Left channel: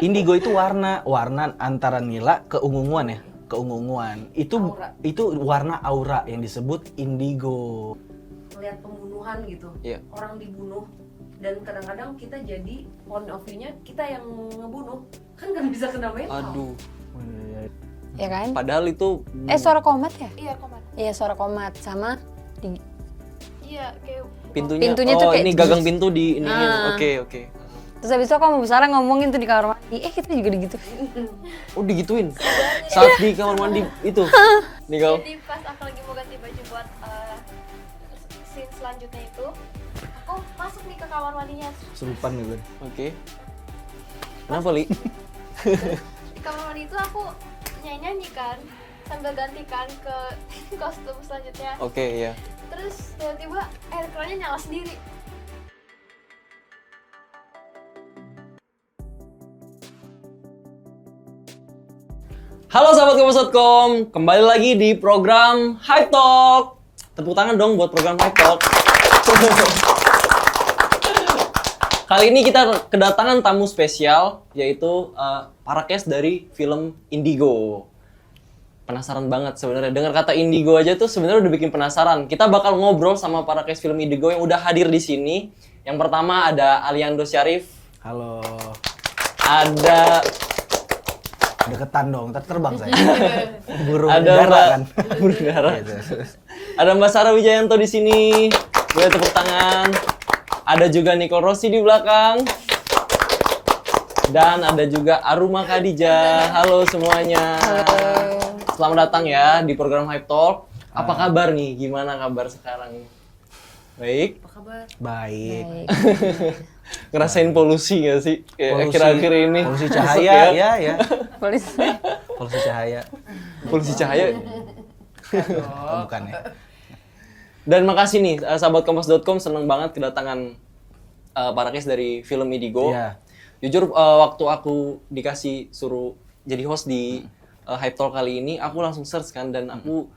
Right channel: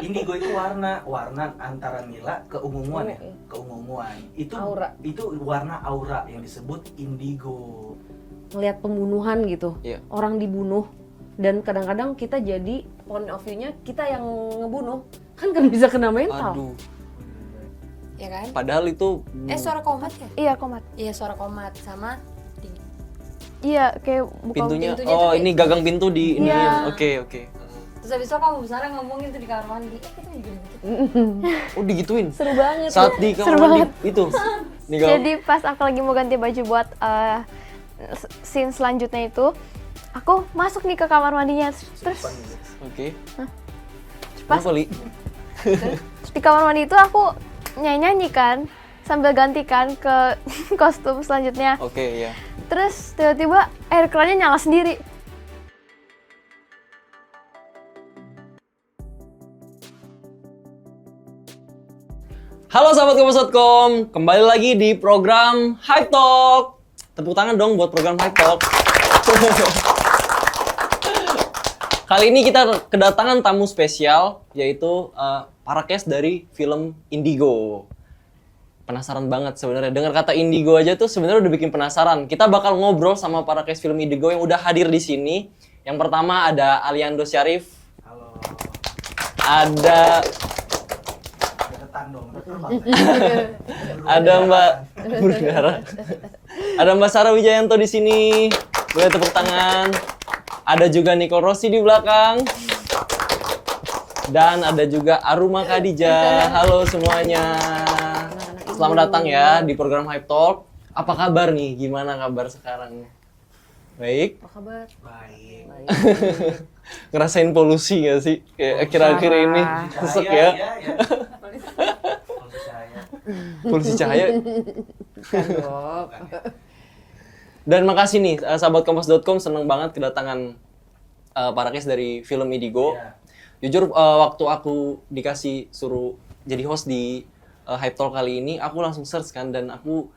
Indigo itu warna antara nila ke ungu-unguan ya, keunguan. Itu warna aura yang disebut indigo. Ngelihat pembunuhan gitu, orang dibunuh, dan kadang-kadang kita jadi point of view-nya kita yang ngebunuh, kan bisa kena mental. Aduh. Ya kan? Padahal itu Suara komat ya? Iya, komat. Iya, suara komat sama tinggi. Iya, kayak buka pintunya pintunya tuh kayak ini gagang pintu di ini. Nah. Oke. Terus habis itu kamu Sarah ngomongin tuh di kamar mandi. Kita juga digituin. Oh, digituin. seru banget. Saat di kamar mandi itu. Nicole. Jadi pas aku lagi mau ganti baju buat scene selanjutnya itu, aku masuk nih ke kamar mandinya. Terus Sumpan gitu. Oke. Kenapa, Li? di kamar mandi itu aku nyanyi kan sambil gantikan ke kostum selanjutnya. Oke, ya. Terus tiba-tiba air kerannya nyala sendiri. Halo sahabat Kompas.com, kembali lagi di program Hype Talk. Tepuk tangan dong buat program Hype Talk. Kali ini kita kedatangan tamu spesial, yaitu para cast dari film Indigo. Penasaran banget sebenarnya, dengar kata Indigo aja tuh sebenarnya udah bikin penasaran. Kita bakal ngobrol sama para cast film Indigo yang udah hadir di sini. Yang pertama ada Aliando Syarif. Halo. Ada Deketan dong, ntar terbang saya. ada Mbak Burdara. Ada Mbak Sarah Wijayanto di sini. Boleh tepuk tangan. Ada juga Nicole Rossi di belakang. Dan ada juga Aruma Khadijah. Halo semuanya. Selamat datang ya di program Hype Talk. Apa kabar nih? Gimana kabar sekarang? Baik. Baik. Ngerasain polusi gak sih? Kayak akhir-akhir ini. Polusi Sesek cahaya, ya. ya. Polisi. Polusi cahaya. Polusi cahaya. Oh, bukan ya. Dan makasih nih sahabat Kompas.com, seneng banget kedatangan para cast dari film Indigo. Iya. Jujur waktu aku dikasih suruh jadi host di Hype Talk kali ini, aku langsung search kan dan aku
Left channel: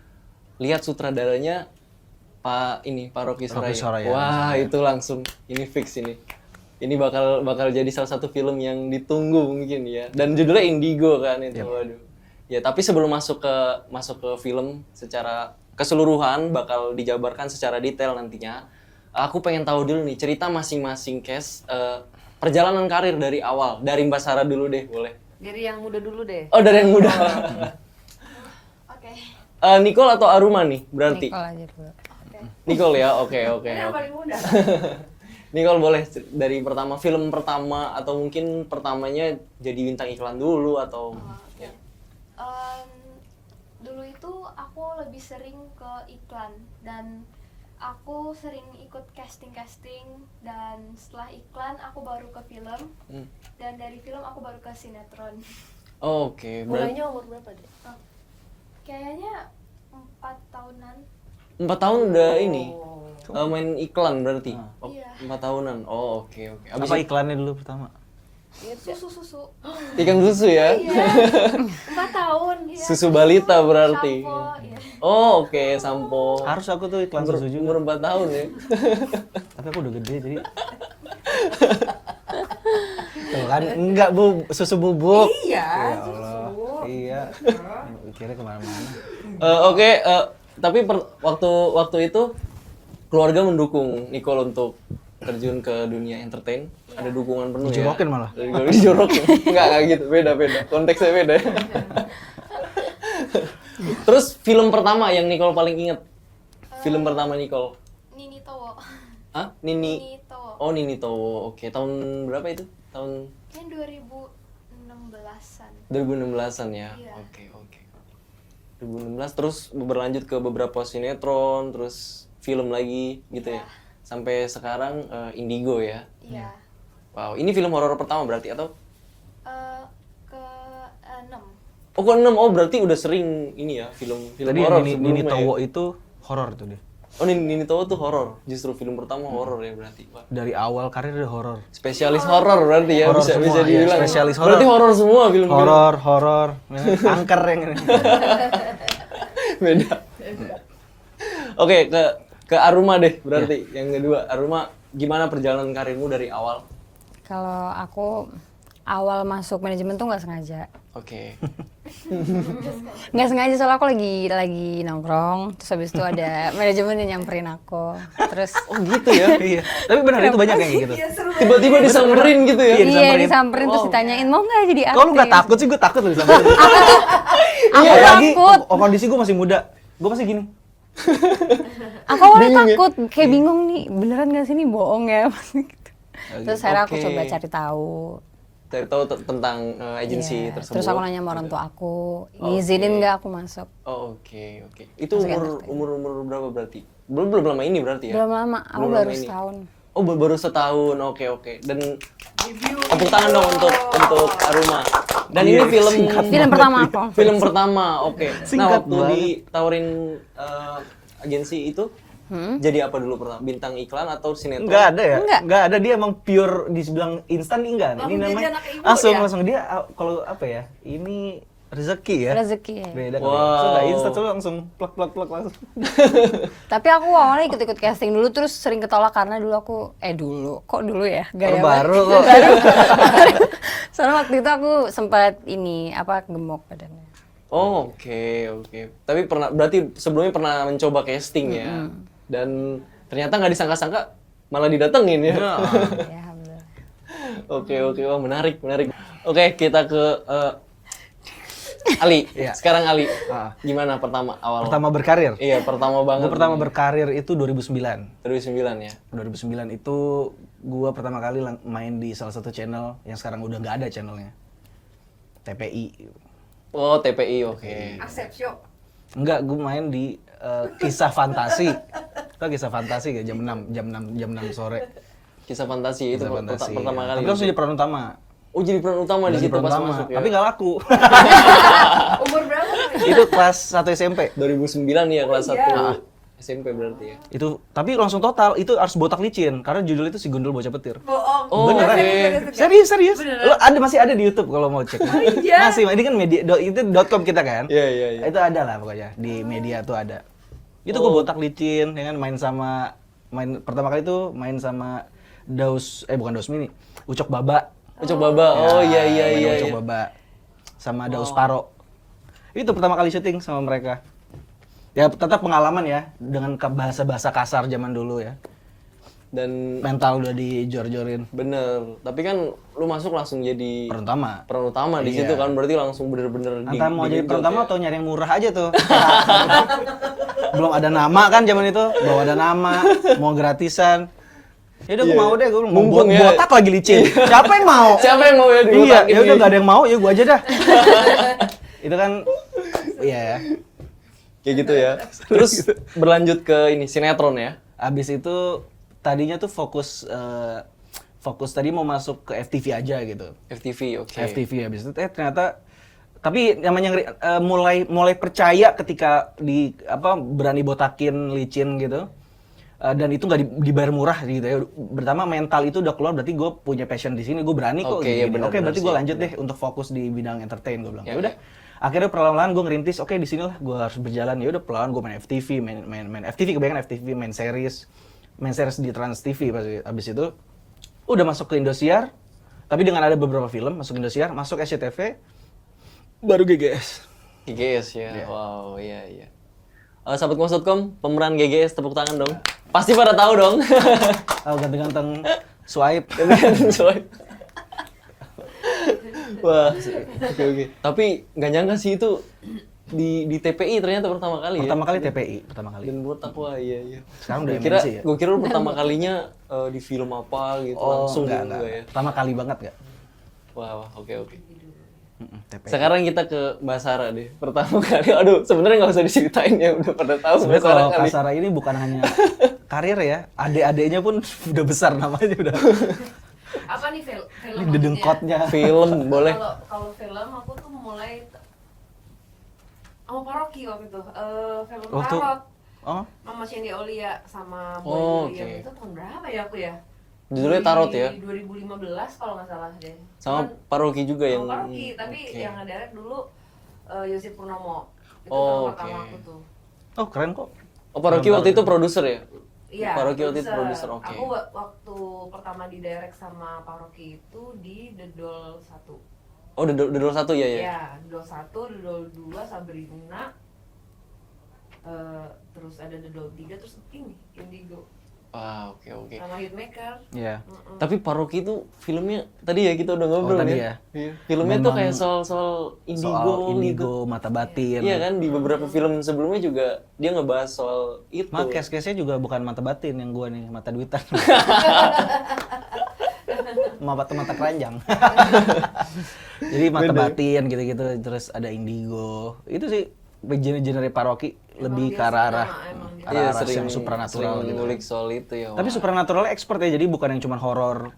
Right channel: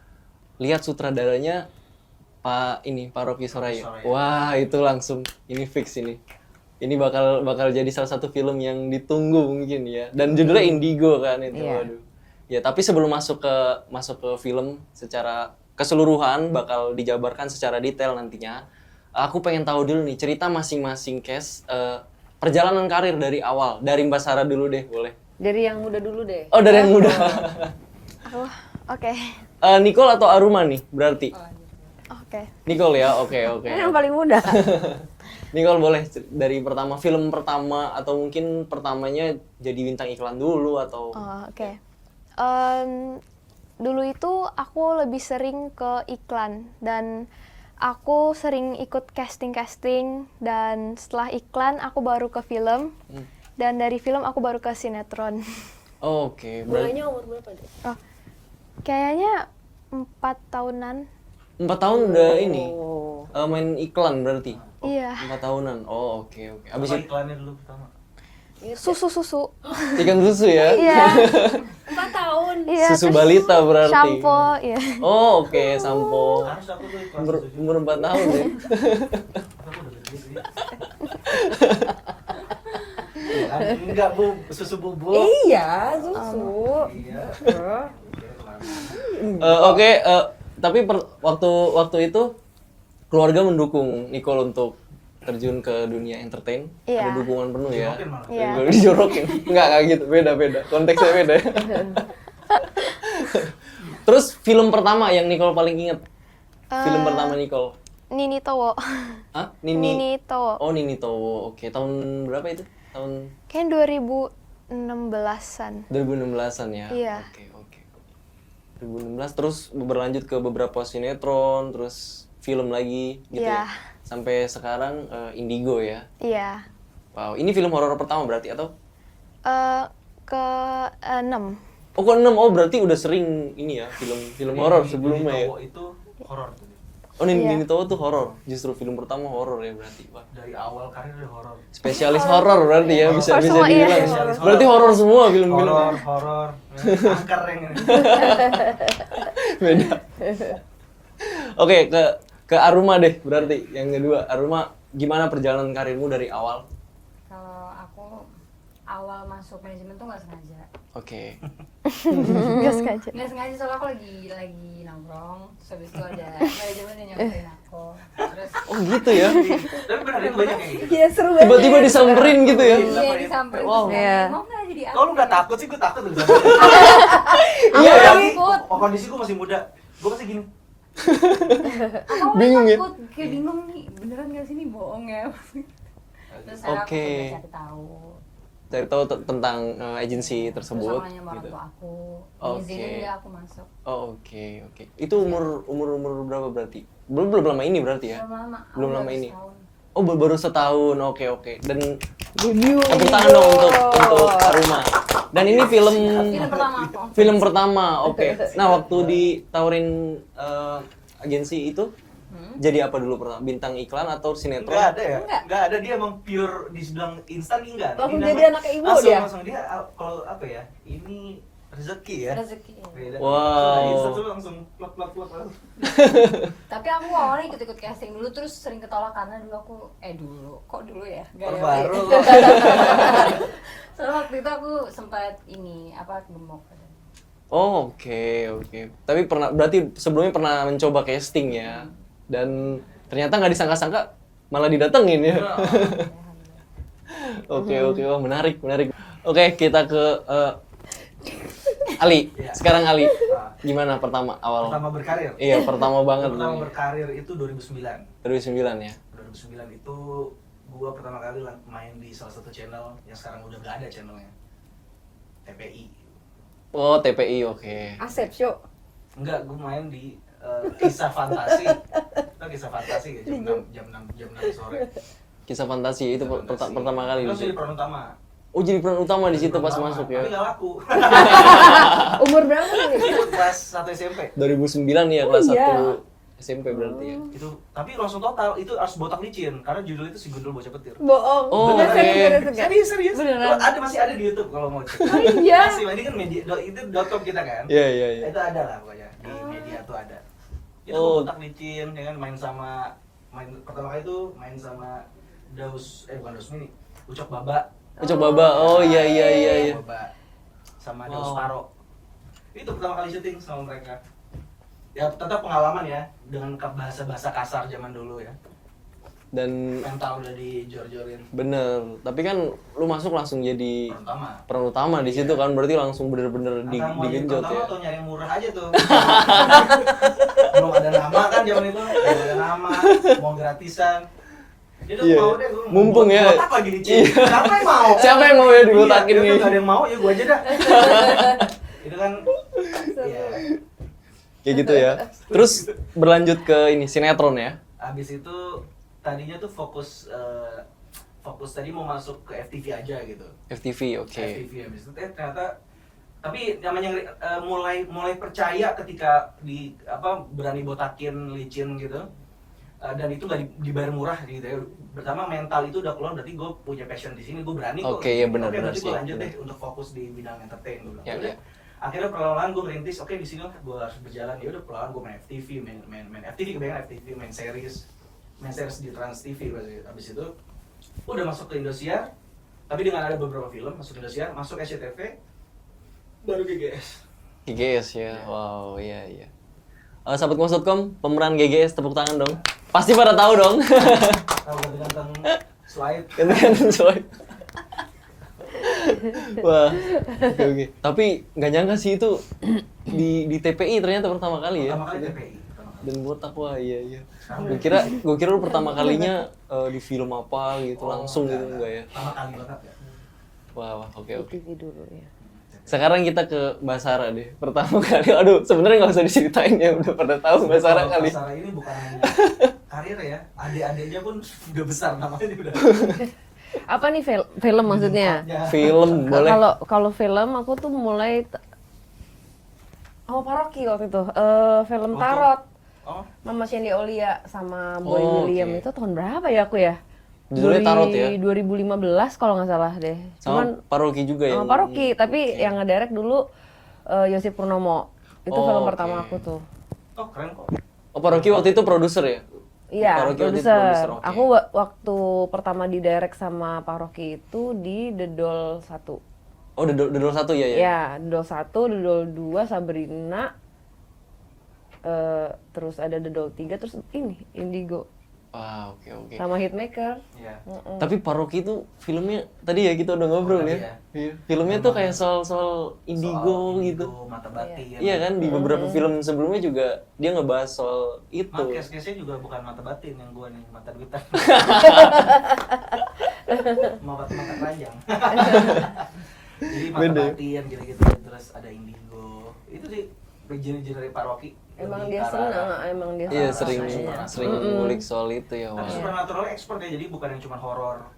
lihat sutradaranya Pak Rocky Soraya. Wah, itu langsung ini fix ini. Ini bakal jadi salah satu film yang ditunggu mungkin ya. Dan judulnya Indigo kan itu. Waduh. Ya, tapi sebelum masuk ke film secara keseluruhan bakal dijabarkan secara detail nantinya. Aku pengen tahu dulu nih cerita masing-masing cast perjalanan karir dari awal. Dari Mbak Sarah dulu deh, boleh. Dari yang muda dulu deh. Oh, dari yang muda. Oke. Nicole atau Aruma nih berarti? Nicole aja dulu. Oke. Nicole ya, oke. Yang paling muda. Nicole boleh dari film pertama atau mungkin pertamanya jadi bintang iklan dulu atau? Oh, oke. Dulu itu aku lebih sering ke iklan dan aku sering ikut casting dan setelah iklan aku baru ke film dan dari film aku baru ke sinetron. Oke, berarti Mulainya umur berapa? Oh, kayaknya 4 tahunan. 4 tahun udah ini main iklan berarti? Iya. 4 tahunan, oh oke. Abis Apa itu iklannya dulu pertama? Susu. ikan susu ya? Iya. 4 tahun. Iya. Susu balita berarti? Shampoo, iya. Oh oke, sampo. Harus aku tuh iklan susu juga. Umur 4 tahun ya? Tapi aku udah gede jadi. Tuh kan, enggak susu bubuk. Iya, susu. Iya. Kira kemana-mana. Oke, tapi waktu itu keluarga mendukung Nicole untuk terjun ke dunia entertain. Iya. Ada dukungan penuh ya. Dijorokin malah. Iya. Dijorokin. Enggak gitu, beda. Konteksnya beda. Terus film pertama yang Nicole paling inget? Film pertama Nicole? Nini Towo. Hah? Nini? Nini Towo. Oh, Nini Towo. Oke, tahun berapa itu? Tahun Kayaknya 2016-an. 2016-an ya? Iya. Oke. 2016 terus berlanjut ke beberapa sinetron, terus film lagi gitu Iya. ya? Sampai sekarang Indigo ya? Iya. Wow, ini film horor pertama berarti atau? Ke-6. Oh, ke-6. Oh, berarti udah sering ini ya, film horor sebelumnya ya? Towo itu horor tuh dia. Oh, Nini Towo tuh horor. Justru film pertama horor ya berarti. Wah. Dari awal karir udah horor. Spesialis horor berarti ya, bisa dibilang. Spesialis horor. Berarti horor semua film-film. Horor. Angker yang ini. Beda. Oke, ke Aruma deh berarti yang kedua. Aruma, gimana perjalanan karirmu dari awal? Kalau aku awal masuk manajemen tuh nggak sengaja. Oke. Nggak sengaja soalnya aku lagi nongkrong, terus habis itu ada manajemen yang nyamperin aku. Terus Oh gitu ya? Iya. Tapi benar itu banyak kayak gitu. Tiba-tiba disamperin gitu ya? iya disamperin terus ditanyain mau nggak jadi artis? Kalau lu nggak takut sih, gue takut loh disamperin. Iya, lagi takut. kondisi gue masih muda. Gue pasti gini. Aku awalnya Bingung ya? takut, kayak bingung nih, beneran nggak sih ini bohong ya? Terus akhirnya aku Oke. coba cari tahu. Cari tahu tentang agensi Iya, tersebut. Terus aku nanya sama orang tua aku, ngizinin nggak aku masuk? Oh, oke. Itu umur berapa berarti? Belum lama ini berarti ya? Belum lama, aku Belum baru lama ini. setahun. Oh, baru setahun. Oke. Dan tepuk tangan dong untuk Aruma. Dan ini film Film pertama aku. Film pertama. Oke. Nah, waktu ditawarin agensi itu jadi apa dulu pertama? Bintang iklan atau sinetron? Enggak ada ya? Enggak. Enggak ada, dia emang pure dibilang instan enggak. Langsung Ini jadi namanya anak ibu langsung dia kalau apa ya? Ini rezeki ya. Rezeki ya. Beda. Wow. Wow. Instan tuh langsung plak langsung. Tapi aku awalnya ikut-ikut casting dulu, terus sering ketolak karena dulu aku, kok dulu ya? Gaya Baru banget. kok. Soalnya waktu itu aku sempat gemuk badannya. Oh, oke. Tapi berarti sebelumnya pernah mencoba casting ya. Dan ternyata nggak disangka-sangka malah didatengin ya. Ya, alhamdulillah. Oke, wah menarik. Oke, kita ke Ali. Iya. Sekarang Ali. Ah. Gimana pertama awal? Pertama berkarir. Iya, pertama banget. Gua pertama nih. berkarir itu 2009. 2009 ya. 2009 itu gua pertama kali main di salah satu channel yang sekarang udah nggak ada channelnya. TPI. Oh, TPI, oke. Asep show. Enggak, gua main di kisah fantasi. Itu kisah fantasi ya jam 6 sore. Kisah fantasi itu Kisah fantasi. pertama kali. Itu langsung jadi peran utama. Oh, jadi peran utama di Jadi situ peran pas utama. masuk ya. Tapi nggak laku. Umur berapa kali? Itu kelas 1 SMP. 2009 ya, kelas 1 SMP berarti ya. Itu tapi langsung total itu harus botak licin karena judul itu si Gundul Bocah Petir. Bohong. Oh, Beneran. oke. Serius. Lo masih ada di YouTube kalau mau cek. Iya. Masih, ini kan media itu .com kita kan. Iya. Itu ada lah pokoknya di media tuh ada. Itu Oh. gua botak licin, ya kan pertama kali itu main sama bukan Daus Mini, Ucok Baba. Ucok Baba. Oh, iya. Ucok Baba sama Daus Paro. Itu pertama kali syuting sama mereka. Ya tetap pengalaman ya dengan bahasa-bahasa kasar zaman dulu ya. Dan Mental udah dijor-jorin. bener, tapi kan lu masuk langsung jadi Peran utama. peran utama di situ kan, berarti langsung bener-bener Antara mau jadi digenjot pertama ya. atau nyari yang murah aja tuh. Belum ada nama kan zaman itu, belum ada nama, mau gratisan. Ya udah Iya. gue mau deh, gue mau Mumpung ya. botak lagi licin. Siapa yang mau? Siapa yang mau ya dibotakin Iya, ya udah nih? gak ada yang mau, ya gue aja dah. Itu kan, iya. Kayak gitu ya. Terus berlanjut ke ini sinetron ya. Abis itu tadinya tuh fokus tadi mau masuk ke FTV aja gitu. FTV, oke. FTV habis itu ternyata tapi namanya mulai percaya ketika berani botakin licin gitu. Dan itu nggak dibayar murah gitu ya. Pertama mental itu udah keluar, berarti gue punya passion di sini, gue berani kok. Oke, iya benar, Oke, berarti benar gue sih, lanjut benar. deh untuk fokus di bidang entertain, gue bilang. Ya, Ya udah. ya. Akhirnya perlahan-lahan gue ngerintis, oke di sini lah gue harus berjalan. Ya udah perlahan gue main FTV, main FTV, kebanyakan FTV, main series di Trans TV pasti. Abis itu udah masuk ke Indosiar, tapi dengan ada beberapa film masuk Indosiar, masuk SCTV, baru GGS. GGS ya. Wow, iya. Sahabat Kompas.com, pemeran GGS tepuk tangan dong. Pasti pada tahu dong. Ganteng-ganteng swipe. Ganti-ganti swipe. Wah, oke. Tapi nggak nyangka sih itu di TPI ternyata pertama kali ya. Pertama kali TPI, pertama kali. Dan botak, wah iya. Sekarang udah Gue MNC ya? kira lu pertama kalinya di film apa gitu langsung gitu enggak ya? Pertama kali banget gak? Wah, oke. TPI. Sekarang kita ke Mbak Sarah deh. Pertama kali, aduh sebenarnya nggak usah diceritain ya, udah pada tahu Mbak Sarah Kalau kali. Kak Sarah ini bukan hanya karir ya, adik-adiknya pun udah besar namanya udah. Apa nih film maksudnya? Dengkotnya. Film boleh. Kalau film aku tuh mulai sama Paroki waktu itu. Film Waktu- Tarot. Oh, Mama Shandy Aulia sama Boy Oh, William oke. itu tahun berapa ya aku ya? Judulnya Tarot ya? 2015 kalau nggak salah deh. Sama Paroki juga yang. Sama Paroki, tapi Oke. yang ngedirect dulu Yosip Purnomo. Itu Oh, film oke. pertama aku tuh. oh keren kok. Oh, Paroki waktu itu produser ya? Iya, Pak Rocky waktu itu produser, oke. Aku waktu pertama di direct sama Pak Rocky itu di The Doll 1. Oh, The Doll 1 ya? Iya, The Doll 1, The Doll 2, Sabrina, terus ada The Doll 3, terus ini, Indigo. Wah, oke. Sama Hitmaker. Iya. Tapi Pak Rocky itu filmnya, tadi ya kita udah ngobrol tadi ya. ya. Iya. Filmnya tuh Memang kayak soal indigo Soal gitu. mata batin. Iya kan, di beberapa film sebelumnya juga dia ngebahas soal itu. Case-nya juga bukan mata batin yang gua nih, mata duitan. mata keranjang. Jadi mata batin gitu-gitu, terus ada indigo. Itu sih genre Pak Rocky lebih ke arah Emang dia Iya, arah sering ngulik soal itu ya. Tapi wah. supernatural expert ya, jadi bukan yang cuma horor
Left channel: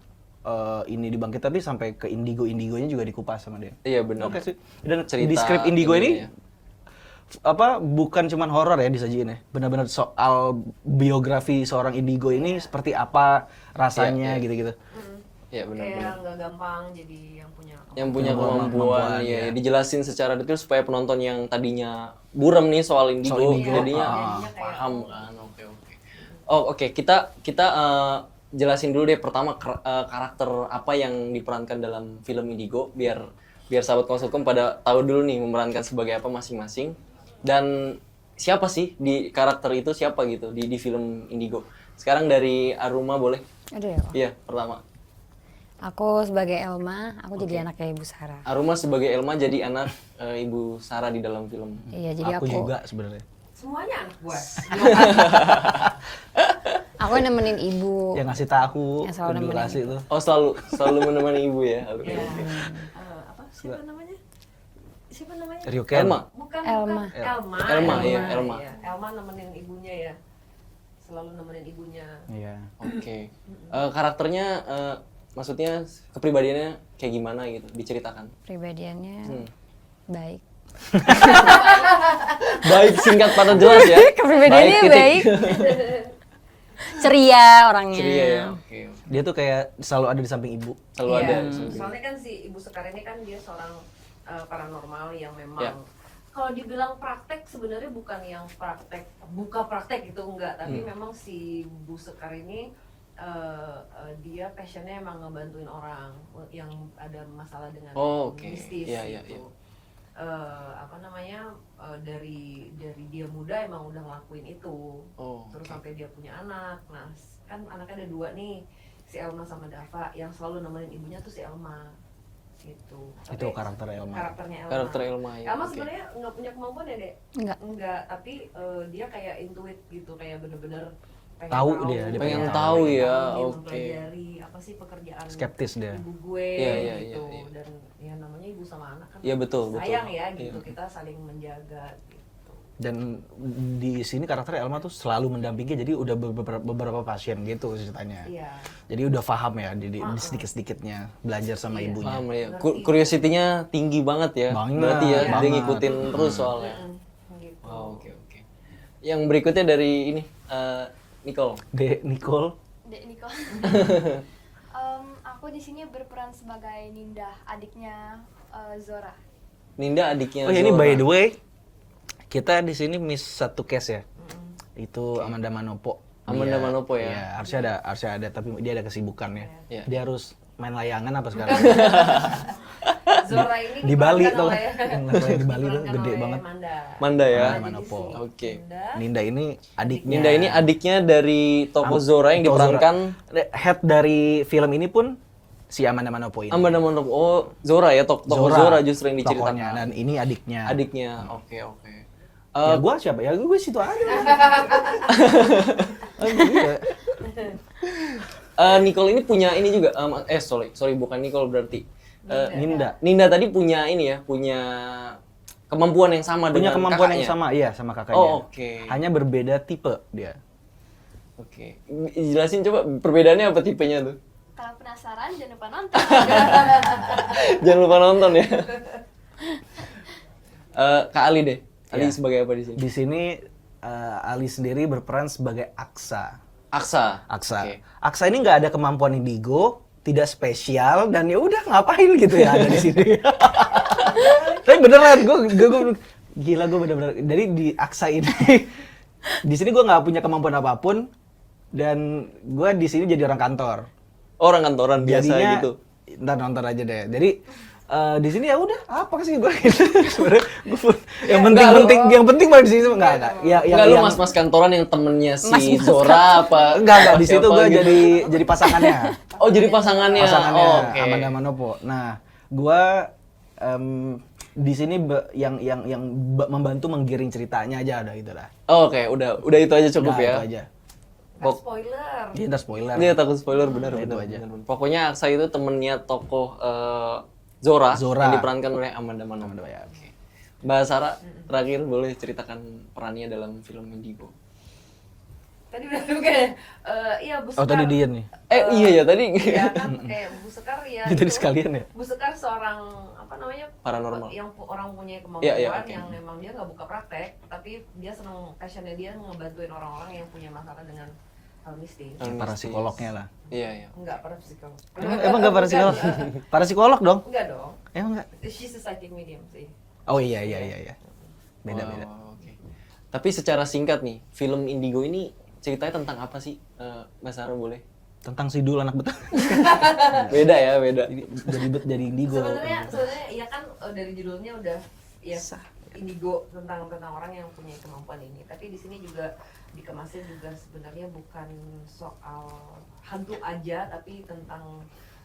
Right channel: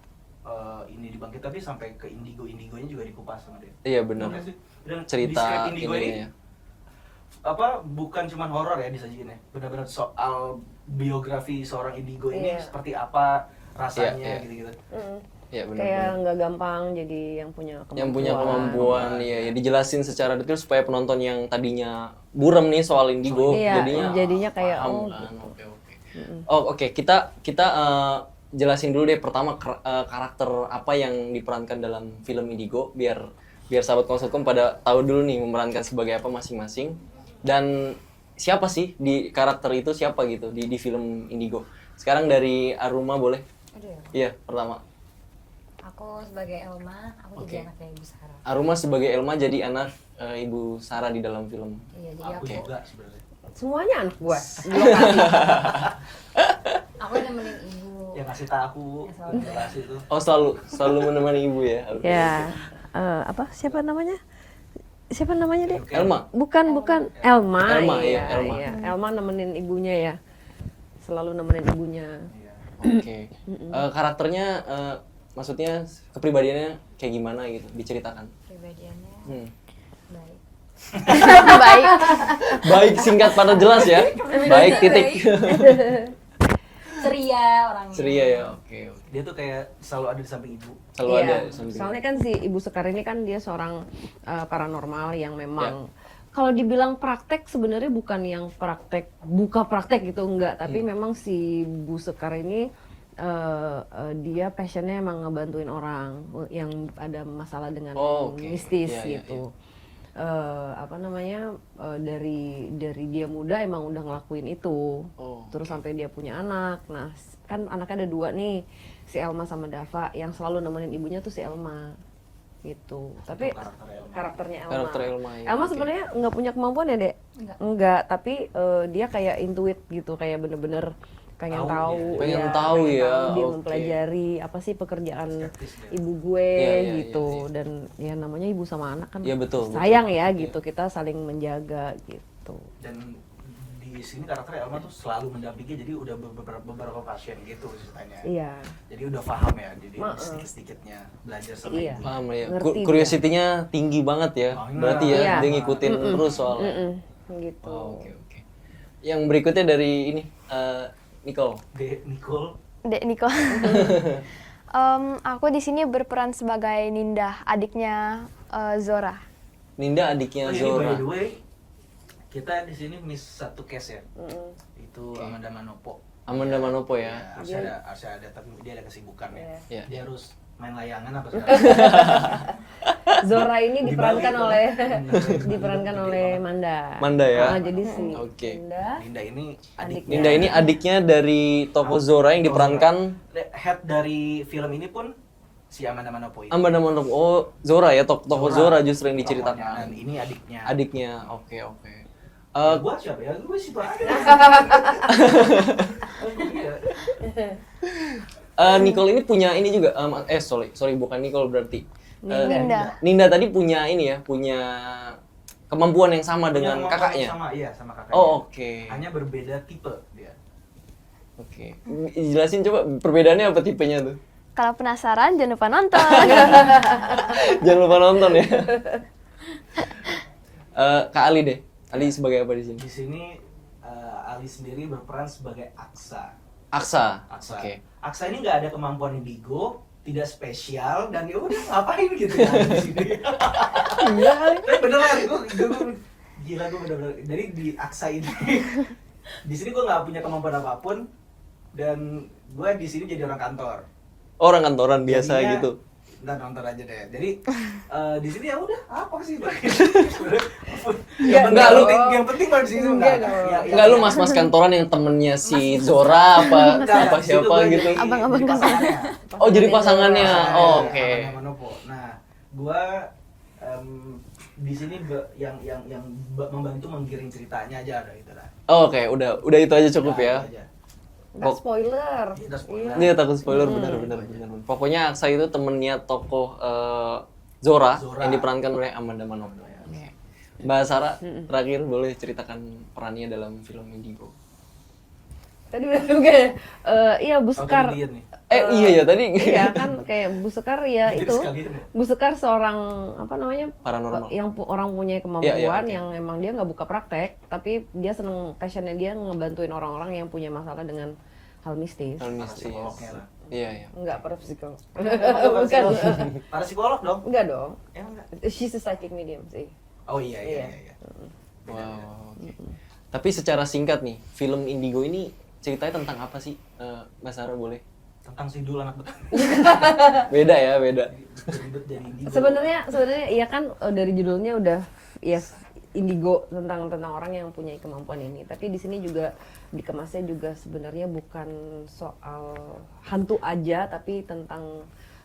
ini dibangkit, tapi sampai ke indigonya juga dikupas sama dia. Iya benar. Oke sih. Dan Cerita di script indigo ininya ini ya. bukan cuma horor ya disajiin ya. Benar-benar soal biografi seorang indigo ini seperti apa rasanya Iya. gitu-gitu. Iya benar. kayak nggak gampang jadi yang punya Yang punya kemampuan ya dijelasin secara detail supaya penonton yang tadinya buram nih soal indigo Iya, jadinya kayak paham kan. Oke. Kita jelasin dulu deh pertama karakter apa yang diperankan dalam film Indigo biar sahabat konsulkom pada tahu dulu nih memerankan sebagai apa masing-masing dan siapa sih di karakter itu siapa gitu di film Indigo. Sekarang dari Aruma boleh? Aduh ya. Iya, pertama. Aku sebagai Elma, aku jadi anaknya Ibu Sarah. Aruma sebagai Elma jadi anak Ibu Sarah di dalam film. Iya, jadi Aku aku juga sebenarnya. semuanya anak gua. aku nemenin ibu. Yang ngasih tahu aku Yang selalu nemenin. penjelasin itu. Oh, selalu menemani ibu ya. Oke. Ya, apa siapa namanya? Siapa namanya deh? Ryuken. Elma. Bukan Elma. Elma, iya, Elma. Iya. Elma nemenin ibunya ya. Selalu nemenin ibunya. Iya. Oke. Karakternya maksudnya kepribadiannya kayak gimana gitu diceritakan. Pribadiannya baik. Baik singkat pada jelas ya. Kepribadiannya Baik titik. baik. Ceria orangnya. Ceria ya. Oke. Dia tuh kayak selalu ada di samping ibu. Selalu Iya, ada samping. soalnya kan si Ibu Sekar ini kan dia seorang paranormal yang memang Ya. kalau dibilang praktek sebenarnya bukan yang buka praktek gitu enggak, tapi Hmm. memang si Bu Sekar ini dia passionnya emang ngebantuin orang yang ada masalah dengan Oh, oke. mistis Iya, iya, gitu. Apa namanya dari dia muda emang udah ngelakuin itu. Oh, Terus sampai dia punya anak. Nah, kan anaknya ada 2 nih, si Elma sama Dava. Yang selalu nemenin ibunya tuh si Elma. Gitu. Itu karakter Elma. Karakternya Elma. Karakter Elma ya. Elma oke. sebenarnya nggak punya kemampuan ya, Dek? Enggak, tapi dia kayak intuit gitu, kayak bener-bener pengen Tahu tahu. dia pengen ya, tahu pengen ya, tahu, dia oke. mempelajari apa sih pekerjaan Skeptis dia. ibu gue Iya, iya, gitu. iya, iya. Dan ya namanya ibu sama anak kan Iya, betul, sayang betul. ya Iya. gitu, kita saling menjaga gitu. Dan di sini karakter Elma tuh selalu mendampingi, jadi udah beberapa pasien gitu ceritanya. Iya. Jadi udah paham ya di sedikit-sedikitnya belajar sama Iya. ibunya. Paham ya. Ngerti. Curiosity-nya tinggi banget ya. Banget. Berarti ya Iya. dia ngikutin terus soalnya. Gitu. Oh, oke. Yang berikutnya dari ini Nicole. Nicole. Dek Niko. Aku di sini berperan sebagai Ninda, adiknya Zora. Ninda adiknya Oh, ini Zora. by the way, kita di sini miss satu case ya. Itu Amanda Manopo. Amanda Manopo ya. Iya, harusnya ada, tapi dia ada kesibukan ya. Iya. Dia harus main layangan apa sekarang? Zora ini Di Bali diperankan tuh. oleh Di Bali tuh diperankan gede oleh banget. Manda. Manda ya. Nah, jadi si Oke. Ninda Ninda ini adiknya. Ninda ini adiknya dari tokoh Zora yang diperankan Head dari film ini pun si Amanda Manopo ini. Amanda Manopo. Oh, Zora ya, tokoh Zora justru yang tokohnya, diceritakan. dan ini adiknya. Adiknya. Oke. Ya, gua siapa? Ya gue situ aja. Iya. Nicole ini punya ini juga. Sorry bukan Nicole berarti. Ninda tadi punya ini ya, punya kemampuan yang sama Punya dengan kemampuan kakaknya. yang sama, iya sama kakaknya. Oh, oke. Hanya berbeda tipe dia. Oke. Jelasin coba perbedaannya apa tipenya tuh. Kalau penasaran jangan lupa nonton. Jangan lupa nonton ya. Kak Ali deh. Ali sebagai apa di sini? Di sini Ali sendiri berperan sebagai Aksa. Aksa. Aksa. Oke. Aksa ini nggak ada kemampuan indigo, tidak spesial, dan ya udah ngapain gitu ya ada di sini. Tapi beneran gue gila, gue bener-bener. Jadi di Aksa ini di sini gue nggak punya kemampuan apapun, Dan gue di sini jadi orang kantor. Orang kantoran biasa Jadinya, gitu. Ntar nonton aja deh. Jadi di sini ya udah apa sih gue sebenarnya yang penting baru di sini enggak. Enggak lu mas-mas kantoran yang temennya si Zora apa enggak di situ siapa gue gitu. jadi pasangannya. Oh, jadi pasangannya. Oh, oke. Amanda Manopo. Nah, gue di sini yang membantu menggiring ceritanya aja ada itu lah. Oh, oke, udah itu aja cukup Nah, ya. itu aja. Nggak spoiler. Iya, udah spoiler. Iya, takut spoiler benar. Pokoknya Aksa itu temennya tokoh Zora yang diperankan oleh Amanda Manopo. Ya, oke. Mbak Sarah, terakhir boleh ceritakan perannya dalam film Indigo. Tadi udah bukan. Iya Bu Oh, Sekar. tadi dia nih. Iya ya tadi. Iya kan kayak Bu Sekar ya Jadi itu. sekalian ya. Bu Sekar seorang apa namanya? Paranormal. Yang orang punya kemampuan Iya, oke. yang emang dia nggak buka praktek, tapi dia seneng passionnya dia ngebantuin orang-orang yang punya masalah dengan hal mistis. Para psikolognya lah. Iya. Enggak para psikolog. Emang gak para psikolog? Para psikolog dong? Enggak dong. Emang enggak? She's a psychic medium sih. Oh iya. Beda. Wow, oke. Tapi secara singkat nih, film Indigo ini ceritanya tentang apa sih? Mbak Sarah boleh? Tentang Sidul anak betul. Beda ya, beda. jadi indigo. Sebenarnya iya kan dari judulnya udah ya indigo tentang orang yang punya kemampuan ini. Tapi di sini juga dikemasnya juga sebenarnya bukan soal hantu aja, tapi tentang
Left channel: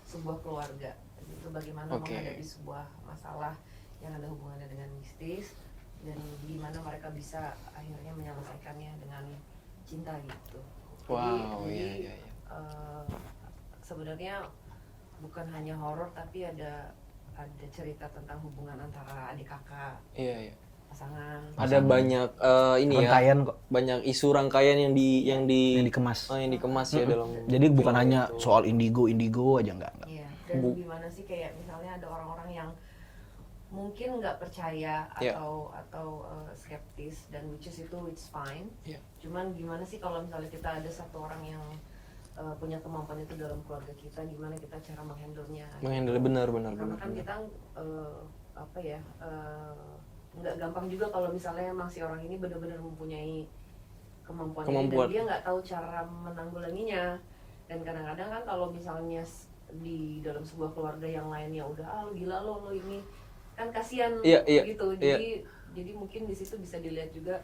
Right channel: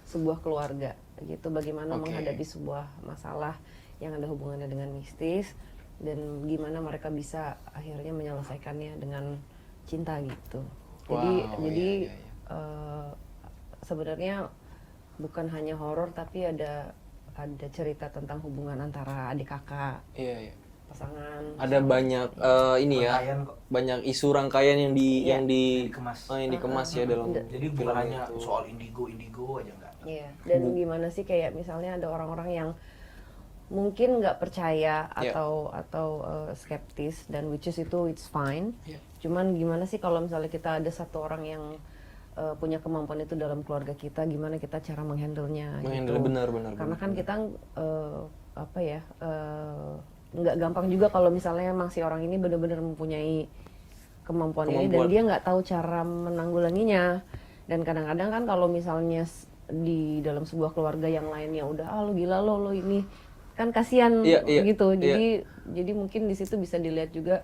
sebuah keluarga gitu. Bagaimana menghadapi sebuah masalah yang ada hubungannya dengan mistis dan gimana mereka bisa akhirnya menyelesaikannya dengan cinta gitu. Jadi sebenarnya bukan hanya horor tapi ada cerita tentang hubungan antara adik kakak. Iya. Pasangan. Ada banyak ini ya. Rangkaian kok. Banyak isu rangkaian yang dikemas. yang dikemas ya dalam. Jadi bukan hanya soal indigo aja enggak. Iya. Dan gimana sih kayak misalnya ada orang-orang yang mungkin nggak percaya atau skeptis dan which is itu it's fine. Cuman gimana sih kalau misalnya kita ada satu orang yang punya kemampuan itu dalam keluarga kita, gimana kita cara menghandle-nya? Menghandle gitu. benar. Karena kan kita nggak gampang juga kalau misalnya emang si orang ini benar-benar mempunyai kemampuan ini dan dia nggak tahu cara menanggulanginya. Dan kadang-kadang kan kalau misalnya di dalam sebuah keluarga yang lainnya udah lu gila lo ini kan kasihan gitu. Jadi mungkin di situ bisa dilihat juga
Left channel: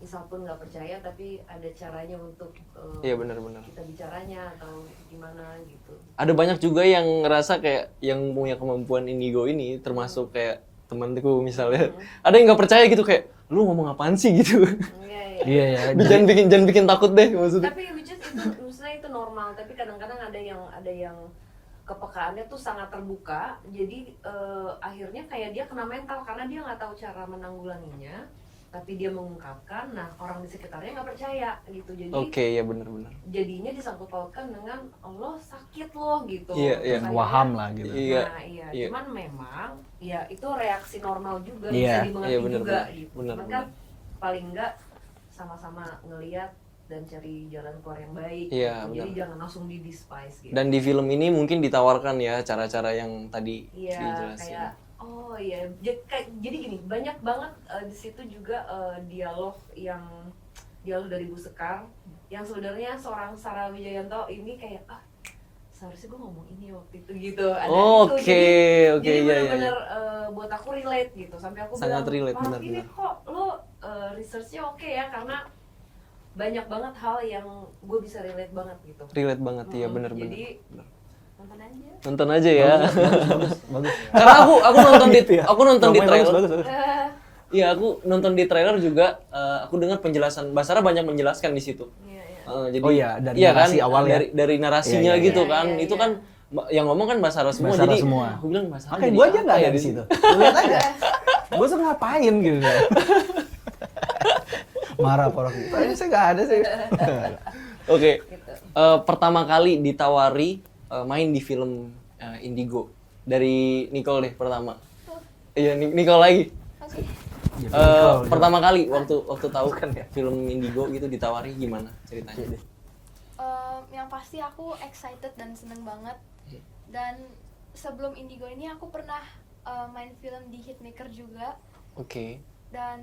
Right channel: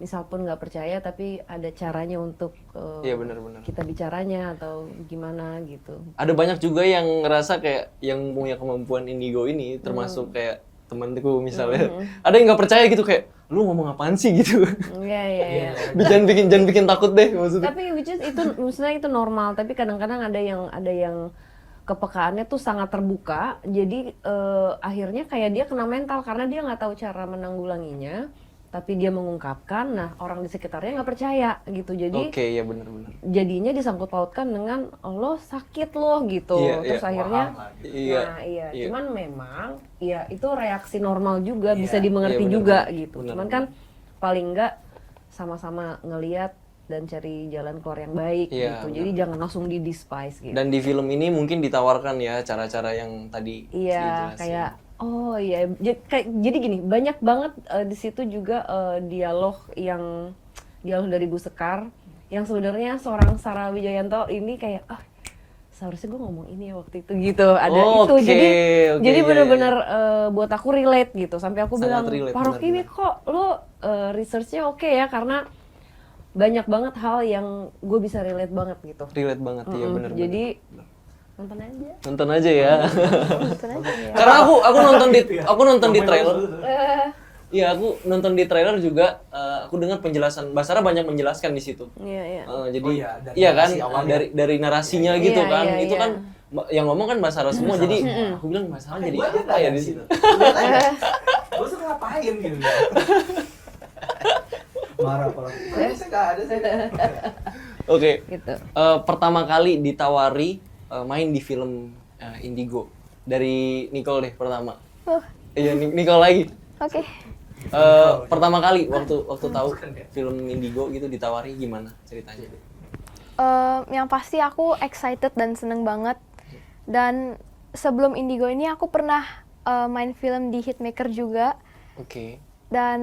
misal pun nggak percaya tapi ada caranya untuk benar. kita bicaranya atau gimana gitu. Ada banyak juga yang ngerasa kayak yang punya kemampuan indigo ini termasuk kayak temanku misalnya. Ada yang nggak percaya gitu kayak lu ngomong apaan sih gitu. Iya. Jangan bikin takut deh maksudnya. Tapi which is itu maksudnya itu normal, tapi kadang-kadang ada yang kepekaannya tuh sangat terbuka. Jadi akhirnya kayak dia kena mental karena dia nggak tahu cara menanggulanginya. Tapi dia mengungkapkan, nah orang di sekitarnya nggak percaya gitu. Jadi Oke, ya benar. Jadinya disangkut pautkan dengan lo sakit lo gitu. Terus akhirnya waham lah gitu. Iya. Cuman memang ya itu reaksi normal juga, bisa dimengerti bener, juga bener. gitu. Bener, Cuman kan paling nggak sama-sama ngelihat dan cari jalan keluar yang baik Iya, gitu. Jadi jangan langsung di despise gitu. Dan di film ini mungkin ditawarkan ya cara-cara yang tadi dijelasin. Kayak jadi gini, banyak banget di situ juga dialog dari Bu Sekar yang sebenarnya seorang Sarah Wijayanto ini kayak seharusnya gue ngomong ini waktu itu gitu. Ada itu. Jadi benar-benar buat aku relate gitu. Sampai aku Sangat bilang, relate, Parok ini benar-benar. kok lo research-nya oke ya karena banyak banget hal yang gue bisa relate banget gitu. Relate banget, iya benar. Jadi Benar. nonton aja. Nonton aja ya. Karena aku nonton di trailer. Iya, aku nonton di trailer juga. Aku dengar penjelasan Mbak Sarah banyak menjelaskan di situ. Iya. Jadi dari iya kan narasi awalnya. dari narasinya Iya. gitu Iya, kan. iya, Itu iya. kan yang ngomong kan Mbak Sarah semua. Mbak Sarah Jadi semua. aku bilang Mbak Sarah Makanya jadi gue aja apa nggak ya ada di di situ? situ. Gue suka ngapain gitu. Marah orang. Saya nggak ada sih. Oke. Gitu. Pertama kali ditawari main di film Indigo dari Nicole deh pertama. Iya, Nicole lagi. Oke. Pertama kali waktu tahu Bukan ya? film Indigo gitu ditawari gimana ceritanya? Yang pasti aku excited dan seneng banget. Dan sebelum Indigo ini aku pernah main film di Hitmaker juga. Oke. Dan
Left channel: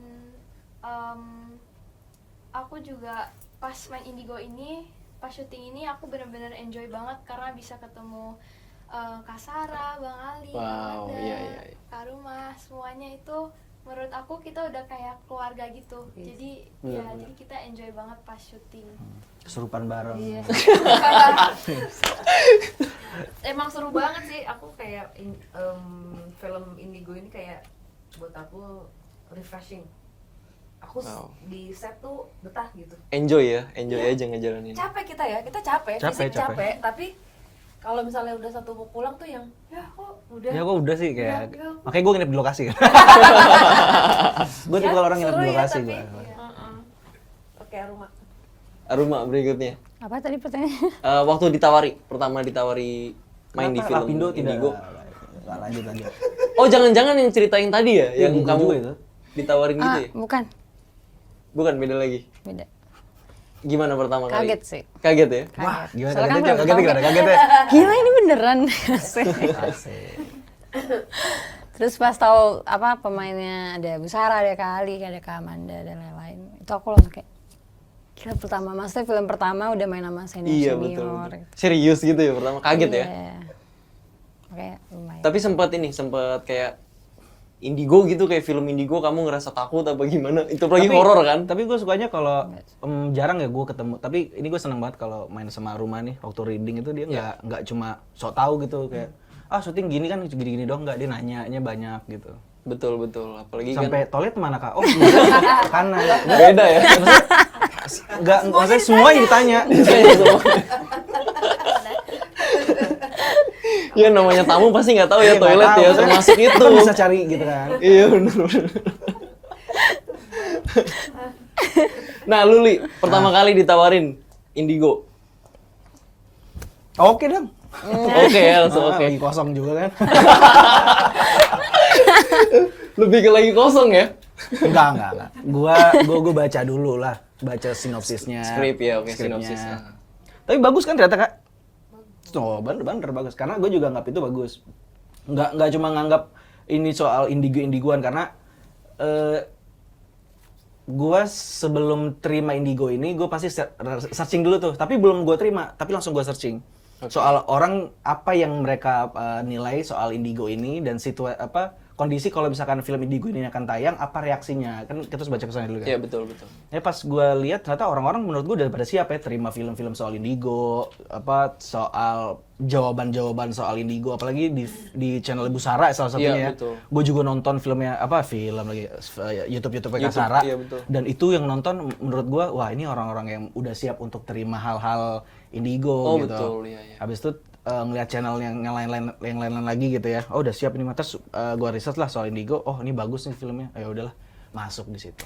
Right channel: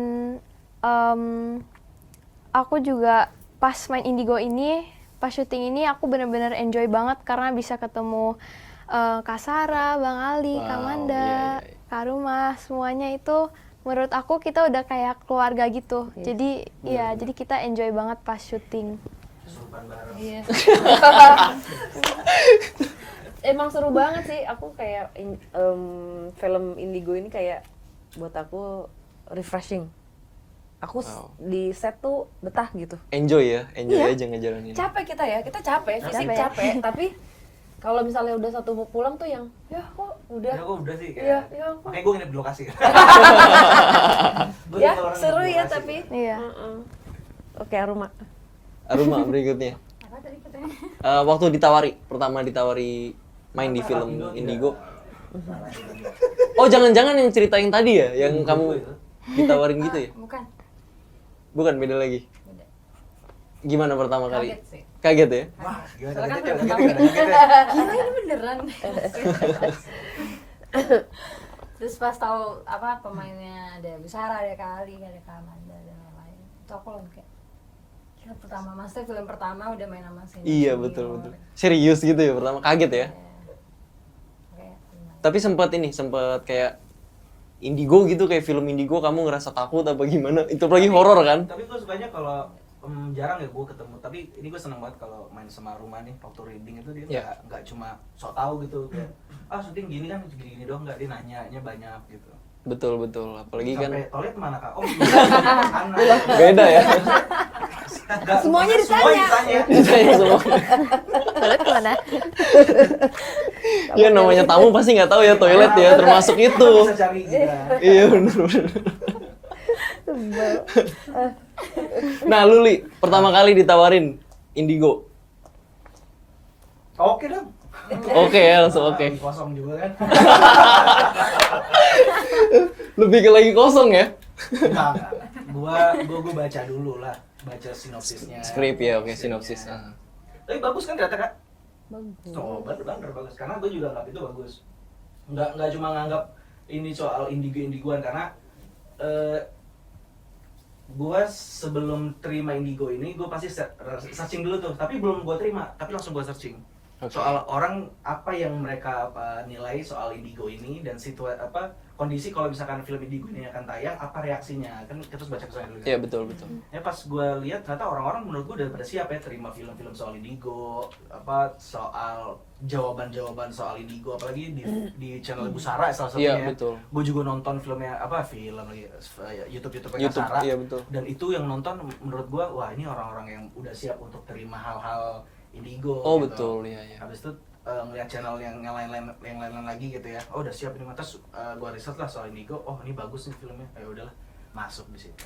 aku juga pas main Indigo ini pas syuting ini aku benar-benar enjoy banget karena bisa ketemu Kak Sarah, Bang Ali, Kak Wow, Manda, iya. Kak Rumah, semuanya itu menurut aku kita udah kayak keluarga gitu. Jadi jadi kita enjoy banget pas syuting. Kesurupan bareng. Emang seru banget sih. Aku kayak film Indigo ini kayak buat aku refreshing. Aku Wow. di set tuh betah gitu. Enjoy Iya. aja ngejalanin. Capek kita ya, kita capek. Tapi kalau misalnya udah satu mau pulang tuh yang ya kok udah. Ya kok udah sih kayak. Ya, kok. Makanya gue nginep di lokasi. Gue tipe orang nginep di seru ya, lokasi tapi. gua. Iya. Oke, Aruma. Aruma berikutnya. Apa tadi pertanyaannya? Waktu pertama ditawari main di film Rapindo Indigo. Lanjut. Oh, jangan-jangan yang cerita yang tadi ya, yang Gua kamu juga itu. ditawarin gitu ya? Bukan, Bukan, beda lagi. beda. Gimana pertama kali? Kaget sih. Kaget ya? Wah, gimana Soalnya kan kagetnya? belum Kagetnya tahu. gimana? Kagetnya. Gila ini beneran. Terus pas tahu apa pemainnya ada Bu Sarah, ada Kak Ali, ada Kak Amanda dan lain-lain. Itu aku langsung kayak gila pertama, maksudnya film pertama udah main sama senior. Iya, betul. Serius gitu ya pertama, kaget ya? Kayak lumayan. Tapi sempat kayak Indigo gitu, kayak film Indigo kamu ngerasa takut apa gimana? Itu apalagi horor kan? Tapi gue sukanya kalau jarang ya gue ketemu. Tapi ini gue seneng banget kalau main sama Aruma nih waktu reading itu dia nggak cuma sok tahu gitu kayak syuting gini kan gini-gini doang, nggak, dia nanyanya banyak gitu. Betul. Apalagi Sampai kan toilet mana kak? Oh kanan. beda ya. Enggak, maksudnya semua yang ditanya. Ditanya semua. Toilet kemana? Ya namanya tamu pasti nggak tahu ya toilet ya, termasuk itu. Bisa cari gitu kan. Iya benar. Nah, Luli pertama kali ditawarin Indigo. Oke dong. Oke ya, langsung oke. Lagi kosong juga kan. Lebih ke lagi kosong ya? Enggak. Gua baca dulu lah, baca sinopsisnya. Skrip ya, oke, Skripnya. sinopsis. Tapi bagus kan ternyata kak? Bagus. Oh bener bagus. Karena gue juga nganggap itu bagus. Nggak cuma nganggap ini soal indigoan karena gue sebelum terima Indigo ini gue pasti searching dulu tuh. Tapi belum gue terima, tapi langsung gue searching. Oke. Soal orang apa yang mereka nilai soal Indigo ini dan kondisi kalau misalkan film Indigo ini akan tayang, apa reaksinya? Kan kita harus baca pesannya dulu kan. Iya betul. Ya pas gue lihat ternyata orang-orang menurut gue udah pada siap ya terima film-film soal Indigo, soal jawaban-jawaban soal Indigo, apalagi di channel Ibu Sarah salah satunya. Iya, betul. Gue juga nonton film lagi YouTube Kak Sarah. Iya, betul. Dan itu yang nonton menurut gue wah ini orang-orang yang udah siap untuk terima hal-hal Indigo Oh gitu. betul, iya. Habis itu ngeliat channel yang lain-lain lagi gitu ya. Oh udah siap ini, terus gue research lah soal Indigo. Oh ini bagus nih filmnya. Ya udahlah masuk di situ.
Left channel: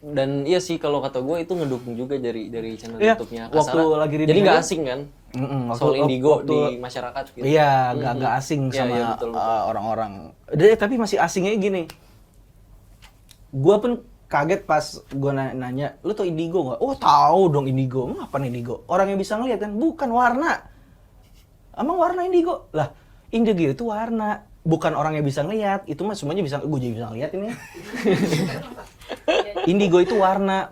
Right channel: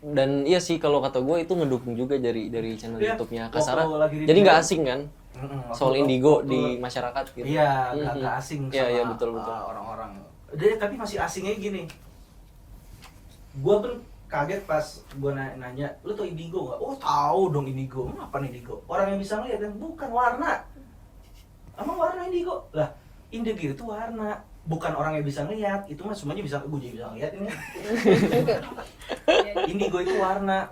Dan iya sih kalau kata gue itu ngedukung juga dari channel Iya, YouTube-nya waktu Kasara. lagi di Jadi nggak Indigo, asing kan? waktu- Soal Indigo waktu- di masyarakat gitu. Iya, nggak asing sama Iya, betul. orang-orang. Tapi masih asingnya gini. Gue pun kaget pas gue nanya, lu tuh Indigo nggak? Oh tahu dong Indigo. Apa nih Indigo? Orang yang bisa ngeliat kan, bukan warna. Emang warna Indigo? Lah, Indigo itu warna. Bukan orang yang bisa ngeliat, itu mah semuanya bisa, gue jadi bisa ngeliat ini. Indigo itu warna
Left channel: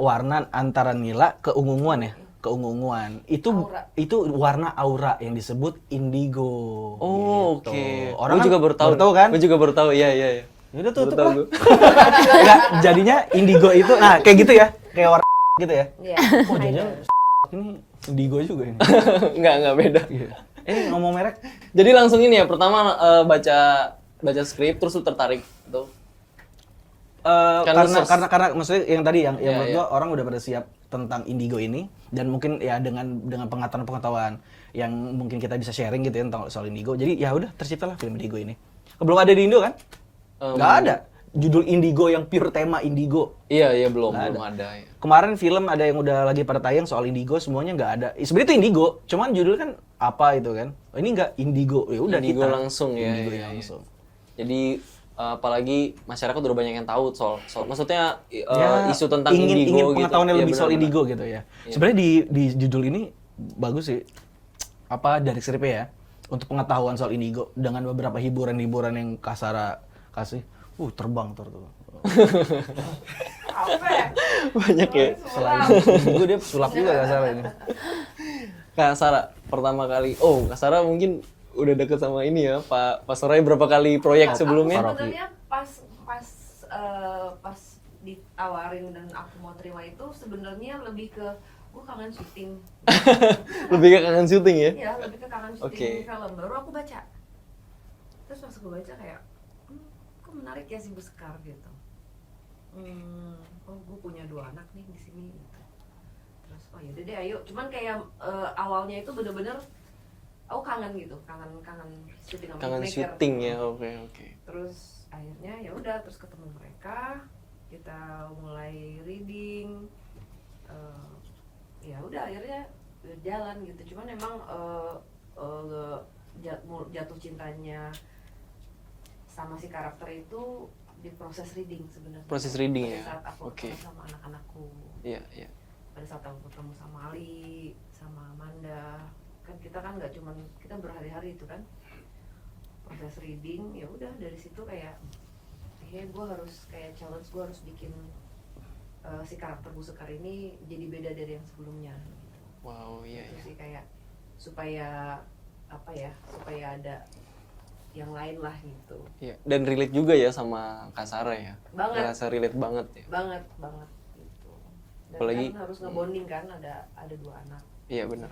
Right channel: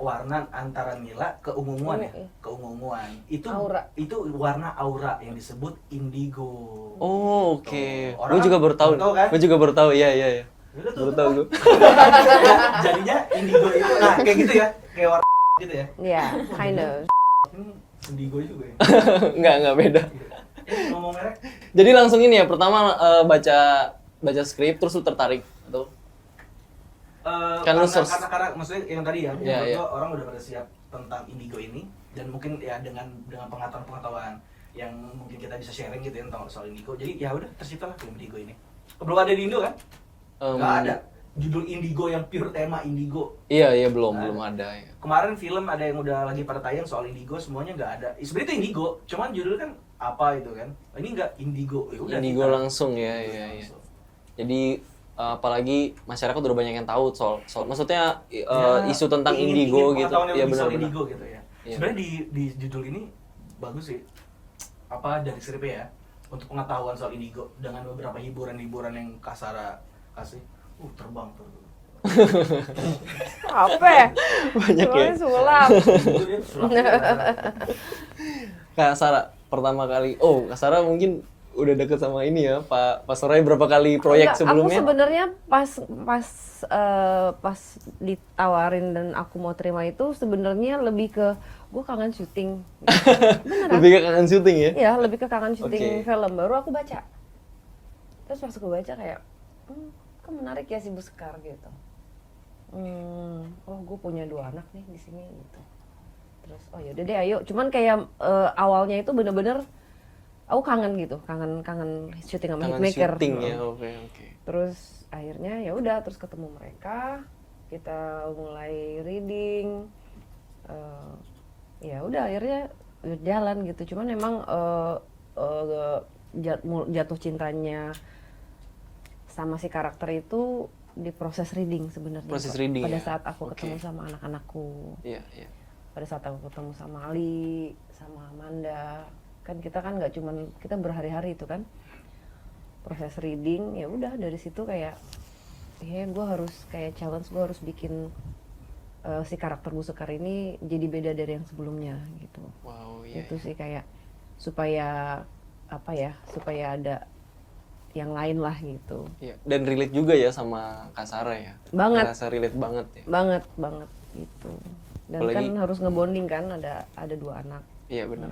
antara nila keunguan ya, keunguan. Aura. Itu warna aura yang disebut indigo. Oh Gitu. oke. Orang Gue juga baru tahu. kan? Gue juga baru tahu. Iya. Yaudah tuh, Baru tahu gue. Nah, jadinya indigo itu, nah kayak gitu ya, kayak warna gitu ya. Iya, kind of. Ini indigo juga ini. Enggak beda. Ngomong merek. Jadi langsung ini ya, pertama baca skrip terus lu tertarik tuh. Kan lu search. Karena maksudnya yang tadi yang Iya, menurut iya. gua orang udah pada siap tentang indigo ini dan mungkin ya dengan pengetahuan yang mungkin kita bisa sharing gitu ya tentang soal indigo. Jadi ya udah terciptalah film indigo ini. Belum ada di Indo kan? Nggak ada judul indigo yang pure tema indigo. Iya belum ada ya. Kemarin film ada yang udah lagi pada tayang soal indigo, semuanya nggak ada. Sebenarnya itu indigo, cuman judul kan apa itu kan? Ini nggak indigo, ya udah Indigo kita. langsung ya. Indigo Iya. langsung. Jadi apalagi masyarakat udah banyak yang tahu soal maksudnya Ya, isu tentang ingin indigo gitu. pengetahuan yang Iya lebih soal benar-benar. indigo gitu ya. Iya. Sebenarnya di judul ini bagus sih. Apa dari skripnya ya? Untuk pengetahuan soal indigo dengan beberapa hiburan-hiburan yang Kasara kasih. Terbang tuh. Apa? Banyak ya. Sulap. Itu dia sulap juga Kasara. Kak Sarah pertama kali. Oh, Kak Sarah mungkin udah deket sama ini ya, Pak Soraya berapa kali proyek Enggak, sebelumnya? Aku sebenarnya pas ditawarin dan aku mau terima itu sebenarnya lebih ke gue kangen syuting. Lebih ke kangen syuting ya? Iya, lebih ke kangen syuting Oke. film. Baru aku baca. Terus pas aku baca kayak, kok menarik ya si Beskar gitu. Oh gue punya 2 anak nih di sini gitu. Terus oh yaudah deh ayo. Cuman kayak awalnya itu bener-bener aku kangen gitu, kangen syuting sama Kangen Hitmaker. syuting ya, oke. Terus akhirnya ya udah terus ketemu mereka, kita mulai reading. Ya udah akhirnya berjalan gitu. Cuman emang jatuh cintanya sama si karakter itu di proses reading sebenarnya. Proses reading pada ya? saat aku Oke. ketemu sama anak-anakku. Iya. Pada saat aku ketemu sama Ali, sama Amanda, kan kita kan nggak cuman kita berhari-hari itu kan proses reading. Ya udah dari situ kayak gue harus kayak challenge, gue harus bikin si karakter Bu Sekar ini jadi beda dari yang sebelumnya gitu. Wow, iya. Itu sih kayak supaya supaya ada yang lain lah gitu. Iya. Dan relate juga ya sama Kak Sarah ya. Banget. Ngerasa relate banget ya. Banget gitu. Dan Apalagi- kan harus ngebonding kan ada 2 anak. Iya, benar.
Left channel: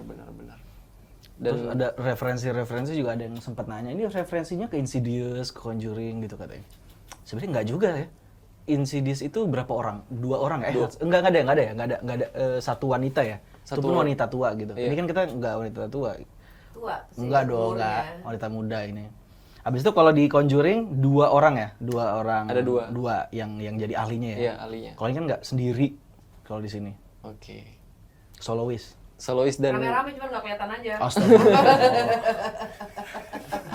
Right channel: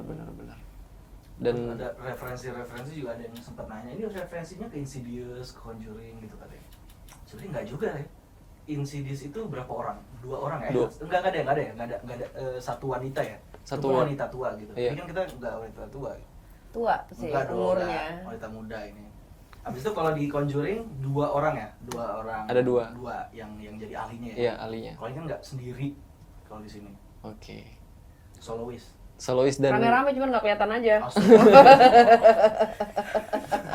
Dan ada referensi juga, ada yang sempat nanya ini referensinya ke Insidious, ke Conjuring gitu katanya. Sebenarnya nggak juga ya. Insidious itu berapa orang? 2 orang ya? 2. Enggak ada satu wanita ya. Satu Itu pun wanita. wanita tua gitu. Iya. Ini kan kita nggak wanita tua. Tua sih Enggak dong, umurnya. enggak. Wanita muda ini. Habis itu kalau di Conjuring 2 orang ya? 2 orang. Ada 2. 2 yang jadi ahlinya ya. Iya, ahlinya. Kalau ini kan nggak sendiri kalau di sini. Oke. Soloist. Solois dan Rame-rame cuman nggak kelihatan aja. Astaga.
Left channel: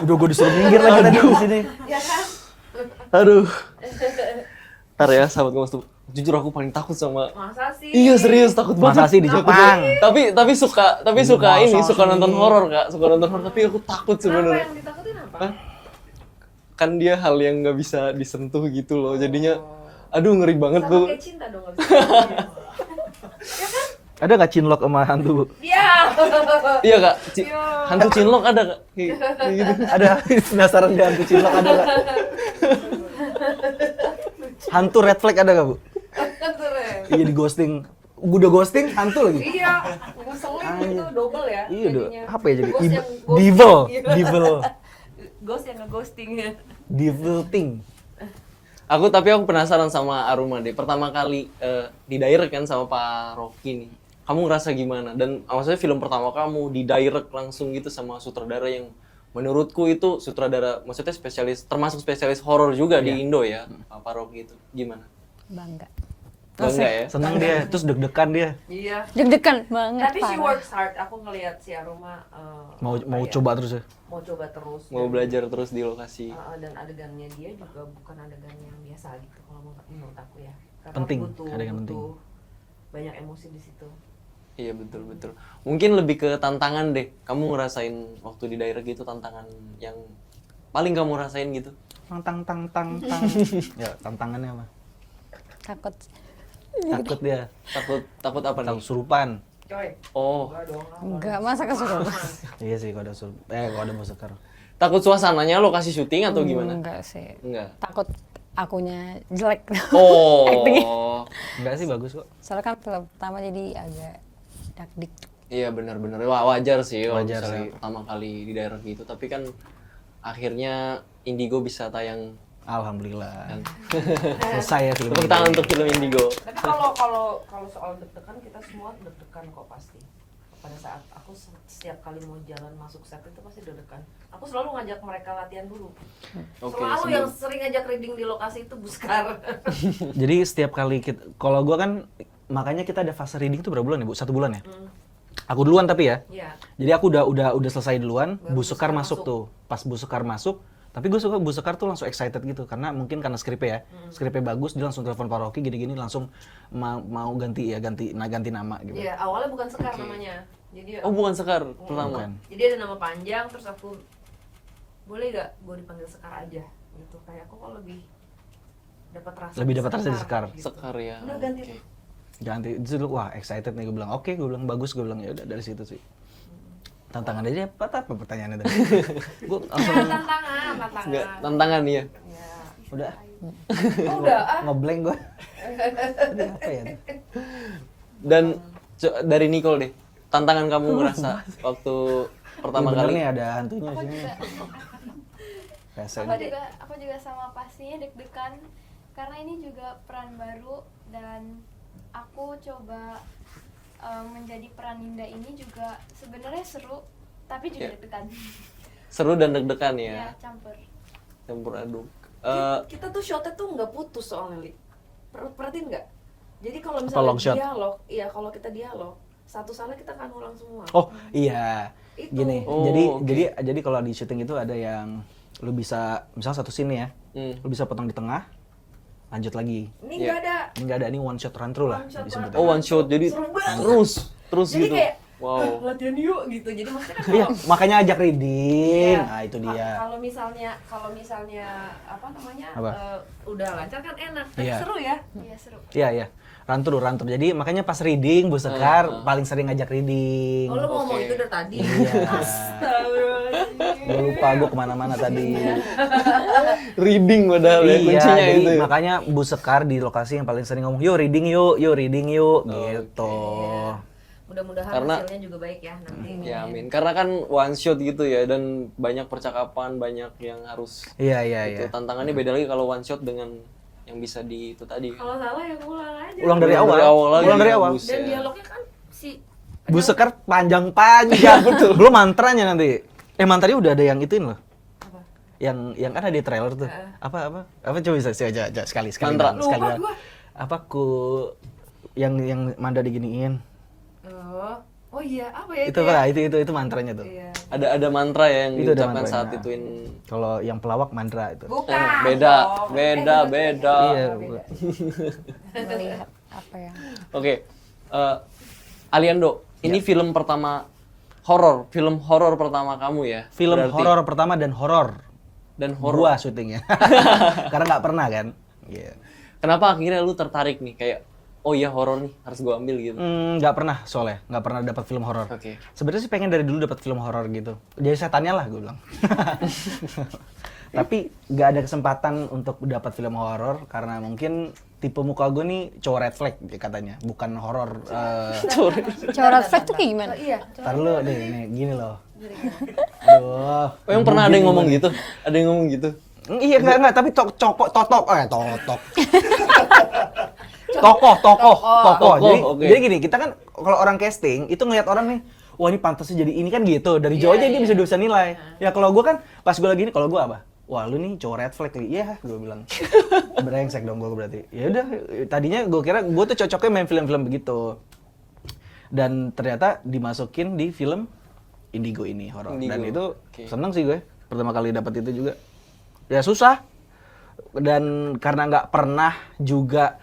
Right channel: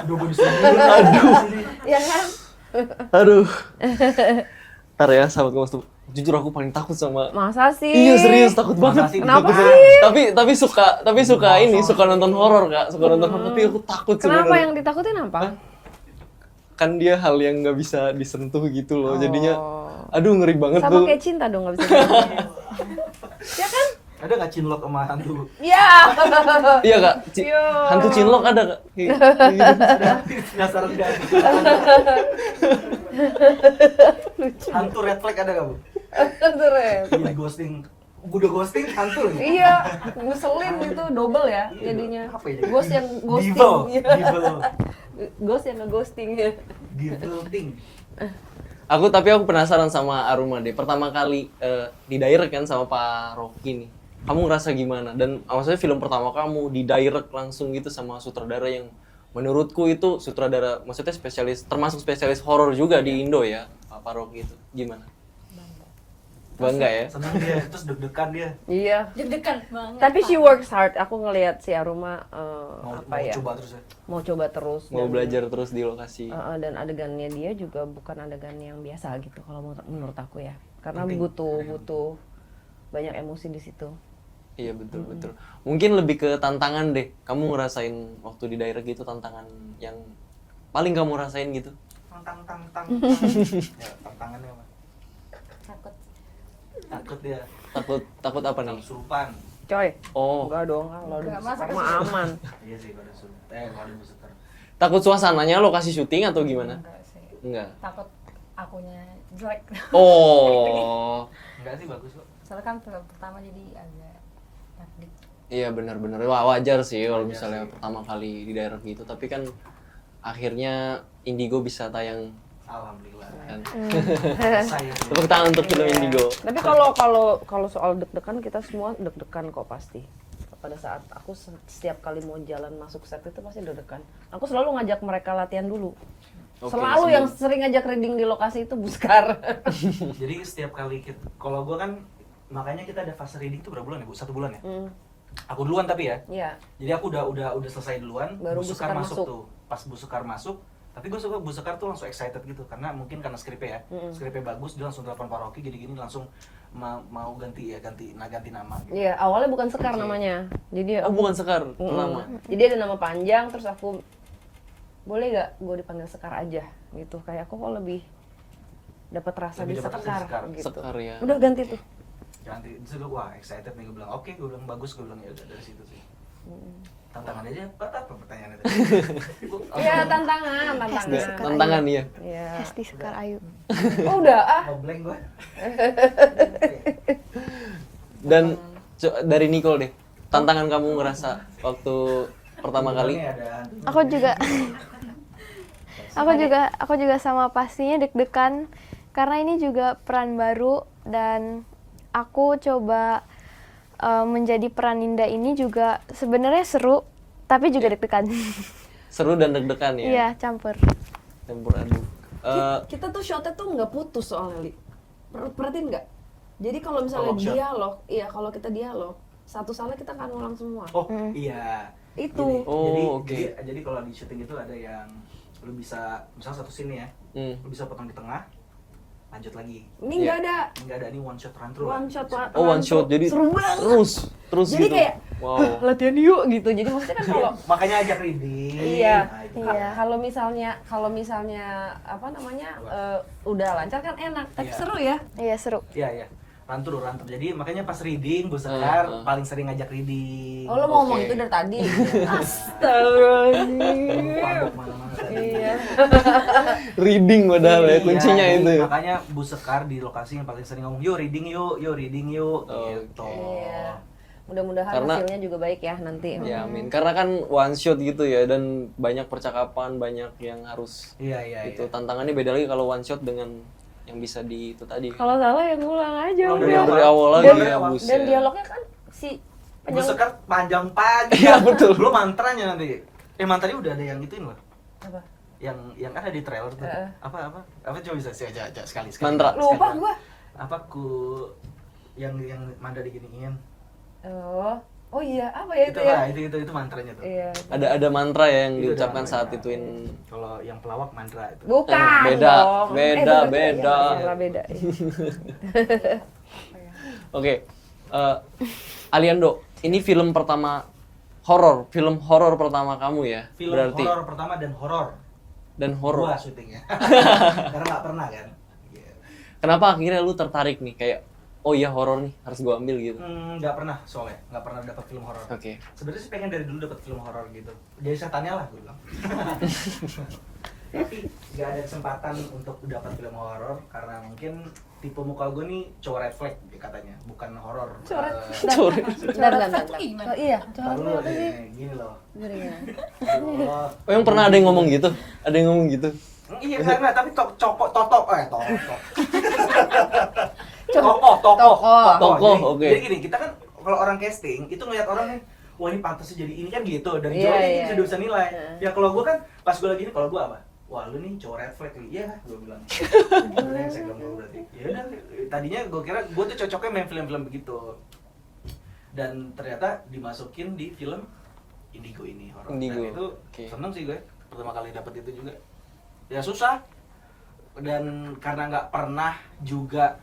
Udah gue disuruh minggir lagi di sini. Ya kan? aduh. Ntar ya, sahabat Kompas tuh. Jujur aku paling takut sama. Masa sih? Iya, serius takut banget. Masa sih di Takut Jepang? banget. Tapi suka ini, suka nonton horor, Kak. Suka nonton horor, tapi aku takut Kenapa sebenarnya. yang ditakutin apa? Hah? Kan dia hal yang nggak bisa disentuh gitu loh. Jadinya Oh. aduh ngeri banget Sama tuh. kayak cinta dong nggak bisa disentuh. Ya kan? Ada nggak cinlok sama hantu? Iya. Iya, Kak. Iya. Hantu cinlok ada, Kak. Kayak gitu. Ada penasaran nggak hantu cinlok ada nggak? Hantu red flag ada nggak Bu? Keren. Iya di ghosting. Udah ghosting hantu lagi. Iya, ngeselin itu double ya Iya, jadinya. apa ya jadi? Ghost yang ghosting. Devil, Iya. devil, Ghost yang nge-ghosting. devil thing. Tapi aku penasaran sama Aruma deh. Pertama kali di direct kan sama Pak Rocky nih. Kamu ngerasa gimana? Dan maksudnya film pertama kamu di direct langsung gitu sama sutradara yang menurutku itu sutradara maksudnya termasuk spesialis horor juga di Indo ya, Pak Rocky itu. Gimana? Bangga. Bangga ya? Senang dia, terus deg-degan dia. Iya. Deg-degan banget. Tapi she parah. works hard. Aku ngelihat si Aruma Mau apa mau ya, coba terus ya. mau coba terus. Mau Dan- belajar terus di lokasi. dan adegannya dia juga bukan adegan yang biasa gitu kalau menurut aku ya. Karena Penting, butuh adegan banyak emosi di situ. Iya betul. Mungkin lebih ke tantangan deh. Kamu ngerasain waktu di direct gitu tantangan yang paling kamu rasain gitu? Tang. Ya, tantangannya apa? Takut. Takut dia. Takut apa nih? Surupan. Coy. Oh, Enggak dong. Enggak, masa kesurupan? aman. Iya sih kalau ada kalau ada musikar. takut suasananya lokasi syuting atau gimana? Enggak sih. Enggak. Takut akunya jelek. Oh. Enggak sih, bagus kok. Soalnya kan film pertama jadi agak dakdik. Iya benar-benar. Wah, wajar sih kalau Wajar misalnya sih. pertama kali di daerah gitu. Tapi kan akhirnya Indigo bisa tayang Alhamdulillah. kan. Selesai ya. Tepuk tangan untuk film Indigo. Tapi kalau soal deg-degan kita semua deg-degan kok pasti. Pada saat aku setiap kali mau jalan masuk set itu pasti deg-degan. Aku selalu ngajak mereka latihan dulu. Oke, Selalu sebelum- yang sering ngajak reading di lokasi itu Buskar. Jadi setiap kali kita, kalau gua kan makanya kita ada fase reading itu berapa bulan ya, Bu? 1 bulan ya? Aku duluan tapi ya. Iya. Jadi aku udah selesai duluan, Baru Bu Sekar Buskar masuk masuk. tuh. Pas Bu Sekar masuk, tapi gue suka Bu Sekar tuh langsung excited gitu karena mungkin karena skripnya ya. Skripnya bagus, dia langsung telepon Pak Rocky gini-gini langsung mau ganti nama gitu. Iya, awalnya bukan Sekar namanya. Jadi Oh, bukan Sekar pertama. Jadi ada nama panjang terus aku boleh gak gue dipanggil Sekar aja gitu. Kayak aku kok lebih dapat rasa Lebih di dapat rasa di Sekar. gitu. Sekar ya. Udah ganti Oke. tuh. Ganti, itu dulu wah excited nih gue bilang. Oke, gue bilang bagus, gue bilang ya udah dari situ sih. Tantangan aja apa pertanyaannya tadi? Gua Ya tantangan. Nggak, tantangan ya. Iya. Hesti Sekar Ayu. Oh udah ngeblank gua. Apa ya? Dan dari Nicole deh, tantangan kamu ngerasa waktu pertama Bener kali? nih ada hantunya. Aku juga sama pastinya deg-degan karena ini juga peran baru dan aku coba menjadi peran Ninda ini juga sebenarnya seru tapi juga deg-degan. Seru dan deg-degan ya? Iya, campur. Campur aduk. kita tuh shotnya tuh nggak putus soalnya, Li. Perhatiin nggak? Jadi kalau Tolong misalnya shot. dialog, iya kalau kita dialog, satu salah kita akan ulang semua. Oh iya. Itu. Gini, Oh, oke. jadi kalau di syuting itu ada yang lu bisa misal satu scene ya, lu bisa potong di tengah, lanjut lagi. Ini nggak ada. Ini nggak ada, ini one shot run through lah. One shot disebutnya. run. Oh one shot, jadi Seru banget. terus Jadi gitu. kayak Wow. latihan yuk gitu. Jadi maksudnya kan Iya, kalau makanya ajak reading. Iya. Nah, itu dia. Kalau misalnya apa namanya Apa? udah lancar kan enak, tapi Iya. seru ya. Iya, seru. Iya, iya. Run through. Jadi makanya pas reading, Bu Sekar paling sering ngajak reading. Oh lo mau ngomong Oke. itu dari tadi. Iya. Astagfirullahaladzim. Lupa gue kemana-mana tadi. Reading padahal ya, Iya, kuncinya jadi itu. Makanya Bu Sekar di lokasi yang paling sering ngomong, yuk reading yuk, Oh, gitu. Mudah-mudahan Karena- hasilnya juga baik ya nanti. Ya amin. Karena kan one shot gitu ya, dan banyak percakapan, banyak yang harus Iya, iya, itu. iya. Tantangannya beda lagi kalau one shot dengan yang bisa di itu tadi. Kalau salah ya ngulang aja. Ulang Dari awal. awal lagi Ulang dari ya, awal. buset. Dan dialognya kan si Bu Sekar panjang-panjang. Iya, betul. Lu mantranya nanti. Mantranya udah ada yang ituin loh. apa? Yang ada di trailer tuh. Apa coba bisa sih aja sekali Mantra. sekali. Lupa gua. Apa yang Manda diginiin. Oh iya, apa ya Itu ya? Kak, itu mantranya tuh. Iya. Ada mantra ya yang Itu ada diucapkan saat mantranya. ituin. Kalau yang pelawak mantra itu. Bukan. Beda, dong. beda, Beda. beda. Iya, beda. Apa ya? Oke, Aliando, ini film pertama film horor pertama kamu ya? Film berarti. horor pertama dan horor. Dan horor. Gua syutingnya. Karena nggak pernah kan. Iya. Kenapa akhirnya lu tertarik nih kayak oh iya horor nih harus gua ambil gitu? Nggak pernah soalnya, nggak pernah dapat film horor. Oke. Sebenarnya sih pengen dari dulu dapat film horor gitu. Jadi setannya lah gue bilang. Tapi nggak ada kesempatan untuk dapat film horor karena mungkin tipe muka gue nih cowok red flag katanya, bukan horor. Sorry. Coret flag tuh kayak gimana? Iya. Ntar lu nih, gini loh. Aduh. Oh yang pernah ada yang ngomong gitu? Ada yang ngomong gitu? Iya enggak, tapi totok. Tokoh, oke. Jadi gini, kita kan kalau orang casting itu ngeliat orang nih, wah ini pantasnya jadi ini kan gitu. Dari jauh aja dia bisa nilai. Ya kalau gue kan pas gue lagi ini, kalau gue apa? Wah lu nih cowok red flag lagi. Iya, gue bilang. Brengsek dong gue berarti. Ya udah, tadinya gue kira gue tuh cocoknya main film-film begitu. Dan ternyata dimasukin di film Indigo ini horor. Dan Indigo, itu oke. seneng sih gue. Pertama kali dapat itu juga. Ya susah. Dan karena nggak pernah juga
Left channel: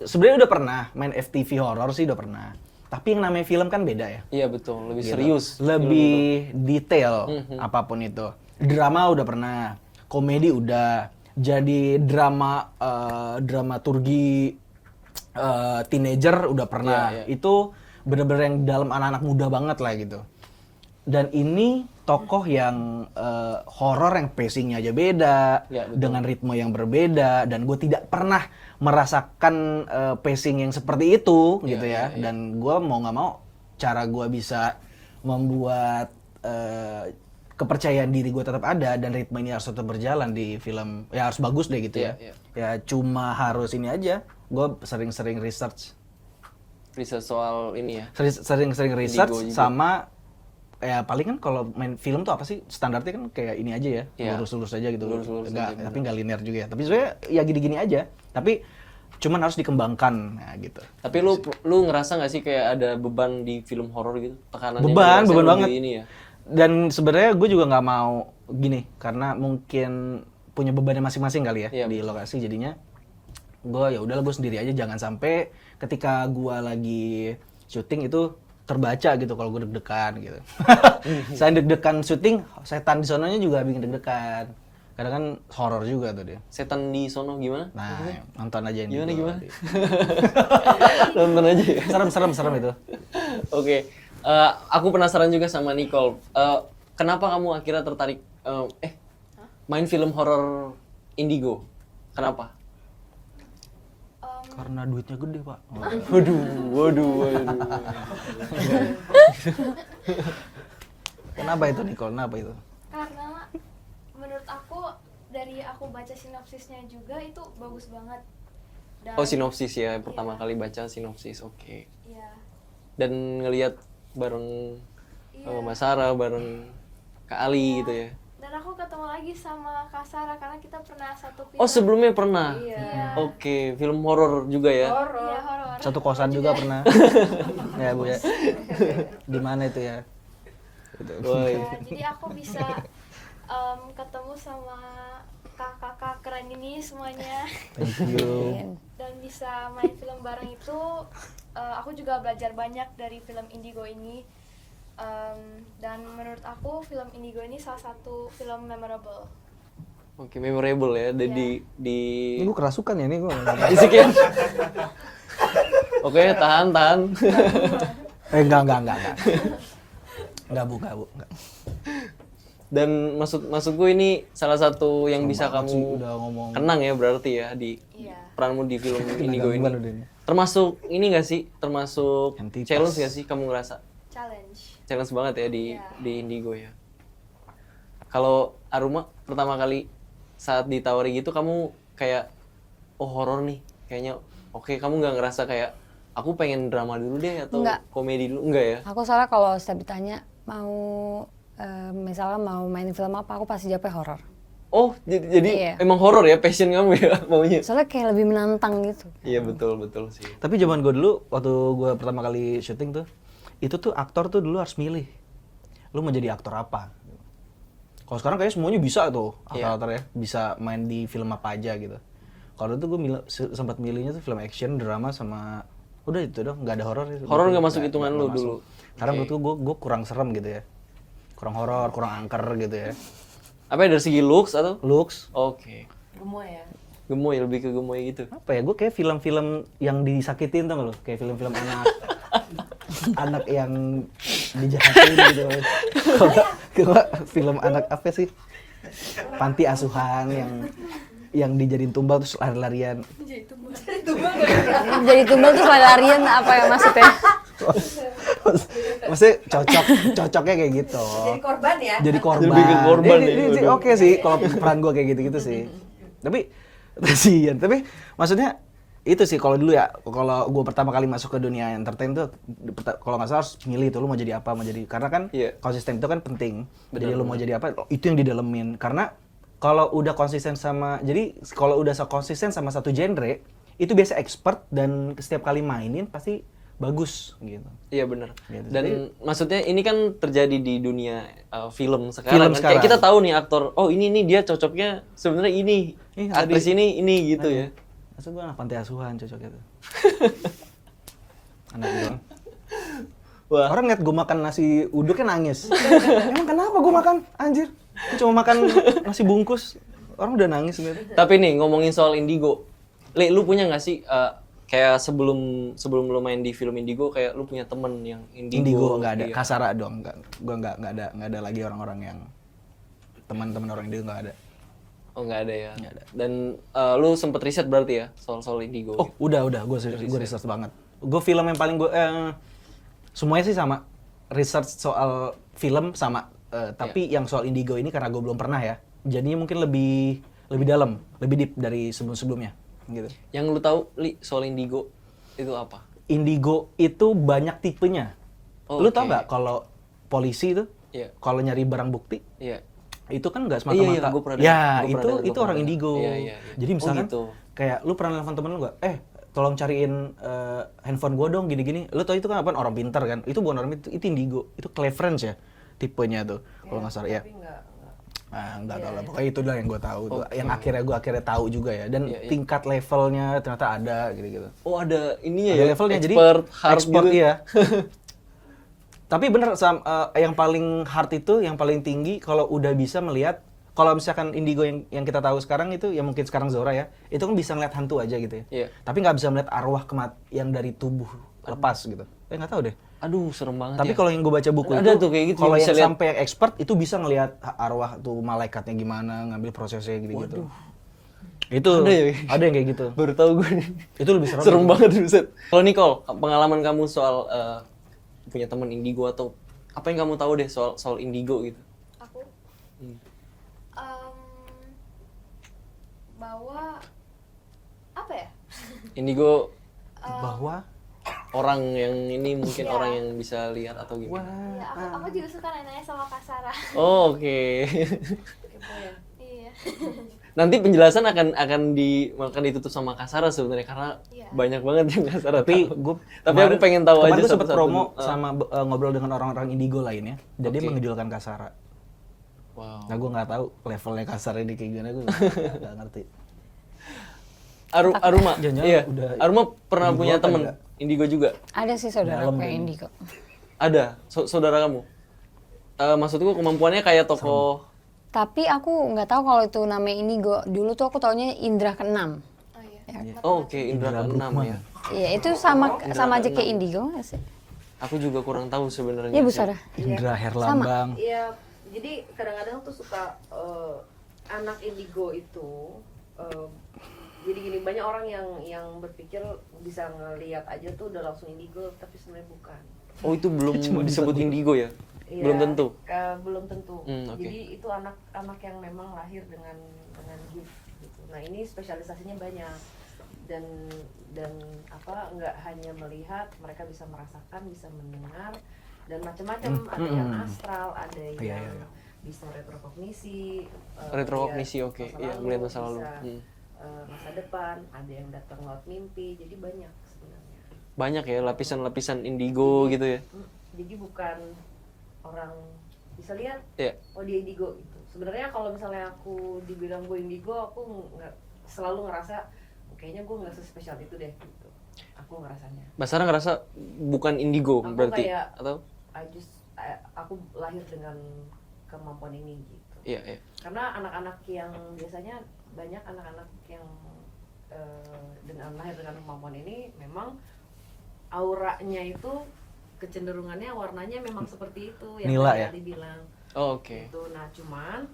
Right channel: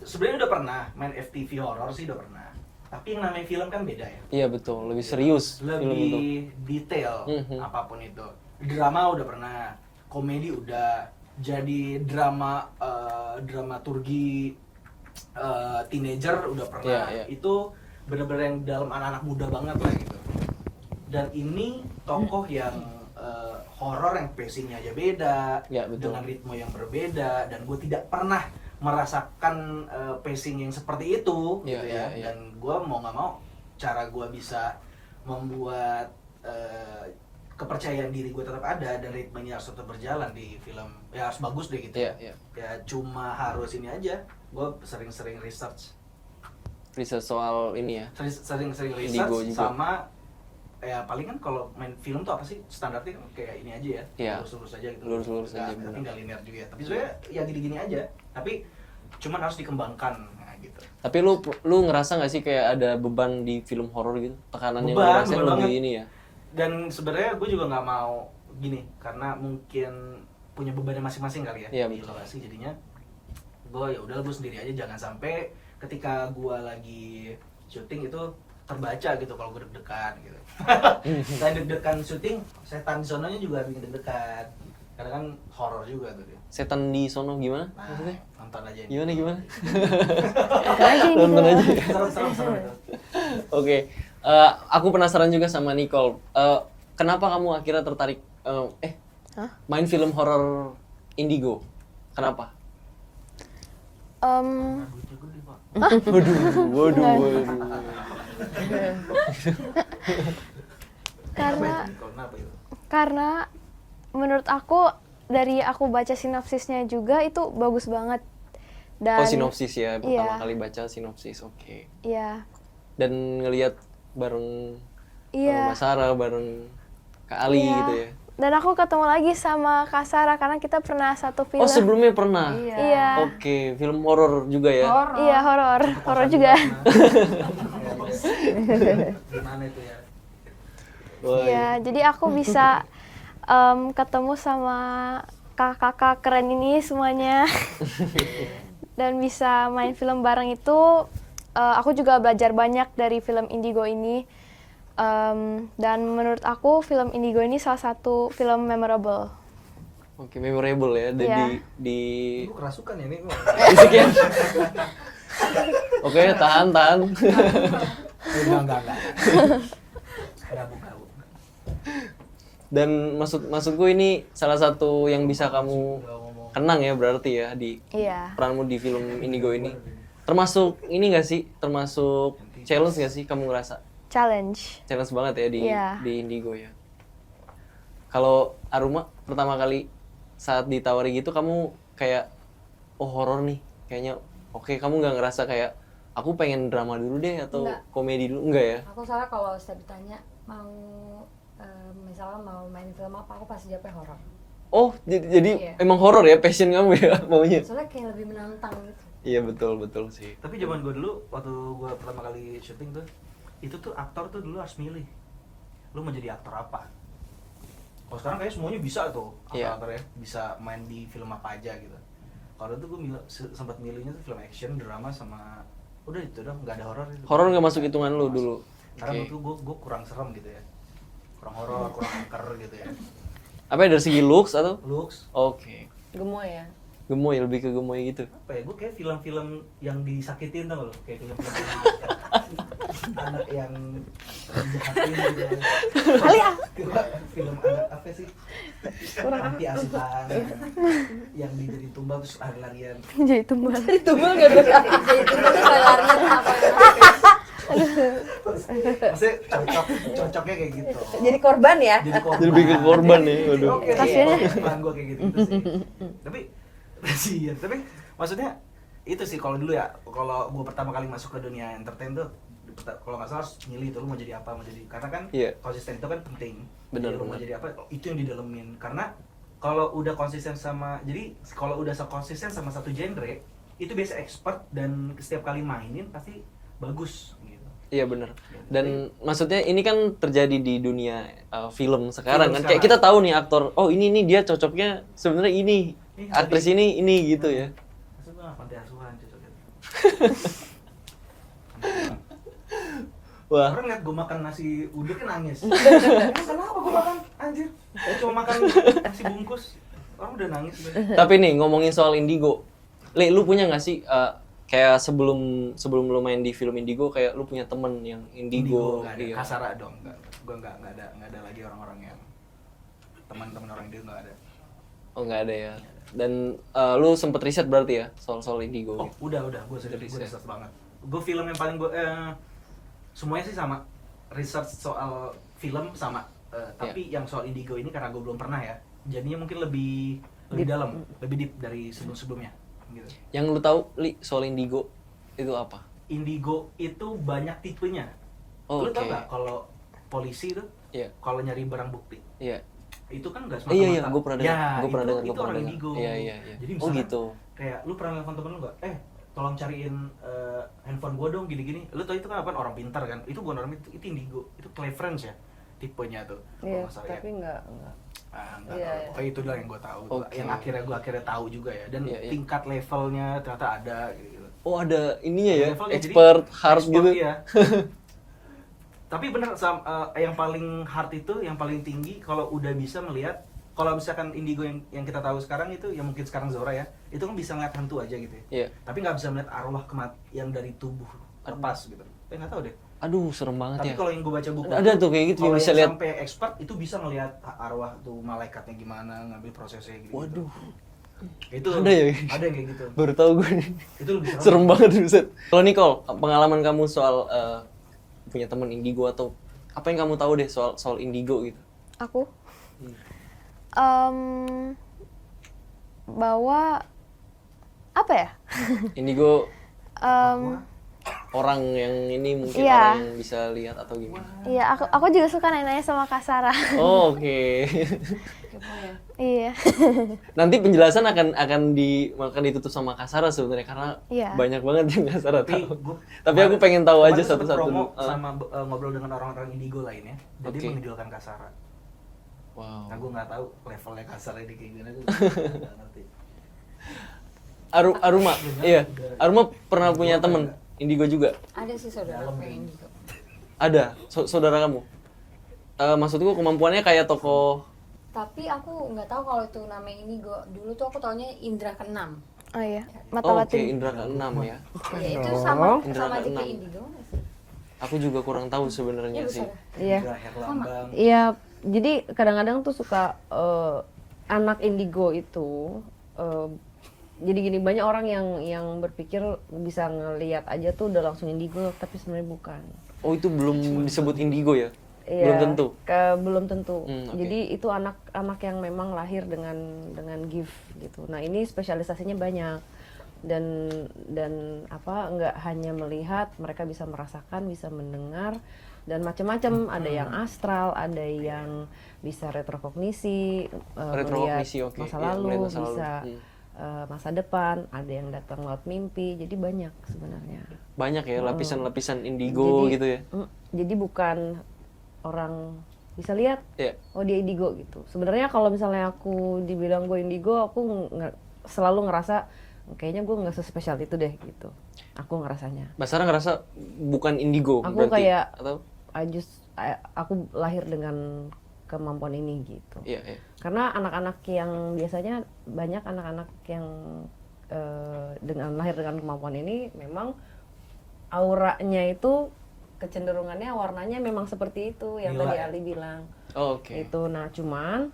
sebenarnya udah pernah main FTV horor sih udah pernah. Tapi yang namanya film kan beda ya. Iya betul, lebih serius. film itu. Lebih detail apapun itu. Drama udah pernah, komedi udah, jadi dramaturgi teenager udah pernah. Iya, iya. Itu bener-bener yang dalam anak-anak muda banget lah gitu. Dan ini tokoh yang horor yang pacingnya aja beda, Ya, betul. dengan ritme yang berbeda, dan gue tidak pernah merasakan pacing yang seperti itu Iya, gitu iya, ya. iya. Dan gue mau nggak mau cara gue bisa membuat kepercayaan diri gue tetap ada dan ritme ini harus tetap berjalan di film, ya harus bagus deh gitu Iya, ya. iya. Ya cuma harus ini aja, gue sering-sering research, Riset soal ini ya. sering-sering research Indigo juga. sama ya paling kan kalau main film tuh apa sih standarnya kan kayak ini aja ya, Iya. lurus-lurus aja gitu. Lurus-lurus Nggak- aja, tapi bener. nggak linear juga ya. Tapi sebenarnya ya gini-gini aja. Tapi cuman harus dikembangkan nah, gitu. Tapi lu ngerasa nggak sih kayak ada beban di film horor gitu? Tekanan yang lu Beban rasain lebih banget. ini ya? Dan sebenarnya gue juga nggak mau gini karena mungkin punya bebannya masing-masing kali ya Iya, di lokasi, jadinya gue ya udahlah gue sendiri aja, jangan sampai ketika gue lagi syuting itu terbaca gitu kalau gue deg-degan gitu. Selain deg-degan syuting, setan di sononya juga bikin deg-degan. Karena kan horor juga tuh dia. Setan di sono gimana? Nah, Maksudnya? nonton aja Gimana? Nonton aja ya. Serem itu. Oke, Aku penasaran juga sama Nicole. Kenapa kamu akhirnya tertarik main film horor Indigo? Kenapa? Karena duitnya gede, Pak. Waduh. Kenapa itu, Nicole? Kenapa itu? Karena menurut aku dari aku baca sinopsisnya juga itu bagus banget. Dan Oh, sinopsis ya, pertama Iya. kali baca sinopsis, oke. Iya. Dan ngelihat bareng Iya. Mbak Sarah, bareng Kak Ali Iya. gitu ya. Dan aku ketemu lagi sama Kak Sarah karena kita pernah satu film. Oh, sebelumnya pernah? Iya. Oke, film horor juga ya? Iya, horor. Satu Horor kosan juga pernah. Ya, Bu, ya. Gimana itu ya? Wah, Iya, jadi aku bisa ketemu sama kakak-kakak keren ini semuanya. Dan bisa main film bareng itu, aku juga belajar banyak dari film Indigo ini. Dan menurut aku film Indigo ini salah satu film memorable. Oke, memorable ya. Dan Iya. di Gue kerasukan ya nih gue. Sekian. Oke, tahan. Enggak. Enggak, Bu. Dan maksudku ini salah satu yang bisa kamu Udah ngomong. kenang ya berarti ya di Iya. peranmu di film Indigo ini. Gimana udah ini? Termasuk ini gak sih? Termasuk Entitas. challenge gak sih kamu ngerasa? Challenge. Challenge banget ya Iya. di Indigo ya. Kalau Aruma pertama kali saat ditawari gitu kamu kayak oh horor nih kayaknya oke, kamu nggak ngerasa kayak aku pengen drama dulu deh atau Enggak. komedi dulu enggak ya? Aku soalnya kalau setiap ditanya mau misalnya mau main film apa, aku pasti jawabnya horor. Oh jadi Iya. emang horor ya passion kamu ya maunya? Soalnya kayak lebih menantang gitu. Iya betul sih. Tapi zaman gue dulu, waktu gue pertama kali syuting tuh, itu tuh aktor tuh dulu harus milih. Lu mau jadi aktor apa? Kalau sekarang kayaknya semuanya bisa tuh, Iya. aktor-aktornya. Bisa main di film apa aja gitu. Kalau dulu tuh gue sempat milihnya tuh film action, drama, sama... Udah itu dong, nggak ada horor itu. Horor nggak masuk Nggak- hitungan nggak lu masuk. dulu? Karena Oke. menurut gue kurang serem gitu ya. Kurang horor, kurang angker gitu ya. Apa ya, dari segi looks atau? Looks, Oke. Gemoy ya. Gemoy, lebih ke gemoy gitu. apa ya, gue kayak film-film yang disakitin tau gak lo? Kayak film-film anak yang dijahatin gitu. Kalau film anak apa sih? Panti asuhan yang dijadiin tumbal terus lari-larian. Jadi tumbal. Jadi tumbal tuh larian apa ya maksudnya? Maksudnya cocoknya kayak gitu. Jadi korban ya. Jadi korban. Lebih ke korban ya, Jadi waduh. oke sih, kalau peran gue kayak gitu-gitu sih. Tapi kasihan. Tapi maksudnya itu sih kalau dulu ya, kalau gue pertama kali masuk ke dunia entertain tuh, kalau nggak salah harus milih tuh lu mau jadi apa, mau jadi, karena kan Iya. konsisten itu kan penting. Benar, Jadi lu mau benar. jadi apa, itu yang didalemin. Karena kalau udah konsisten sama, jadi kalau udah konsisten sama satu genre, itu biasa expert dan setiap kali mainin pasti bagus gitu. Iya benar. Gitu. Dan maksudnya ini kan terjadi di dunia film sekarang Film kan. Kayak sekarang. kita tahu nih aktor, oh ini nih dia cocoknya sebenarnya ini. Ini Aktris ini gitu ya. Masa gue anak panti asuhan cocok gitu. Anak gua. Wah, Orang ngeliat gue makan nasi uduknya nangis. Emang kenapa gue makan? Anjir. Gua cuma makan nasi bungkus. Orang udah nangis gitu. tapi nih ngomongin soal Indigo. Le, lu punya nggak sih kayak sebelum lu main di film Indigo kayak lu punya temen yang Indigo Indigo? nggak ada. Iya. Kasara dong. Gue nggak ada lagi orang-orang yang teman-teman orang Indigo nggak ada. Oh nggak ada ya. Dan lu sempet riset berarti ya soal Indigo. Oh gitu. udah gue research banget. Gue film yang paling gue semuanya sih sama. Research soal film sama. Tapi yang soal Indigo ini karena gue belum pernah ya. Jadinya mungkin lebih dalam, lebih deep dari sebelum-sebelumnya. Gitu. Yang lu tahu Li soal Indigo itu apa? Indigo itu banyak tipenya. Oh, Lu tau oke. nggak kalau polisi itu Iya. kalau nyari barang bukti Iya. itu kan nggak Iya, semata-mata. gua pernah dengar. Ya, Gua pernah dengar, itu gua pernah orang dengar. Indigo. Iya. Jadi Oh, misalkan gitu. kayak lu pernah nelfon temen lu nggak? Tolong cariin handphone gua dong gini-gini. Lu tau itu kan apa? Orang pintar kan? Itu bukan orang itu Indigo. Itu Cleverance ya tipenya tuh. Kalau nggak salah ya. Tapi enggak. Ah, enggak Iya, tahu. iya. Pokoknya itu dah yang gue tahu. Tuh. Oke. Yang akhirnya tahu juga ya. Dan Iya, iya. tingkat levelnya ternyata ada gitu-gitu. Oh ada ininya Ada ya, levelnya, jadi expert hard expert, gitu. iya. Tapi bener yang paling hard itu, yang paling tinggi kalau udah bisa melihat, kalau misalkan Indigo yang kita tahu sekarang itu, yang mungkin sekarang Zora ya, itu kan bisa ngeliat hantu aja gitu ya. Iya. Tapi nggak bisa melihat arwah yang dari tubuh lepas gitu. Nggak tahu deh. Aduh, serem banget Tapi ya. kalau yang gue baca buku Ada itu, tuh kayak gitu, kalau yang bisa yang lihat. sampai expert itu bisa ngelihat arwah tuh malaikatnya gimana, ngambil prosesnya gitu. Waduh. Itu Ada ya? Ada yang kayak gitu. Baru tahu gue nih. Itu lebih serem. Serem banget buset. Kalau Nicole, pengalaman kamu soal punya teman indigo atau apa yang kamu tahu deh soal indigo gitu? Aku bahwa apa ya? Indigo Bahwa orang yang ini mungkin Iya. orang yang bisa lihat atau gimana? Iya, aku juga suka nanya-nanya sama Kak Sarah. Oh, oke. Iya. Nanti penjelasan akan ditutup sama Kasara sebenarnya karena Iya. banyak banget yang Kasara tapi tahu. gue Tapi aku pengen tahu aja satu-satu promo dulu. sama ngobrol dengan orang-orang indigo lainnya. Jadi Oke. mengidolakan Kasara. Wow. Nah, gue nggak tahu levelnya Kasara ini kayak gimana, gue nggak ngerti. Aruma, Jangan-jangan iya. udah Aruma pernah indigo punya apa temen enggak? indigo juga? Ada sih saudara Dalam kayak gitu. indigo. Ada, saudara kamu? Maksudku kemampuannya kayak tokoh. Tapi aku nggak tahu kalau itu namanya indigo. Dulu tuh aku taunya indra keenam. Oh iya, Oh, mata oke, Indra keenam ya. Iya, itu sama Indra aja kayak keenam. indigo nggak sih? Aku juga kurang tahu sebenarnya Iya, Bu sih. Sarah. Indra Herlambang. Iya, jadi kadang-kadang tuh suka anak indigo itu jadi gini, banyak orang yang berpikir bisa ngelihat aja tuh udah langsung indigo, tapi sebenarnya bukan. Oh, itu belum disebut indigo ya? Iya, Belum tentu. Belum tentu. Oke. Jadi itu anak-anak yang memang lahir dengan gift gitu. Nah, ini spesialisasinya banyak. Dan apa, nggak hanya melihat, mereka bisa merasakan, bisa mendengar dan macam-macam. Ada yang astral, ada yang bisa retrokognisi, Retrokognisi, melihat oke. masa Iya, lalu, melihat masa lalu. bisa masa depan, ada yang datang lewat mimpi. Jadi banyak sebenarnya. Banyak ya lapisan-lapisan indigo Jadi- gitu ya. Jadi bukan orang bisa lihat, Iya. oh dia indigo gitu. Sebenarnya kalau misalnya aku dibilang gue indigo, aku nggak selalu ngerasa kayaknya gue nggak sespesial itu deh gitu. Aku ngerasanya. Mbak Sarah ngerasa bukan indigo Aku berarti kayak- atau? Aku lahir dengan kemampuan ini gitu. Iya, iya. Karena anak-anak yang biasanya banyak anak-anak yang dengan lahir dengan kemampuan ini memang auranya itu kecenderungannya warnanya memang seperti itu yang Nila tadi ya? Ali bilang. Oh, oke. Itu nah cuman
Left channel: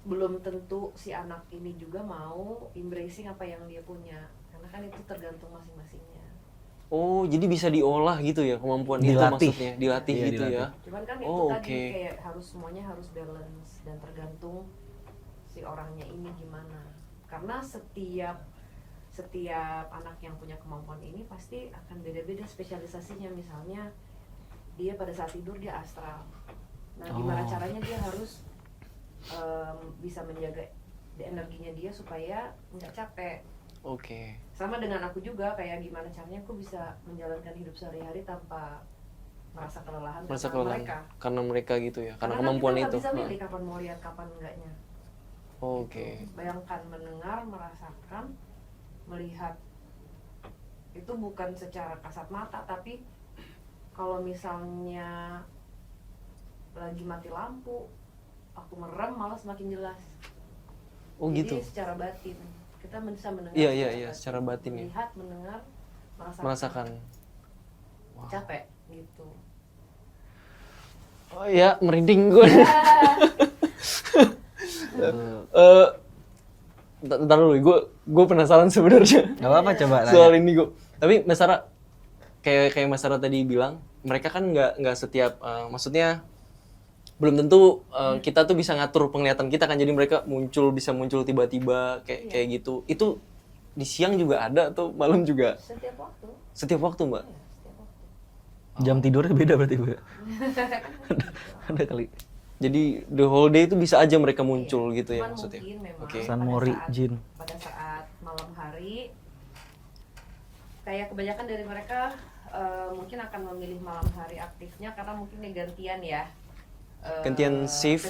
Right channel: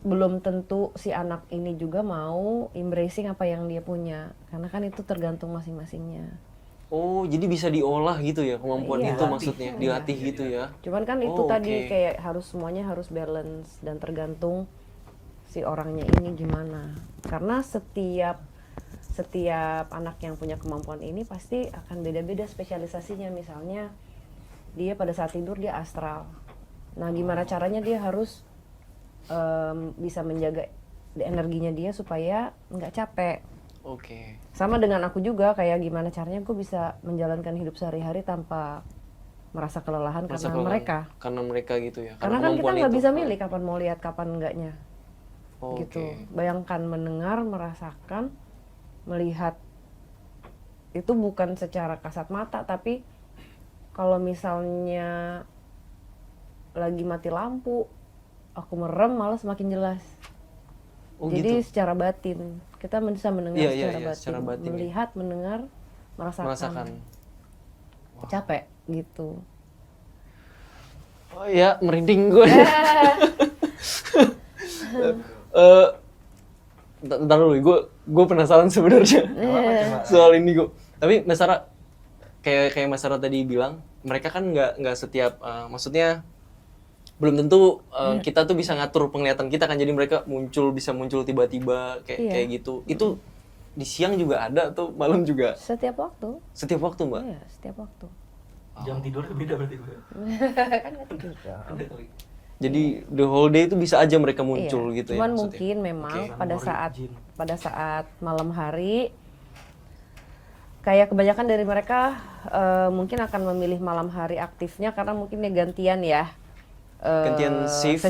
belum tentu si anak ini juga mau embracing apa yang dia punya, karena kan itu tergantung masing-masingnya. Oh, jadi bisa diolah gitu ya kemampuan Iya. itu Dilatih. maksudnya, dilatih Iya, gitu ya. Cuman kan itu Oh, tadi oke. kayak semuanya harus balance dan tergantung si orangnya ini gimana. Karena setiap anak yang punya kemampuan ini pasti akan beda-beda spesialisasinya. Misalnya dia pada saat tidur dia astral. Nah, gimana caranya dia harus bisa menjaga energinya dia supaya nggak capek. Oke. Sama dengan aku juga, kayak gimana caranya aku bisa menjalankan hidup sehari-hari tanpa merasa kelelahan Merasa karena kelelahan. mereka. Karena mereka gitu ya. Karena Karena kan kita kemampuan nggak itu. bisa milih kapan mau lihat kapan enggaknya. Oh, Gitu. Oke. Bayangkan mendengar, merasakan, melihat itu bukan secara kasat mata, tapi kalau misalnya lagi mati lampu, aku merem malah semakin jelas. Oh Jadi gitu. secara batin kita bisa mendengar Iya, secara iya, batin, secara batin ya. melihat, mendengar, Merasakan. capek gitu. Oh iya, merinding gue. Ntar dulu, gue penasaran sebenarnya Gak apa-apa, coba nanya. soal indigo. Tapi Mas Sarah, kayak Mas Sarah tadi bilang, mereka kan nggak setiap, maksudnya belum tentu kita tuh bisa ngatur penglihatan kita kan, jadi mereka bisa muncul tiba-tiba Iya. kayak gitu. Itu di siang juga ada atau malam juga? Setiap waktu, Setiap waktu, Mbak? iya setiap waktu. Jam tidurnya beda berarti gue. Kan gitu. Ada kali. Jadi the whole day itu bisa aja mereka muncul Iya, gitu ya cuman maksudnya? mungkin memang Oke. San pada Mori, saat Jin. malam hari kayak kebanyakan dari mereka mungkin akan memilih malam hari aktifnya karena mungkin ya gantian ya. Gantian shift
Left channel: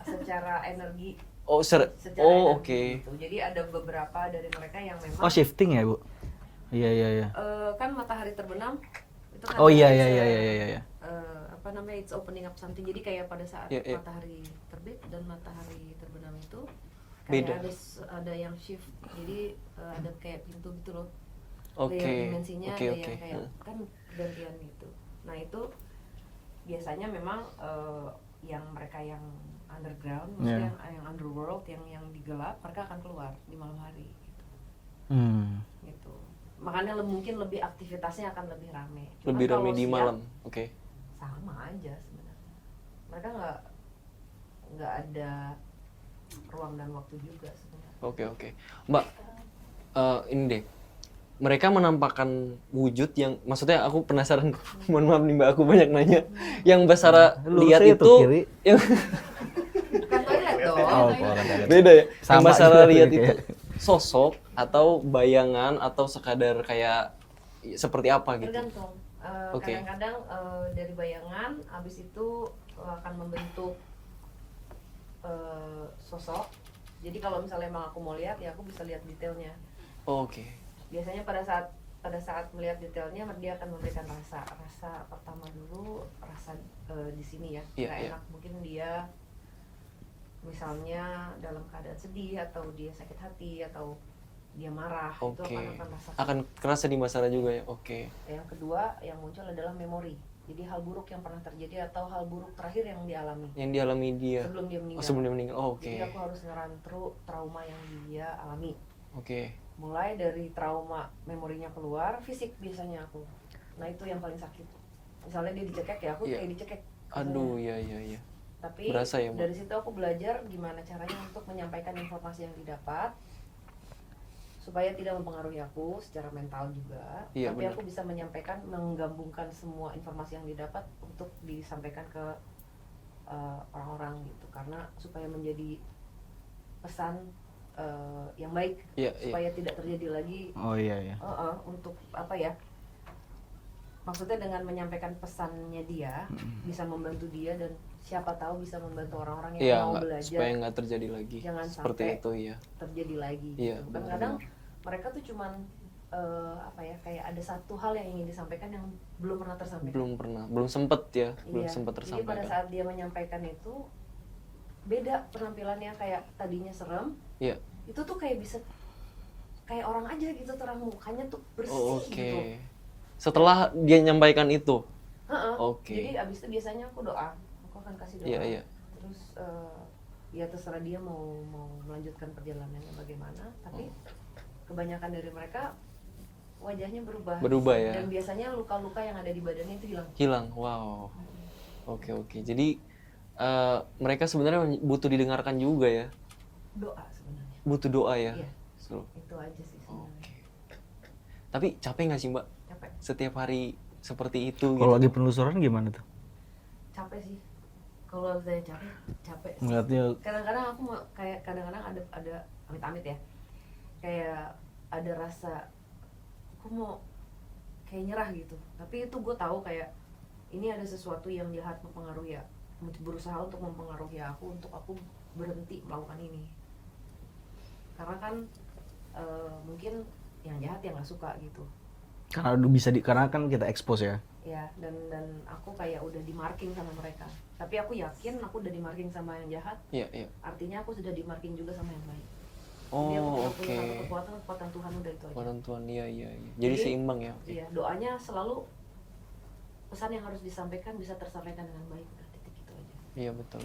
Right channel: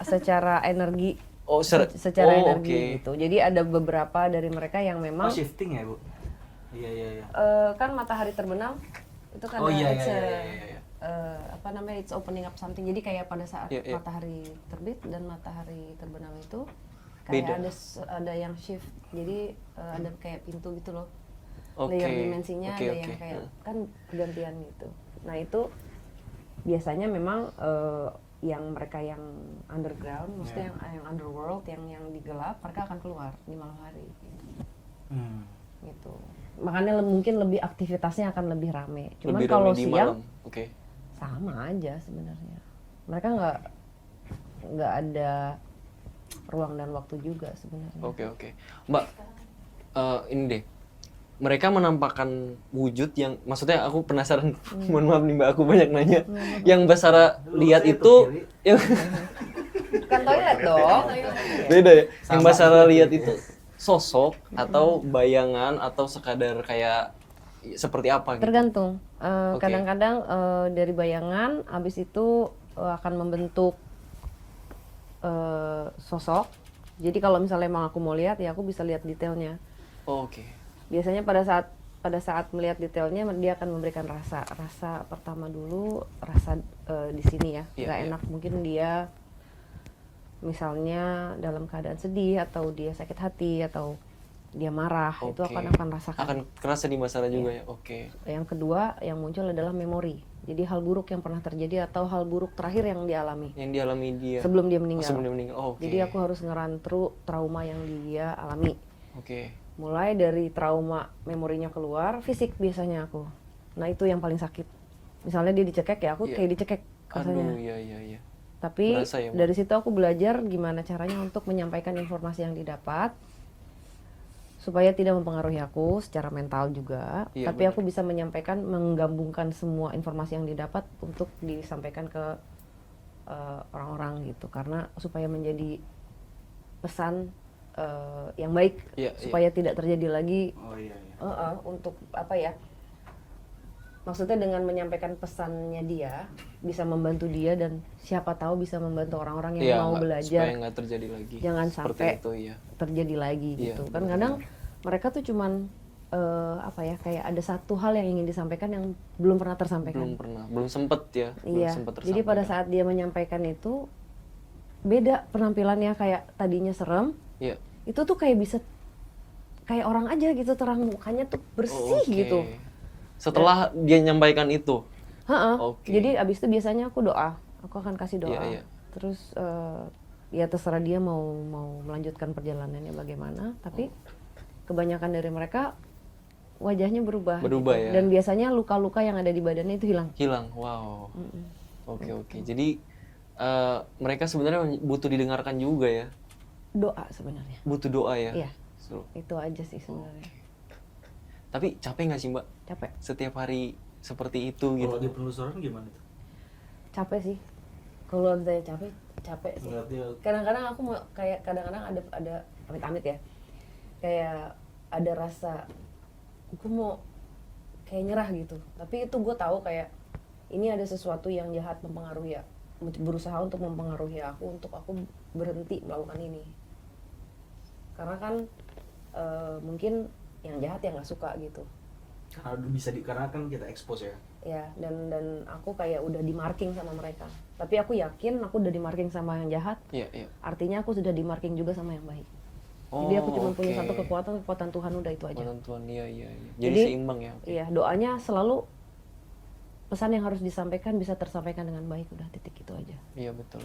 secara energi Oh, secara oh, energi oke. gitu. Jadi ada beberapa dari mereka yang memang Oh, shifting ya, Bu? Iya, iya, iya. kan matahari terbenam itu kan Oh iya, it's iya, a- iya, iya, iya. apa namanya, it's opening up something. Jadi kayak pada saat Iya, iya. matahari terbit dan matahari terbenam itu Beda. kayak ada yang shift. Jadi ada kayak pintu gitu loh. Oke. layer dimensinya Oke, ada oke. yang kayak kan gantian gitu. Nah itu biasanya memang yang mereka yang underground, maksudnya yang underworld, yang di gelap, mereka akan keluar di malam hari. Gitu. Gitu. Makanya mungkin lebih aktivitasnya akan lebih rame. Cuman Lebih kalau ramai di siang, malam. Oke. sama aja sebenarnya. Mereka nggak ada ruang dan waktu juga sebenarnya. Oke. Mbak, ini deh. Mereka menampakkan wujud yang, maksudnya aku penasaran, mohon maaf nih Mbak, aku banyak nanya. Yang Mbak Sarah lihat Lurusnya itu, kiri. yang Bukan toilet dong. beda ya. Yang Sama Mbak Sarah juga lihat ya. itu sosok atau bayangan atau sekadar kayak seperti apa gitu? Tergantung. Oke. Kadang-kadang dari bayangan, habis itu akan membentuk sosok. Jadi kalau misalnya emang aku mau lihat, ya aku bisa lihat detailnya. Oke. Biasanya pada saat melihat detailnya, dia akan memberikan rasa pertama dulu, rasa di sini ya, Iya, nggak iya. enak. Mungkin dia misalnya dalam keadaan sedih, atau dia sakit hati, atau dia marah, itu Oke. akan rasakan. Akan kerasa di Mbak Sarah juga ya. Oke. Yang kedua yang muncul adalah memori. Jadi hal buruk yang pernah terjadi atau hal buruk terakhir yang dialami Yang dialami dia sebelum dia meninggal. sebelum dia meninggal. Oh, oke. Jadi aku harus ngerantru trauma yang dia alami. Oke. Mulai dari trauma memorinya keluar, fisik biasanya aku. Nah itu yang paling sakit. Misalnya dia dicekek, ya aku Iya. kayak dicekek. Aduh, rasanya. iya. Tapi Berasa ya, Mbak? dari situ aku belajar gimana caranya untuk menyampaikan informasi yang didapat supaya tidak mempengaruhi aku secara mental juga. Iya, Tapi benar. aku bisa menyampaikan, menggabungkan semua informasi yang didapat untuk disampaikan ke orang-orang gitu. Karena supaya menjadi pesan yang baik, Iya, supaya tidak terjadi lagi. Oh iya. Untuk apa ya? Maksudnya dengan menyampaikan pesannya dia bisa membantu dia, dan siapa tahu bisa membantu orang-orang yang Iya, mau nggak- belajar supaya nggak terjadi lagi. Jangan seperti sampai itu ya. terjadi lagi Iya, gitu kan. benar-benar. Kadang mereka tuh cuman apa ya, kayak ada satu hal yang ingin disampaikan yang belum pernah tersampaikan. Belum sempet ya, belum Iya. sempet Jadi tersampaikan. pada saat dia menyampaikan itu beda penampilannya, kayak tadinya serem, Iya. itu tuh kayak bisa kayak orang aja gitu, terang mukanya tuh bersih Oh, oke. gitu. Setelah dia nyampaikan itu. Ha-ha. Oke. Jadi abis itu biasanya aku doa, aku akan kasih doa. Iya. Terus ya terserah dia mau melanjutkan perjalanannya bagaimana. Tapi kebanyakan dari mereka wajahnya berubah. Berubah ya. Dan biasanya luka-luka yang ada di badannya itu hilang. Hilang. Wow. Oke. Jadi mereka sebenarnya butuh didengarkan juga ya. Doa sebenarnya. Butuh doa ya. Iya. So, Itu aja sih sebenarnya. Oke. Tapi capek nggak sih Mbak Capek. setiap hari seperti itu gitu? Kalau lagi penelusuran gimana tuh? Capek sih. Kalau misalnya capek sih. Ngeliatnya Kadang-kadang aku mau kayak kadang-kadang ada amit-amit ya. Kayak ada rasa aku mau kayak nyerah gitu. Tapi itu gue tahu kayak ini ada sesuatu yang jahat mempengaruhi ya, berusaha untuk mempengaruhi aku untuk aku berhenti melakukan ini. Karena kan mungkin yang jahat yang nggak suka gitu. karena karena kan kita expose ya. Ya, dan aku kayak udah di marking sama mereka. Tapi aku yakin aku udah di marking sama yang jahat. Iya. Artinya aku sudah di marking juga sama yang baik. Oh, Jadi aku cuma oke. punya satu kekuatan Tuhan, udah itu aja. Penentuan, iya. Jadi Jadi, seimbang ya. Oke. Iya, doanya selalu pesan yang harus disampaikan bisa tersampaikan dengan baik, udah titik itu aja. Iya betul.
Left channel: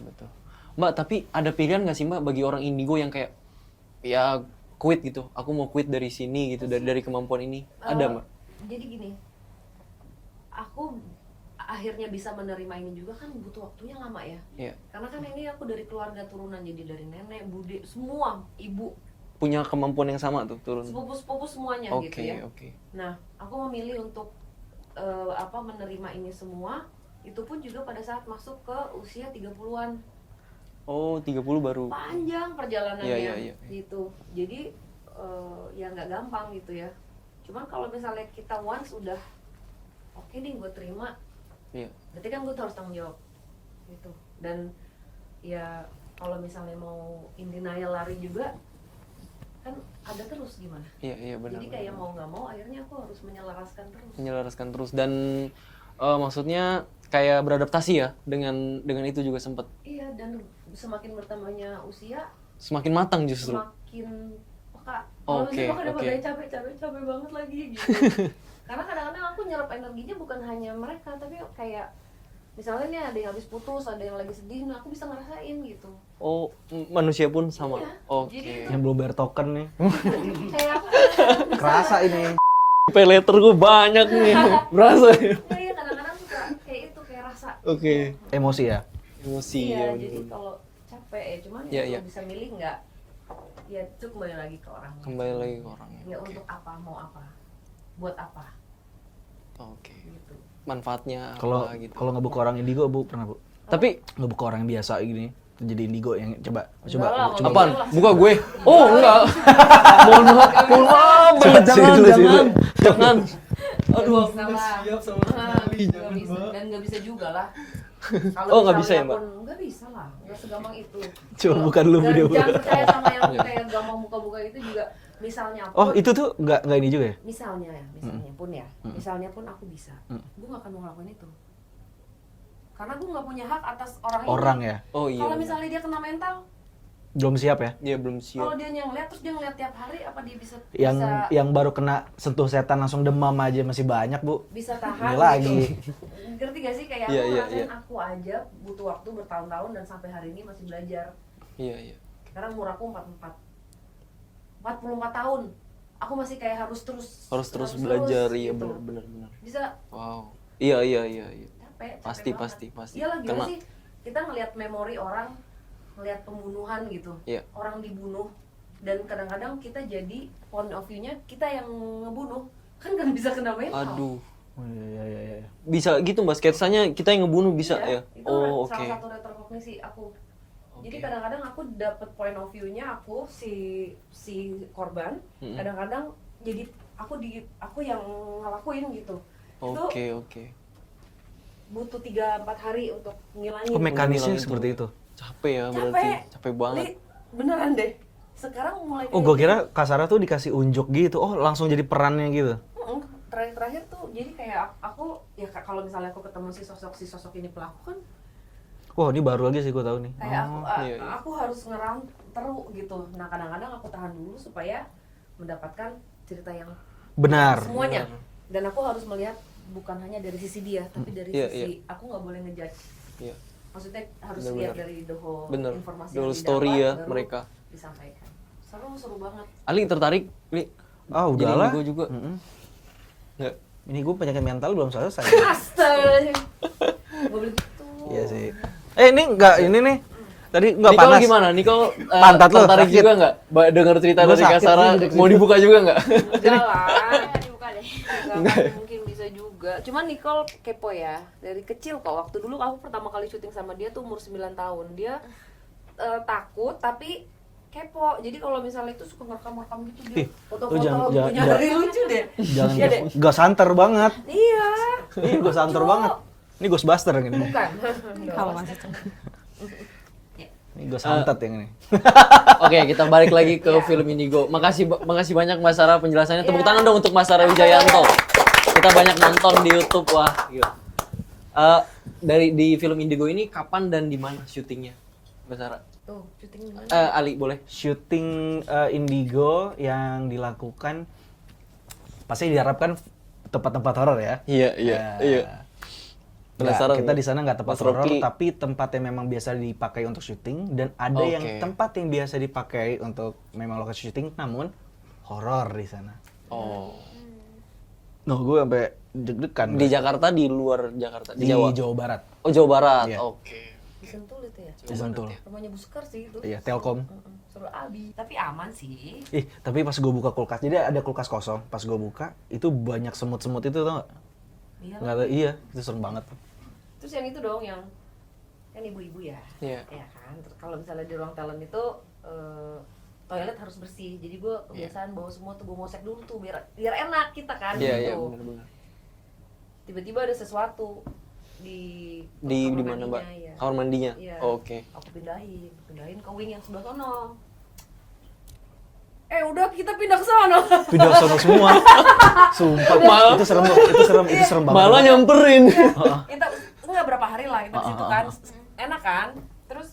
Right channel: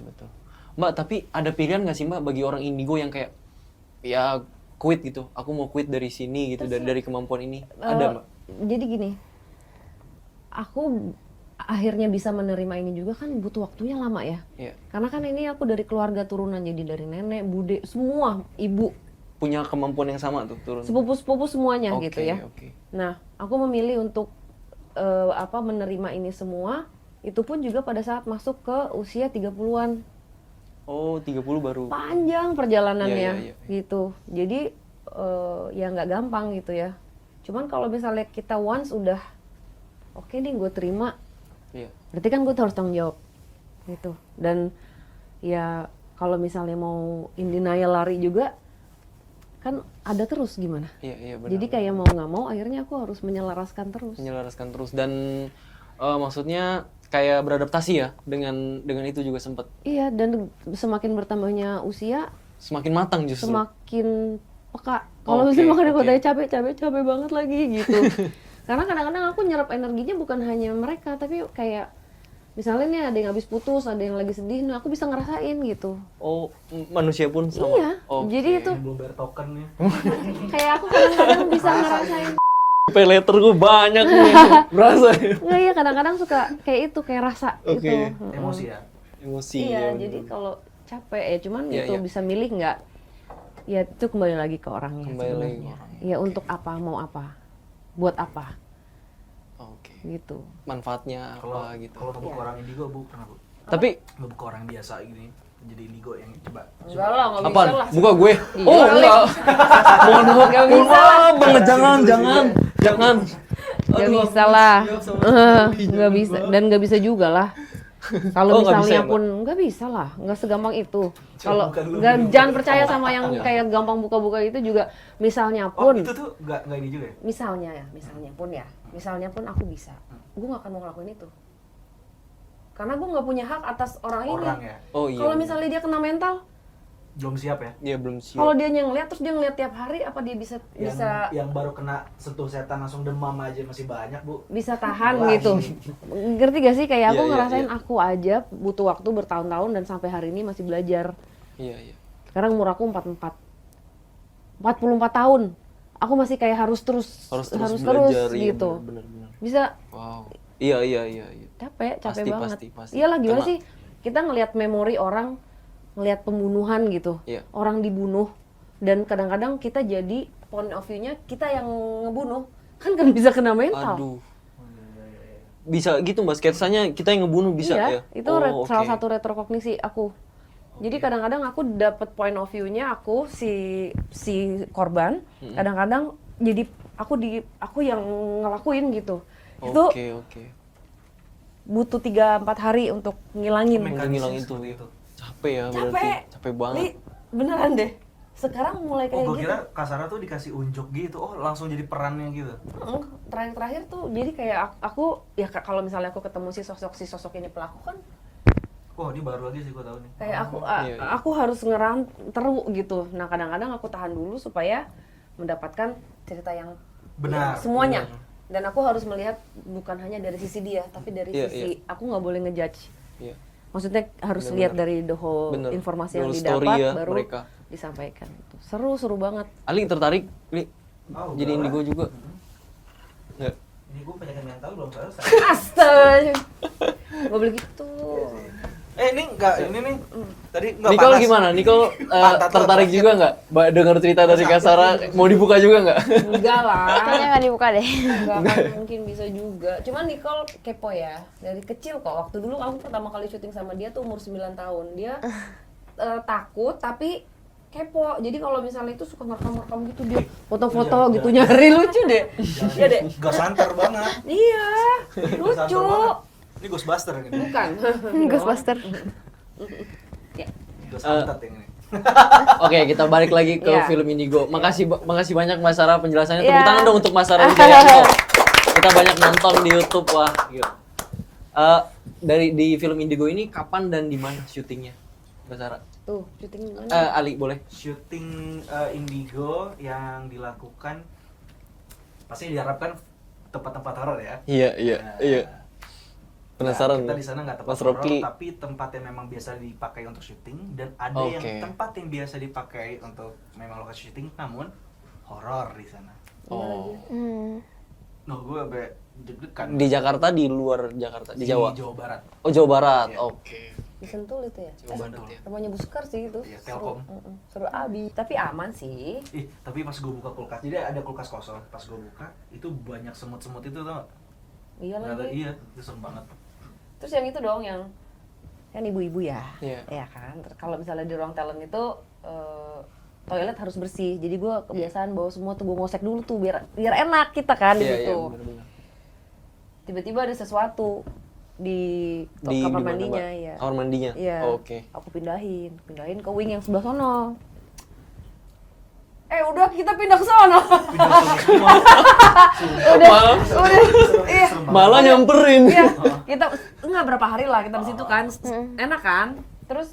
Mbak, tapi ada pilihan nggak sih Mbak bagi orang indigo yang kayak ya quit gitu? Aku mau quit dari sini gitu, dari kemampuan ini. Ada Mbak? Jadi gini, aku akhirnya bisa menerima ini juga kan butuh waktunya lama ya. Iya. Karena kan ini aku dari keluarga turunan, jadi dari nenek, bude, semua, ibu, Punya kemampuan yang sama tuh turun. sepupu-sepupu semuanya Oke, gitu ya. oke. Nah, aku memilih untuk menerima ini semua, itu pun juga pada saat masuk ke usia 30-an. Oh, 30 baru. Panjang perjalanannya Iya. gitu. Jadi ya nggak gampang gitu ya. Cuman kalau misalnya kita once udah oke nih gue terima, Iya. berarti kan gue harus tanggung jawab gitu. Dan ya kalau misalnya mau in denial lari juga kan ada terus gimana. Iya benar. Jadi kayak mau nggak mau akhirnya aku harus menyelaraskan terus. menyelaraskan terus dan maksudnya kayak beradaptasi ya dengan itu juga sempat Iya, dan semakin bertambahnya usia semakin matang justru. semakin peka. Kalau Oke, misalnya makanya oke. katanya capek banget lagi gitu. Karena kadang-kadang aku nyerap energinya bukan hanya mereka, tapi kayak misalnya nih ada yang habis putus, ada yang lagi sedih, nah aku bisa ngerasain gitu. Oh, manusia pun sama. Iya, Oke. jadi itu Yang belum bayar token nih. kayak aku kadang-kadang bisa Kerasa ini. Pay letter gue banyak nih. Berasa ya? nggak ya kadang-kadang suka kayak itu kayak rasa Oke. gitu. Emosi ya. Emosi Iya, ya jadi bener. kalau capek ya cuman Iya, itu iya. bisa milih nggak, ya itu kembali lagi ke orangnya. Kembali lagi sebenarnya. ke orangnya. Ya untuk apa, mau apa, buat apa, Oke. gitu. Manfaatnya Kalau apa gitu. kalau ngebuka orang indigo Bu pernah Bu? Tapi Ngebuka orang yang biasa gini jadi indigo yang coba Enggak lah, nggak apaan? bisa lah. Buka gue. Oh, enggak. Mohon maaf. Mohon maaf banget jangan. Nggak bisa lah. Nggak bisa dan nggak bisa juga lah. Kalau Oh, nggak bisa misalnya ya, Mbak? pun nggak bisa lah, nggak segampang itu. Coba buka dulu nggak- video. jangan percaya sama yang kayak gampang buka-buka itu juga. Misalnya Oh, pun, itu tuh nggak ini juga ya? misalnya pun aku bisa, gue nggak akan mau ngelakuin itu. Karena gue nggak punya hak atas orang ini. Orang ya. Oh iya. Kalau benar. misalnya dia kena mental, Belum siap ya? Dia belum siap. kalau dia ngeliat terus dia ngeliat tiap hari, apa dia bisa Yang baru kena sentuh setan langsung demam aja masih banyak Bu. bisa tahan Nggak gitu. lagi. Ngerti gak sih kayak aku Iya, iya, ngerasain iya. aku aja butuh waktu bertahun-tahun dan sampai hari ini masih belajar. Iya, iya. Sekarang umur aku 44 tahun. Aku masih kayak harus terus belajar iya gitu. benar. Bisa Wow. Iya. capek Pasti, banget. pasti. Iyalah gimana Karena- sih? Kita ngelihat memori orang, ngelihat pembunuhan gitu. Iya. Orang dibunuh dan kadang-kadang kita jadi point of view-nya kita yang ngebunuh. Kan bisa kena mental. Aduh. Oh, iya. Bisa gitu Mbak sketsanya kita yang ngebunuh bisa Iya, ya? itu salah satu retrokognisi aku. Jadi kadang-kadang aku dapat point of view-nya aku si korban, kadang-kadang jadi aku yang ngelakuin gitu. Itu Oke. butuh 3-4 hari untuk ngilangin. Oh, mekanisnya ngilangin seperti tuh. itu. Capek ya berarti. Capek banget. Li, beneran deh. Sekarang mulai kayak Oh, gua gitu. kira Kasara tuh dikasih unjuk gitu. Oh, langsung jadi perannya gitu. Terakhir tuh jadi kayak aku ya kalau misalnya aku ketemu si sosok ini pelaku kan Wah, ini baru aja sih gua tahu nih. kayak iya. aku harus teru gitu. Nah kadang-kadang aku tahan dulu supaya mendapatkan cerita yang Benar. semuanya. Dan aku harus melihat bukan hanya dari sisi dia, tapi dari Iya, sisi aku nggak boleh ngejudge. Iya. Maksudnya harus Benar-benar. lihat dari the whole Benar. informasi The whole yang story didapat ya baru mereka. disampaikan. Seru banget. Ali tertarik Li? Ah, Jadi udahlah. indigo juga? Mm-mm. Enggak. Ini gua penyakit mental belum selesai. Astaga. Gak boleh gitu. Iya sih. Ini enggak ini nih. Tadi enggak Nicole panas. gimana? Nicole Pantat lo tertarik sakit. juga nggak? Dengar cerita Gua dari sakit Kasara, mau dibuka juga nggak? Enggak lah. Kayaknya nggak dibuka deh. Nggak akan mungkin bisa juga. Cuman Nicole kepo ya. Dari kecil kok. Waktu dulu aku pertama kali syuting sama dia tuh umur 9 tahun. Dia takut tapi kepo. Jadi kalau misalnya itu suka merekam gitu dia foto-foto jangan- gitu jangan- nyari lucu deh. Jangan Iya deh. enggak santer banget. Iya. Enggak santer banget. Ini Ghostbuster yang ini. Bukan. Ghostbuster. Ini Ghost santet yang ini. Oke, kita balik lagi ke Iya. film Indigo. Makasih banyak Mas Sarah penjelasannya. Tepuk Iya. tangan dong untuk Mas Sarah Wijayanto. Kita banyak nonton di YouTube, wah. Gila. Di film Indigo ini kapan dan di mana syutingnya, Mas Sarah? Tuh, syuting di mana? Ali boleh. Syuting Indigo yang dilakukan pasti diharapkan tempat-tempat horor ya. Iya. Penasaran. Kita di sana nggak tempat Mas horor, Rocky. tapi tempat yang memang biasa dipakai untuk syuting dan ada yang Oke. tempat yang biasa dipakai untuk memang lokasi syuting, namun horor di sana. Oh. Noh, gue sampai deg-degan. Di Jakarta, di luar Jakarta, di Jawa. Jawa Barat. Oh, Jawa Barat. Iya. Oke. Di Sentul itu ya. Jawa Bantul. Rumahnya Bu Sekar sih itu. Iya, Telkom. Seru abi, tapi aman sih. Tapi pas gue buka kulkas, jadi ada kulkas kosong. Pas gue buka, itu banyak semut-semut itu tau gak? Iya Nggak lah. tahu, iya, itu serem banget. Terus yang itu dong yang kan ibu-ibu ya. Iya. Ya kan. Kalau misalnya di ruang talent itu toilet harus bersih. Jadi gue kebiasaan bawa semua tuh gue ngosek dulu tuh biar enak kita kan Iya, gitu. benar-benar. Tiba-tiba ada sesuatu di Di kamar mana, mandinya Mbak? ya. Kamar mandinya. Iya. Oke. Aku pindahin ke wing yang sebelah sono. Udah kita pindah ke sono. Video sama semua. Sumpah, Malah- itu serem banget, itu serem banget. Malah nyamperin. Iya, kita enggak berapa hari lah kita di situ kan. Enak kan? Terus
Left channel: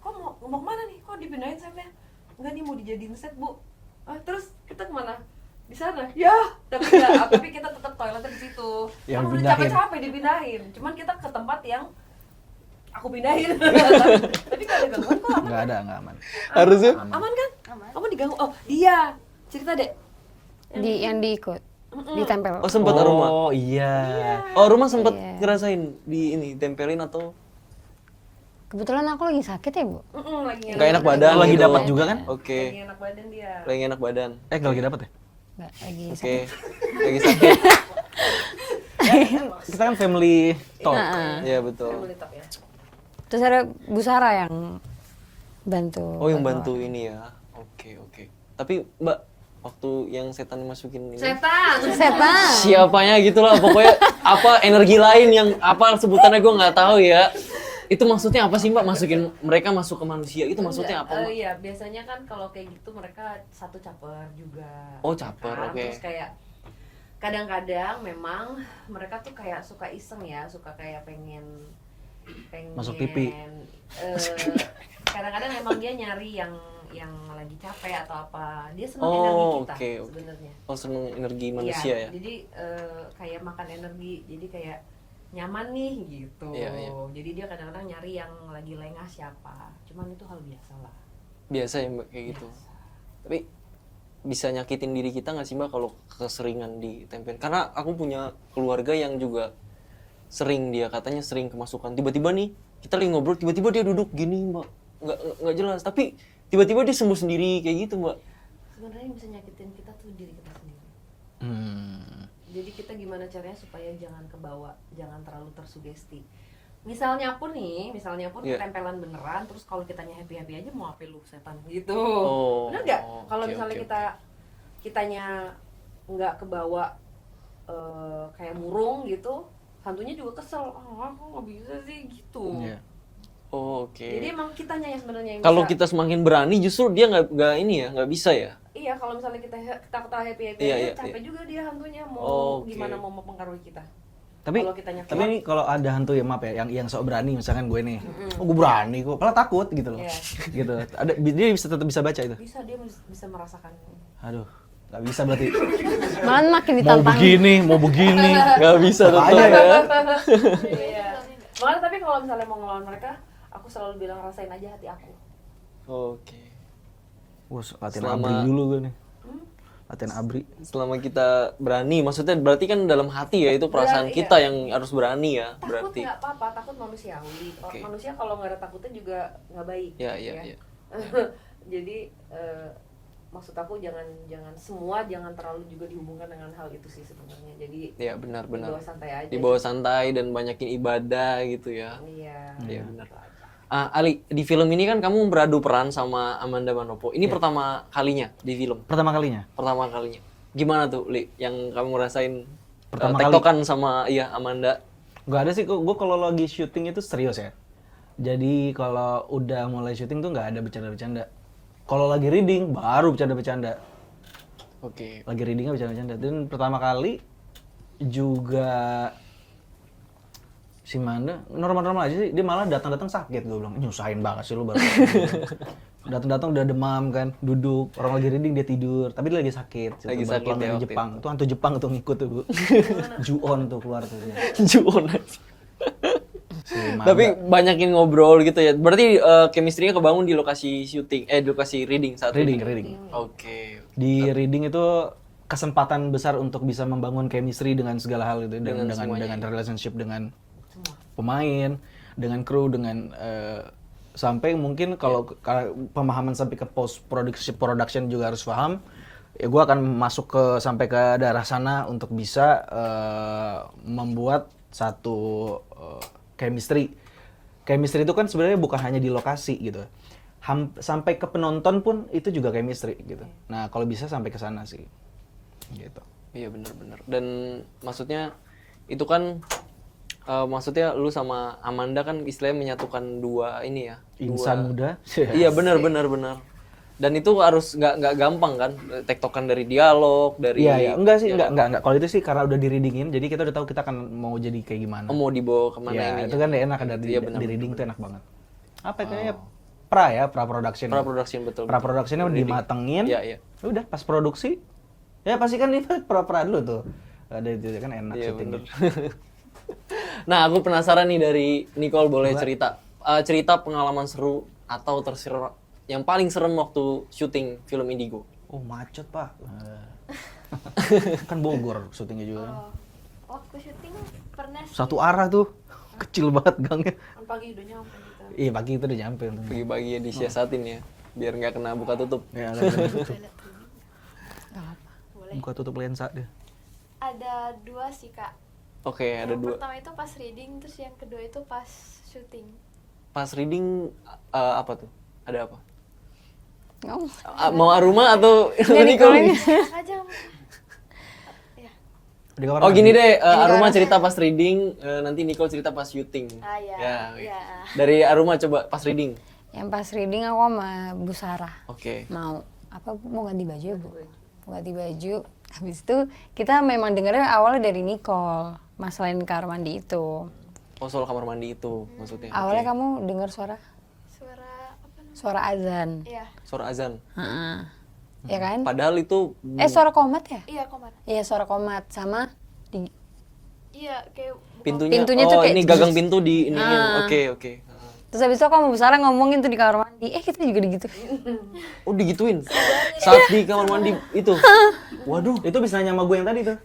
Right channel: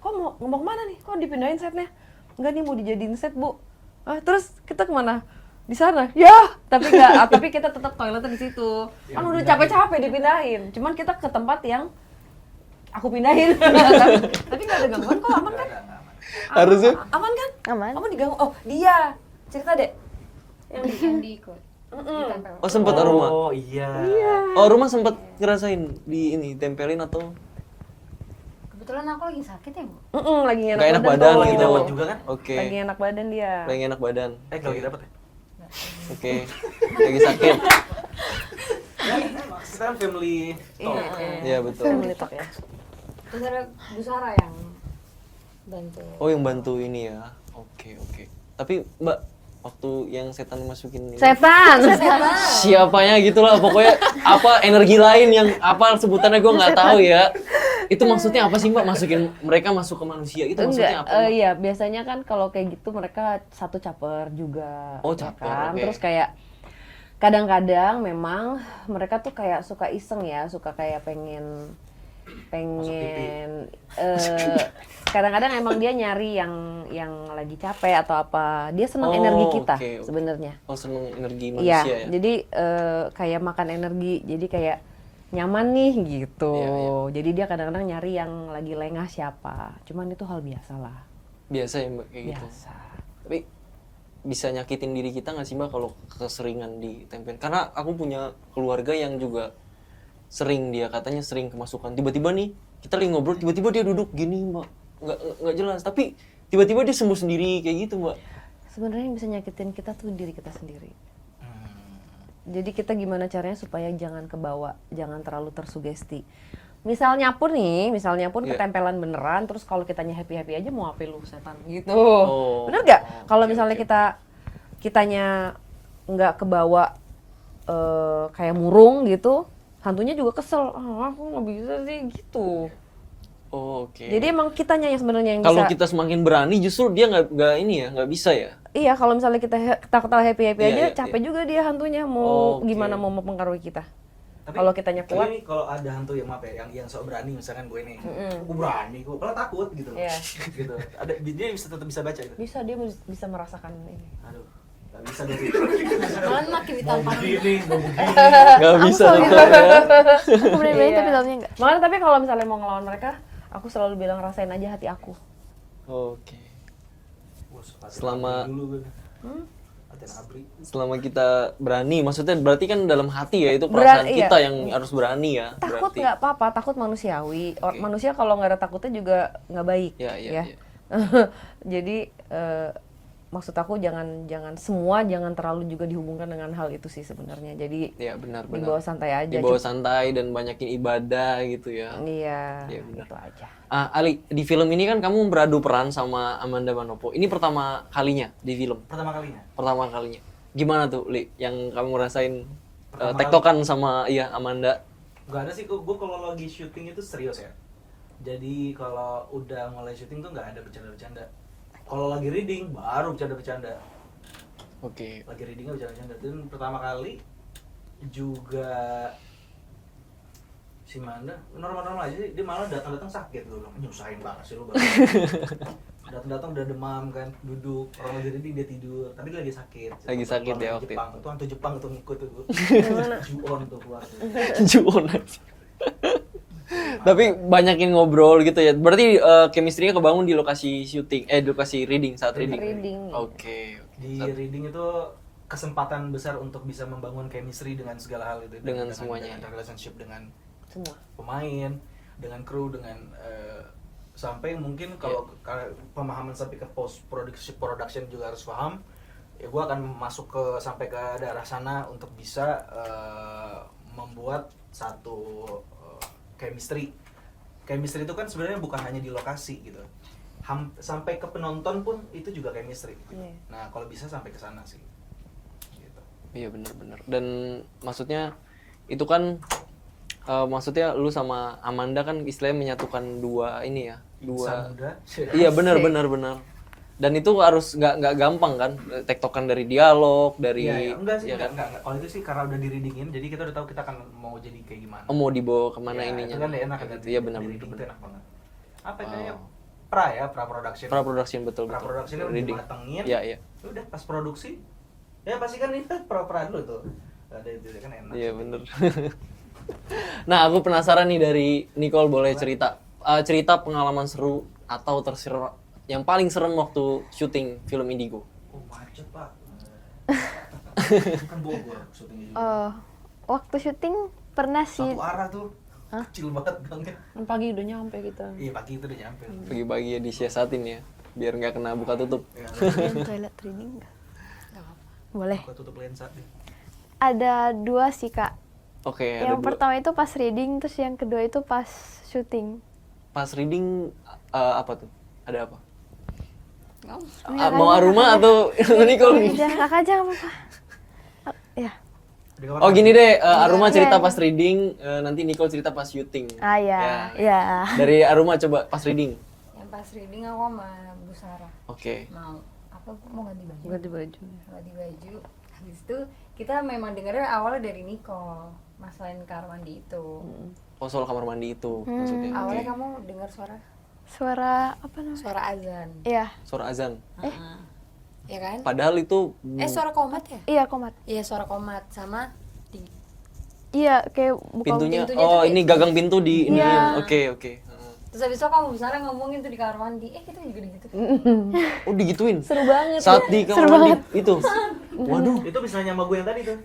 kok mau kemana nih? Kok dipindahin setnya? Enggak nih mau dijadiin set, Bu. Terus kita kemana? Di sana. Ya, tapi enggak, tapi kita tetap toiletnya di situ. Yang Kan udah pindahin. capek-capek dipindahin. Cuman kita ke tempat yang aku pindahin. Tapi enggak ada gangguan kok, aman. Nggak ada, nggak aman. Harusnya Aman kan? Aman. Kamu diganggu. Oh, dia. Cerita, Dek. Yang diikut, ditempel. oh sempat Aruma. Oh iya. Oh Aruma sempat ngerasain di ini tempelin atau Kebetulan aku lagi sakit ya, Bu. Lagi nggak enak badan Lagi gitu? dapat juga kan? Oke, Lagi enak badan dia. lagi enak badan. Nggak lagi dapat ya? Nggak, lagi. Oke, lagi sakit. Kita kan family talk. Iya betul. Family talk ya. Terus ada Bu Sarah yang bantu. Oh yang bantu ini ya. Oke oke. Tapi Mbak, waktu yang setan masukin ini. Setan. Siapanya gitulah pokoknya apa energi lain yang apa sebutannya gue nggak tahu ya. Itu maksudnya apa sih Mbak? Masukin mereka masuk ke manusia itu maksudnya apa? Mbak? Iya, biasanya kan kalau kayak gitu mereka satu caper juga. Oh, caper, kan? oke. Terus kayak kadang-kadang memang mereka tuh kayak suka iseng ya, suka kayak pengen Masuk TV. kadang-kadang emang dia nyari yang lagi capek atau apa. Dia senang Oh, energi kita oke, oke. sebenarnya. Oh seneng energi Iya, manusia ya? jadi kayak makan energi, jadi kayak nyaman nih gitu. Iya, iya. Jadi dia kadang-kadang nyari yang lagi lengah siapa. Cuman itu hal biasa lah. Biasa ya Mbak kayak gitu. Biasa. Tapi bisa nyakitin diri kita nggak sih Mbak kalau keseringan ditempel? Karena aku punya keluarga yang juga sering dia katanya sering kemasukan. Tiba-tiba nih kita lagi ngobrol, tiba-tiba dia duduk gini Mbak, nggak jelas. Tapi tiba-tiba dia sembuh sendiri kayak gitu Mbak. Sebenarnya yang bisa nyakitin kita tuh diri kita sendiri. Hmm. Jadi kita gimana caranya supaya jangan kebawa, jangan terlalu tersugesti. Misalnya pun Iya. ketempelan beneran, terus kalau kitanya happy-happy aja mau apa lu setan gitu. Oh, Bener nggak? Kalau oke, misalnya oke. kitanya nggak kebawa kayak murung gitu, hantunya juga kesel. Aku nggak bisa sih gitu. Iya. Oh, oke. Jadi emang kitanya yang sebenarnya yang Kalau bisa. kita semakin berani justru dia nggak ini ya, nggak bisa ya. Iya, kalau misalnya kita ketawa happy-happy Iya, aja, iya, capek iya. juga dia hantunya mau Oke. gimana mau mempengaruhi kita. Tapi Kalau kitanya kuat. ini kalau ada hantu ya maaf ya, yang sok berani misalkan gue nih, oh gue berani, gue malah takut gitu loh, Iya. gitu. Ada dia bisa tetap bisa baca itu. Bisa dia bisa merasakan ini. Aduh, nggak bisa berarti. Malah makin Mau ditantang. begini, mau begini. Nggak bisa tetap ya. Aku berani Iya. tapi dalamnya enggak. Makanya tapi kalau misalnya mau ngelawan mereka, aku selalu bilang rasain aja hati aku. Oke. Wah, latihan Selama- abri dulu gue nih. Latihan abri. Selama kita berani, maksudnya berarti kan dalam hati ya itu perasaan Berani, kita iya. yang harus berani ya. Takut Berarti. nggak apa-apa, takut manusiawi. Oke. Manusia kalau nggak ada takutnya juga nggak baik. Ya, iya, iya. Jadi maksud aku jangan semua jangan terlalu juga dihubungkan dengan hal itu sih sebenarnya. Jadi Iya benar-benar. dibawa santai aja. Dibawa santai dan banyakin ibadah gitu ya. Iya. Iya, benar. Itu aja. Ali, di film ini kan kamu beradu peran sama Amanda Manopo. Ini pertama kalinya di film. Pertama kalinya. Pertama kalinya. Gimana tuh, Li? Yang kamu rasain Pertama tektokan sama Amanda? Gak ada sih, gue kalau lagi syuting itu serius ya. Jadi kalau udah mulai syuting tuh nggak ada bercanda-bercanda. Kalau lagi reading baru bercanda-bercanda. Oke. Lagi readingnya bercanda-bercanda. Dan pertama kali juga si Manda normal-normal aja sih. Dia malah datang-datang sakit, gue bilang nyusahin banget sih lu baru. Datang-datang udah demam kan, duduk, orang lagi reading dia tidur, tapi dia lagi sakit. Lagi sakit ya Orang waktu Jepang. Itu hantu Jepang tuh ngikut tuh, Bu. Juon tuh keluar tuh. Juon aja. Si Manda. Tapi banyakin ngobrol gitu ya. Berarti chemistry-nya kebangun di lokasi syuting, di lokasi reading saat reading. Reading. Oke. Di reading itu kesempatan besar untuk bisa membangun chemistry dengan segala hal itu, Dengan semuanya, dengan relationship dengan Semua. pemain, dengan kru, dengan sampai mungkin kalau pemahaman sampai ke post production juga harus paham. Ya gue akan masuk ke sampai ke daerah sana untuk bisa membuat satu chemistry. Chemistry itu kan sebenarnya bukan hanya di lokasi gitu. Sampai ke penonton pun itu juga chemistry gitu. Nah, kalau bisa sampai ke sana sih. Gitu. Iya benar-benar. Dan maksudnya itu kan maksudnya lu sama Amanda kan istilahnya menyatukan dua ini ya. Insan muda. Iya benar. Dan itu harus nggak gampang kan, tektokan dari dialog, dari Iya, enggak sih, ya enggak. Kalau itu sih karena udah di-readingin, jadi kita udah tahu kita akan mau jadi kayak gimana. Oh, mau dibawa kemana Ya, ininya. itu kan enak Kayak ada gitu. di, Iya benar. di reading itu enak banget. Apa kayak Oh. pra production. Pra production betul. Pra productionnya udah Reading. dimatengin. Iya, iya. Udah pas produksi ya pasti kan itu pra dulu tuh. Ada itu kan enak. Iya syuting. bener. Nah aku penasaran nih dari Nicole, boleh cerita cerita pengalaman seru atau terseru yang paling serem waktu syuting film Indigo. Oh macet pak. Kan Bogor syutingnya juga. Waktu syuting pernah sih. Satu arah tuh. Kecil banget gangnya. Kan pagi udah nyampe kita. Iya pagi itu udah nyampe. Pagi-pagi ya disiasatin ya, biar nggak kena buka tutup. Ya, Toilet training nggak? Boleh. buka tutup lensa deh. Ada 2 sih kak. Oke, ada Yang dua. pertama itu pas reading, terus yang kedua itu pas syuting. Pas reading apa tuh? Ada apa? Oh, Mau Aruma atau Nicole nih? Kakak aja nggak apa-apa. Ya. Di kamar Oh mandi. gini deh, Aruma cerita pas reading, nanti Nicole cerita pas syuting. Ah ya. Ya. Ya. Dari Aruma coba pas reading. yang pas reading aku sama Bu Sarah Oke. mau mau ganti baju. Ganti baju. Habis itu kita memang dengarnya awalnya dari Nicole, masalahin kamar mandi itu. Oh soal kamar mandi itu maksudnya. Awalnya Oke. kamu dengar suara Suara apa namanya? suara azan. Iya. Suara azan. Heeh. Ya kan? Padahal itu Suara komat ya? Iya komat. Iya, suara komat sama di Iya kayak buka. pintunya. pintunya tuh Oh kayak- ini gagang pintu di ini. Nah. Oke oke. Terus habis itu kamu besar ngomongin tuh di kamar mandi. Kita juga gitu. Oh digituin. Saat di kamar mandi itu. Waduh. Itu bisa nanya sama gue yang tadi tuh.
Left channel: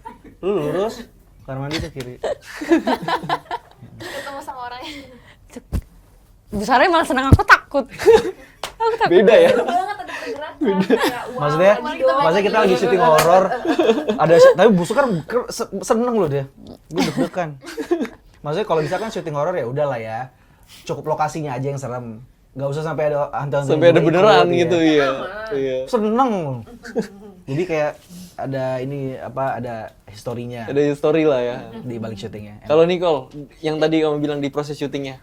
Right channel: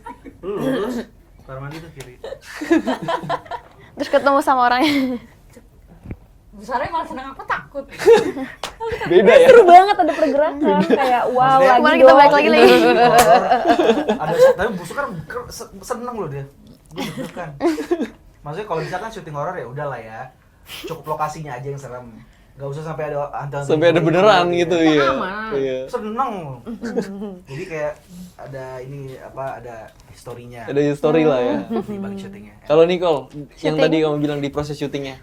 Lu lurus. Kamar mandi tuh kiri. Terus ketemu sama orangnya. Besarnya malah senang, aku takut. Beda ya. Seru banget ada pergerakan kayak wow Maksudnya, lagi kemarin kita dong. balik lagi Maksudnya lagi. syuting horor. Ada tapi busuk kan seneng loh dia. Gue deg-degan. Maksudnya kalau misalkan syuting horor ya udahlah ya. Cukup lokasinya aja yang serem. Gak usah sampai ada hantu-hantu. Sampai ada beneran gitu ya. Aman. Iya. Seneng loh. Jadi kayak ada ini apa ada historinya Ada story lah ya. di balik syutingnya. Kalau Nicole, yang tadi kamu bilang di proses syutingnya.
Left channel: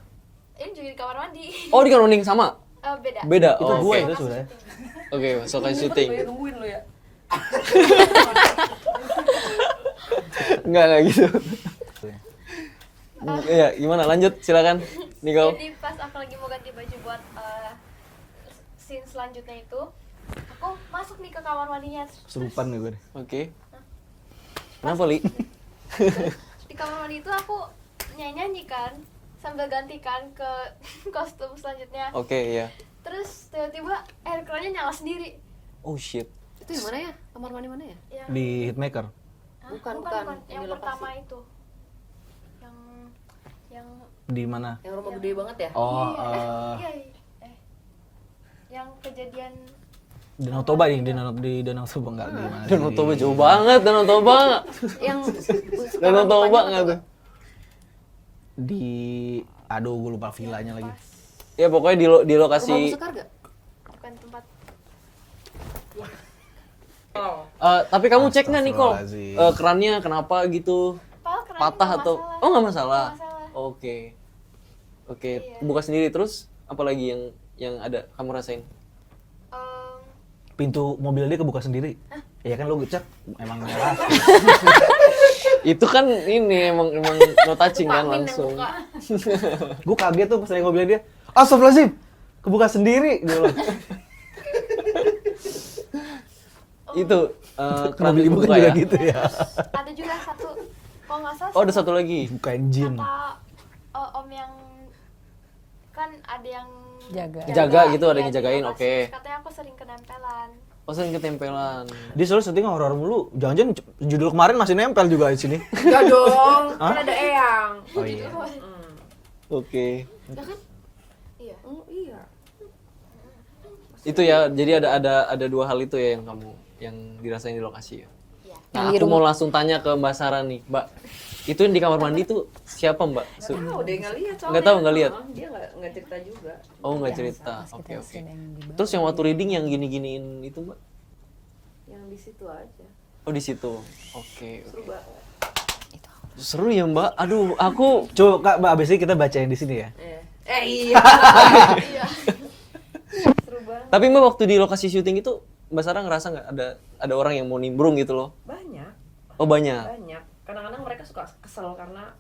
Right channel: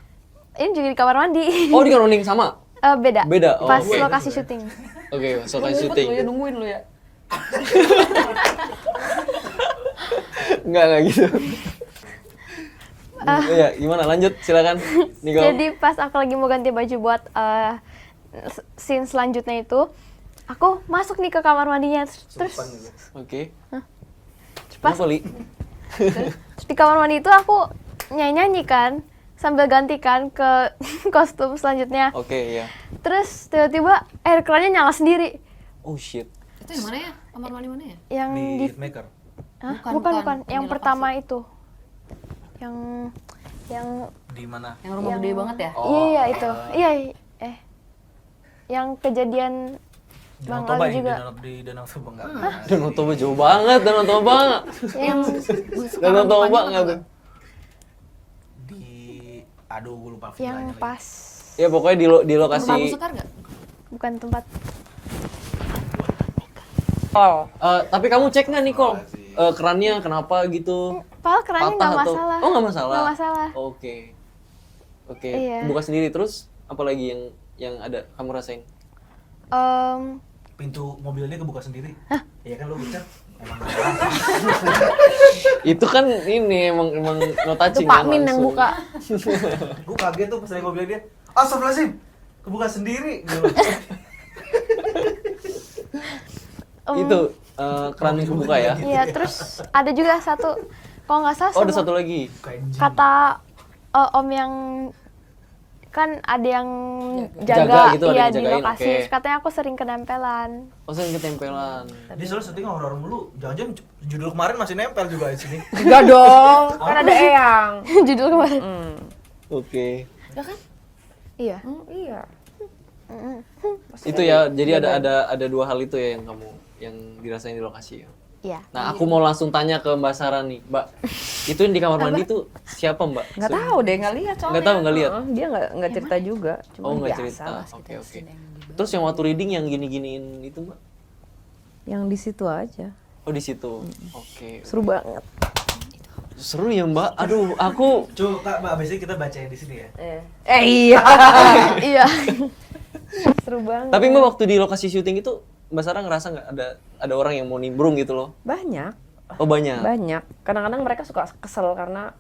Ini juga di kamar mandi. Oh di kamar mandi sama? Beda. Beda, oh, Pas oke. lokasi syuting. Oke, soal syuting. Nungguin lu ya. Enggak gitu. Iya, gimana? Lanjut, silakan. Nicole. Jadi pas aku lagi mau ganti baju buat scene selanjutnya itu, aku masuk nih ke kamar mandinya. Terus Sumpah nih gue. Oke. Kenapa, Li? di kamar mandi itu aku nyanyi-nyanyi kan, sambil gantikan ke kostum selanjutnya. Oke, ya. Terus tiba-tiba air kerannya nyala sendiri. Oh shit. Itu di mana ya? Kamar mandi mana ya? Yang Di di, Hitmaker. Hah? Bukan, bukan, bukan. Yang Yang di pertama itu. Yang Di mana? Yang rumah Yang- gede banget ya? iya itu. Iya, yang kejadian Danau Bang Toba Ali ya, juga. di Danau Toba enggak. Danau Toba jauh banget, Danau Toba. yang Danau Toba enggak tuh? Di aduh gue lupa villanya yang lagi. pas Ya pokoknya di Rumah lokasi. Abu Sekar nggak? bukan tempat. Tapi kamu cek nggak Nicole? Astagfirullahaladzim. Kerannya kenapa gitu? Padahal kerannya Patah nggak atau? masalah. Oh nggak masalah. Nggak masalah. Oke. Oke. Iya. Buka sendiri terus. Apalagi yang ada kamu rasain? Pintu mobil dia kebuka sendiri. Iya kan lo cek emang nggak. Itu kan ini emang no touching Pak kan Min yang langsung. buka. Gue kaget tuh pas naik mobilnya dia. Astagfirullahaladzim, kebuka sendiri. Dia bilang. Itu keran Mobil dibuka juga ya. gitu. Iya, ya. terus ada juga satu, kalau nggak salah Oh ada sama satu lagi. Bukan jin. kata om yang kan ada yang Jaga gitu, ada iya, yang di jagain, lokasi. oke. Terus katanya aku sering kenempelan. Oh sering ketempelan. Dia selalu syuting horor mulu. Jangan-jangan judul kemarin masih nempel juga di sini. Enggak dong. Kan ada Eyang. Judul kemarin. Oke. Ya kan? Iya. Iya. Itu ya. Jadi ada dua hal itu ya yang kamu yang dirasain di lokasi ya. Iya. Nah, aku mau langsung tanya ke Mbak Sarah nih, Mbak. Itu yang di kamar mandi tuh siapa, Mbak? Nggak tahu deh, nggak lihat soalnya. Nggak tahu, nggak lihat? Dia nggak cerita juga. Cuma Oh, nggak biasa cerita. lah, Oke, oke. sedang Terus yang waktu reading yang gini-giniin itu, Mbak? Yang di situ aja. Oh, di situ. Oke. Seru banget. Seru ya, Mbak. Aduh, aku Coba Kak, Mbak, abis ini kita bacain di sini ya. Iya. Iya. Seru banget. tapi Mbak waktu di lokasi syuting itu Mbak Sarah ngerasa nggak ada orang yang mau nimbrung gitu loh? Banyak. Oh, banyak. Banyak. Kadang-kadang mereka suka kesel karena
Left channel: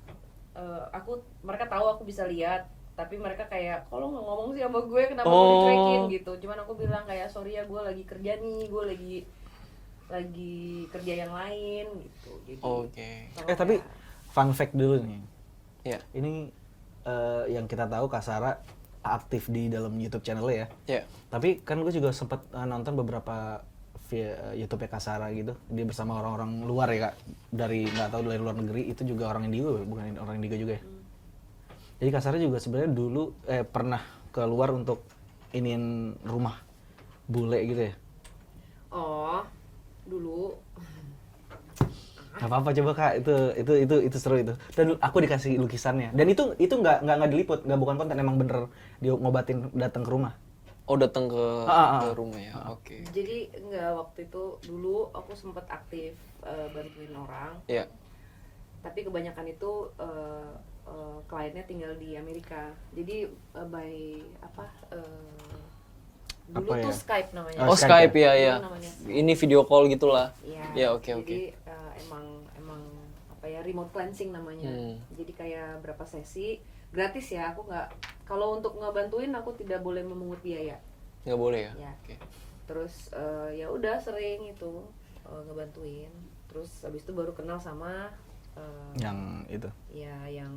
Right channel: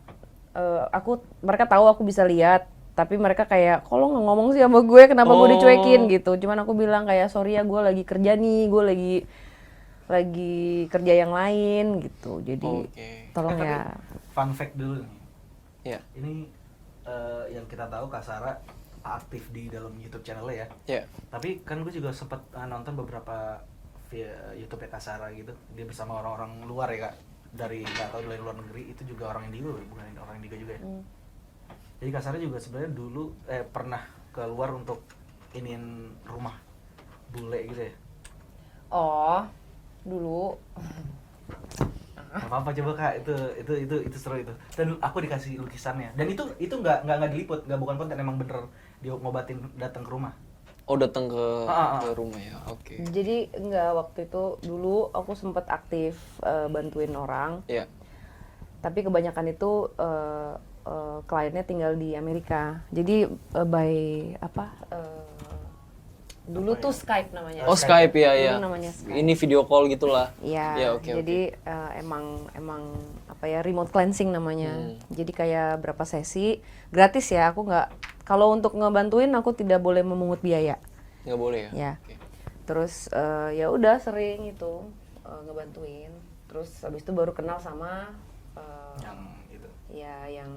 mereka tahu aku bisa lihat, Tapi mereka kayak, kok lo nggak ngomong sih sama gue, kenapa gue Oh. dicuekin gitu. Cuman aku bilang kayak, sorry ya gue lagi kerja nih, gue lagi kerja yang lain gitu. Jadi Oke. tolong tapi ya. fun fact dulu nih. Ya. Ini yang kita tahu Kak Sarah aktif di dalam YouTube channelnya ya. Ya. Tapi kan gue juga sempat nonton beberapa via YouTube Kak Sarah gitu. Dia bersama orang-orang luar ya Kak. Dari nggak tahu dari luar negeri itu juga orang Indigo, bukan orang Indigo juga ya. Jadi Kak Sarah juga sebenarnya dulu pernah keluar untuk iniin rumah bule gitu ya. Oh, dulu Gak apa-apa coba Kak, itu seru itu. Dan aku dikasih lukisannya. Dan itu nggak diliput, nggak bukan konten, emang bener dia ngobatin datang ke rumah. Oh, datang ke Ah. rumah ya. Oke. jadi enggak, waktu itu dulu aku sempat aktif bantuin orang, Ya. tapi kebanyakan itu kliennya tinggal di Amerika. Jadi dulu Apa ya? tuh Skype namanya. Oh, Skype ya, ya. Dulu namanya Skype. Ini video call gitulah. Iya. Ya, oke, Jadi emang apa ya, remote cleansing namanya. Hmm. Jadi kayak berapa sesi gratis ya. Aku nggak, kalau untuk ngebantuin aku tidak boleh memungut biaya. Nggak boleh ya? Ya. Oke. Terus ya udah sering itu ngebantuin. Terus habis itu baru kenal sama Yang itu. ya yang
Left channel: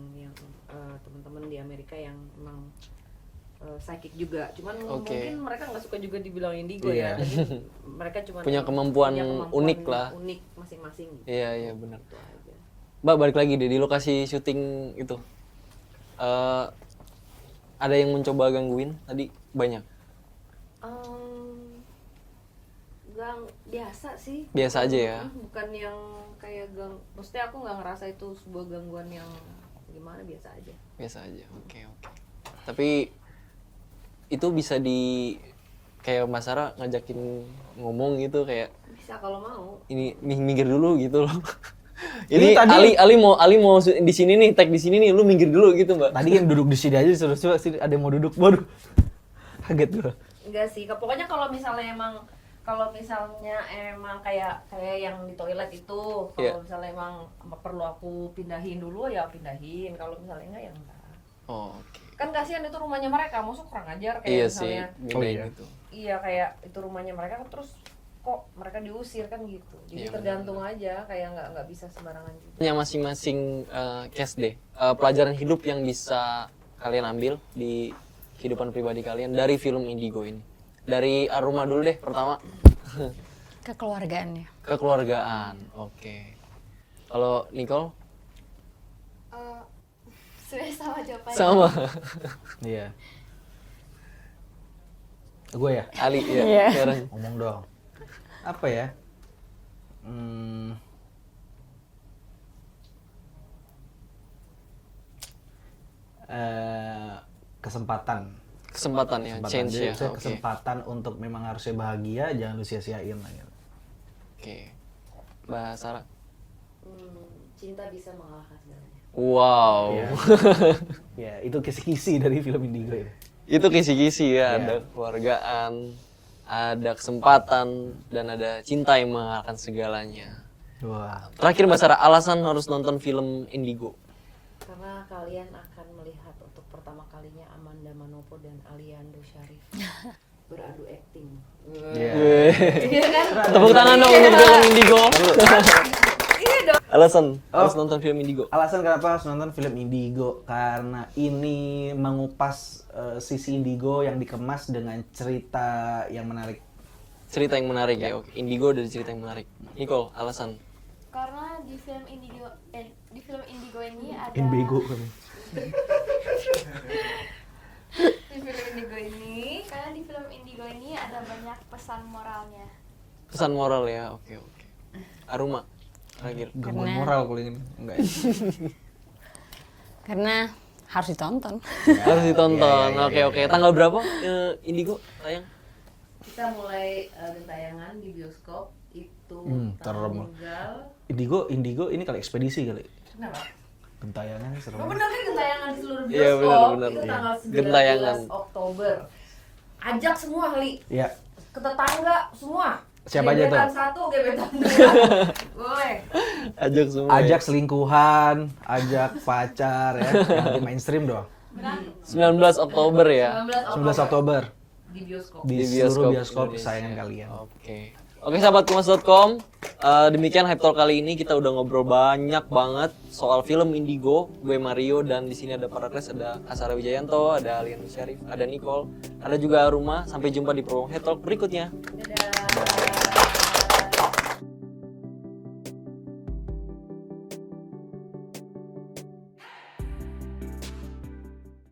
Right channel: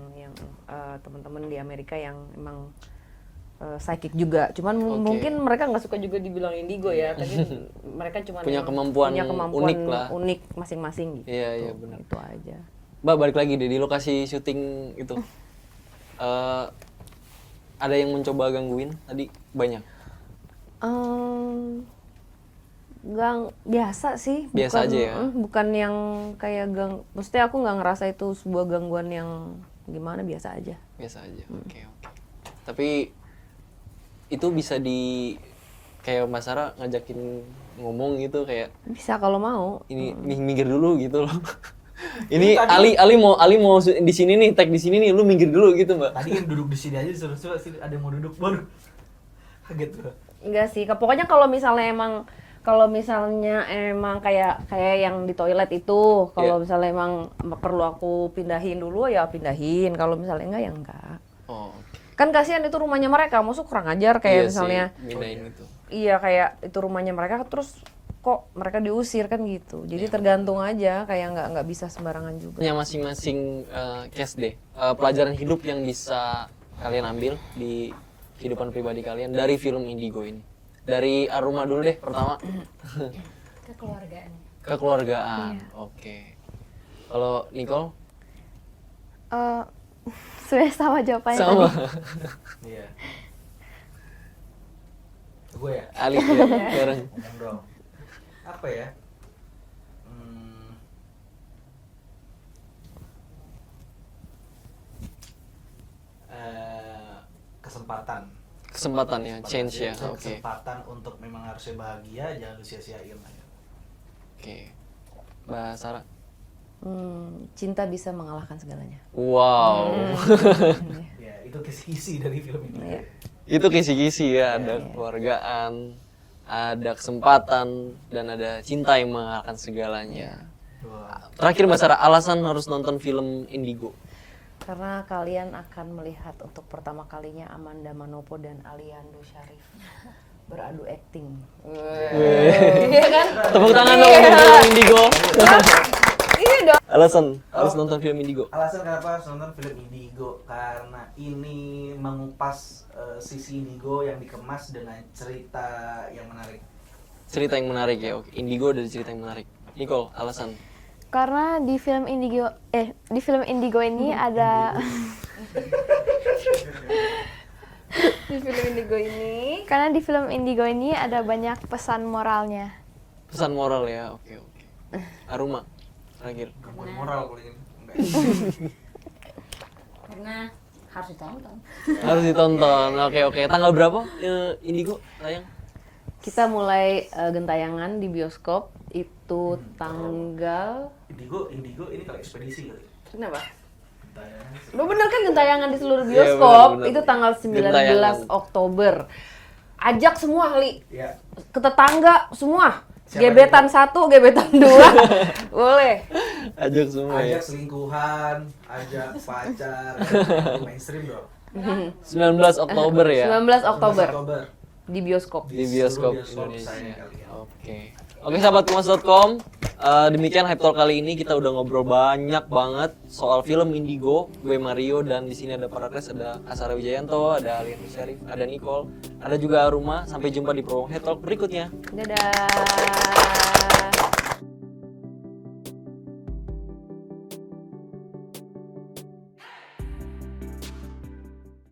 teman-teman di Amerika yang emang psychic juga. Cuman Oke. mungkin mereka nggak suka juga dibilang indigo ya. Mereka cuma Punya kemampuan unik lah. unik masing-masing gitu. Iya, iya benar. Itu aja. Mbak, balik lagi deh di lokasi syuting itu. Ada yang mencoba gangguin tadi? Banyak. Biasa sih. Biasa bukan- aja ya? Bukan yang kayak maksudnya aku nggak ngerasa itu sebuah gangguan yang gimana, biasa aja. Biasa aja. Oke, oke. Tapi itu bisa kayak Mbak Sarah ngajakin ngomong gitu kayak Bisa kalau mau. ini minggir dulu gitu loh. Ini tadi- Ali mau di sini nih, tag di sini nih, lu minggir dulu gitu, Mbak. Tadi yang duduk di sini aja disuruh coba sini ada yang mau duduk. Waduh. Kaget gua. Enggak sih, pokoknya kalau misalnya emang kayak yang di toilet itu, kalau Iya. misalnya emang perlu aku pindahin dulu ya pindahin. Kalau misalnya enggak ya enggak. Oh, oke. Kan kasihan itu rumahnya mereka, maksud kurang ajar Iya kayak sih, misalnya bedain itu. iya kayak itu rumahnya mereka terus kok mereka diusir kan gitu. Jadi Iya, tergantung aja, kayak nggak bisa sembarangan juga. Punya masing-masing case deh. Pelajaran hidup yang bisa kalian ambil di kehidupan pribadi kalian dari film Indigo ini. Dari Aruma dulu deh pertama. Kekeluargaannya. Kekeluargaan. Oke. Kalau Nicole Sudah sama jawabannya. sama. Iya. Gue ya. Ali ya, bareng. Ngomong dong. Apa ya? Kesempatan. Kesempatan ya, change Jadi ya. Oke. Kesempatan untuk memang harusnya bahagia, jangan lu sia-siain lah. Oke. Mbak Sarah. Cinta bisa mengalahkan segalanya. Wow. Ya, itu kisi-kisi dari film ini. Itu kisi-kisi ya, ada kekeluargaan, ada kesempatan, dan ada cinta yang mengalahkan segalanya. Wah. Terakhir Mbak Sarah, alasan harus nonton film Indigo. Karena kalian akan melihat untuk pertama kalinya Amanda Manopo dan Aliando Syarif beradu akting. Tepuk tangan dong untuk film Indigo. Alasan harus nonton film Indigo. Alasan kenapa harus nonton film Indigo? Karena ini mengupas sisi Indigo yang dikemas dengan cerita yang menarik. Cerita yang menarik ya. Oke. Indigo dari cerita yang menarik. Nicole, alasan. Karena di film Indigo ini ada Di film Indigo ini karena di film Indigo ini ada banyak pesan moralnya. Pesan moral ya. Oke, oke. Aruma, terakhir. Gangguan moral kalau ini. Enggak. Karena harus ditonton. Harus ditonton. Oke, oke. Tanggal berapa Indigo tayang? kita mulai gentayangan di bioskop itu tanggal Indigo ini kali ekspedisi kali. kenapa? Gentayangan seru. Lo bener kan gentayangan di seluruh Iya, bioskop bener, bener. itu tanggal 19 Gentayangan. Oktober. Ajak semua kali, Iya. ke tetangga semua. Siapa Gebetan aja 1, gebetan 2. Boleh. Ajak semua. Ajak Ya. selingkuhan, ajak pacar, ya. Mainstream dong. 19 Oktober ya. 19 11 Oktober Oktober di bioskop. Di seluruh bioskop kesayangan Indonesia. kalian. Oke, sahabat kumas.com, demikian Hype Talk kali ini kita udah ngobrol banyak banget soal film Indigo, gue Mario dan di sini ada Parakles, ada Asara Wijayanto, ada Alian Syarif, ada Nicole, ada juga Aruma. Sampai jumpa di promo Hype Talk berikutnya. Dadah.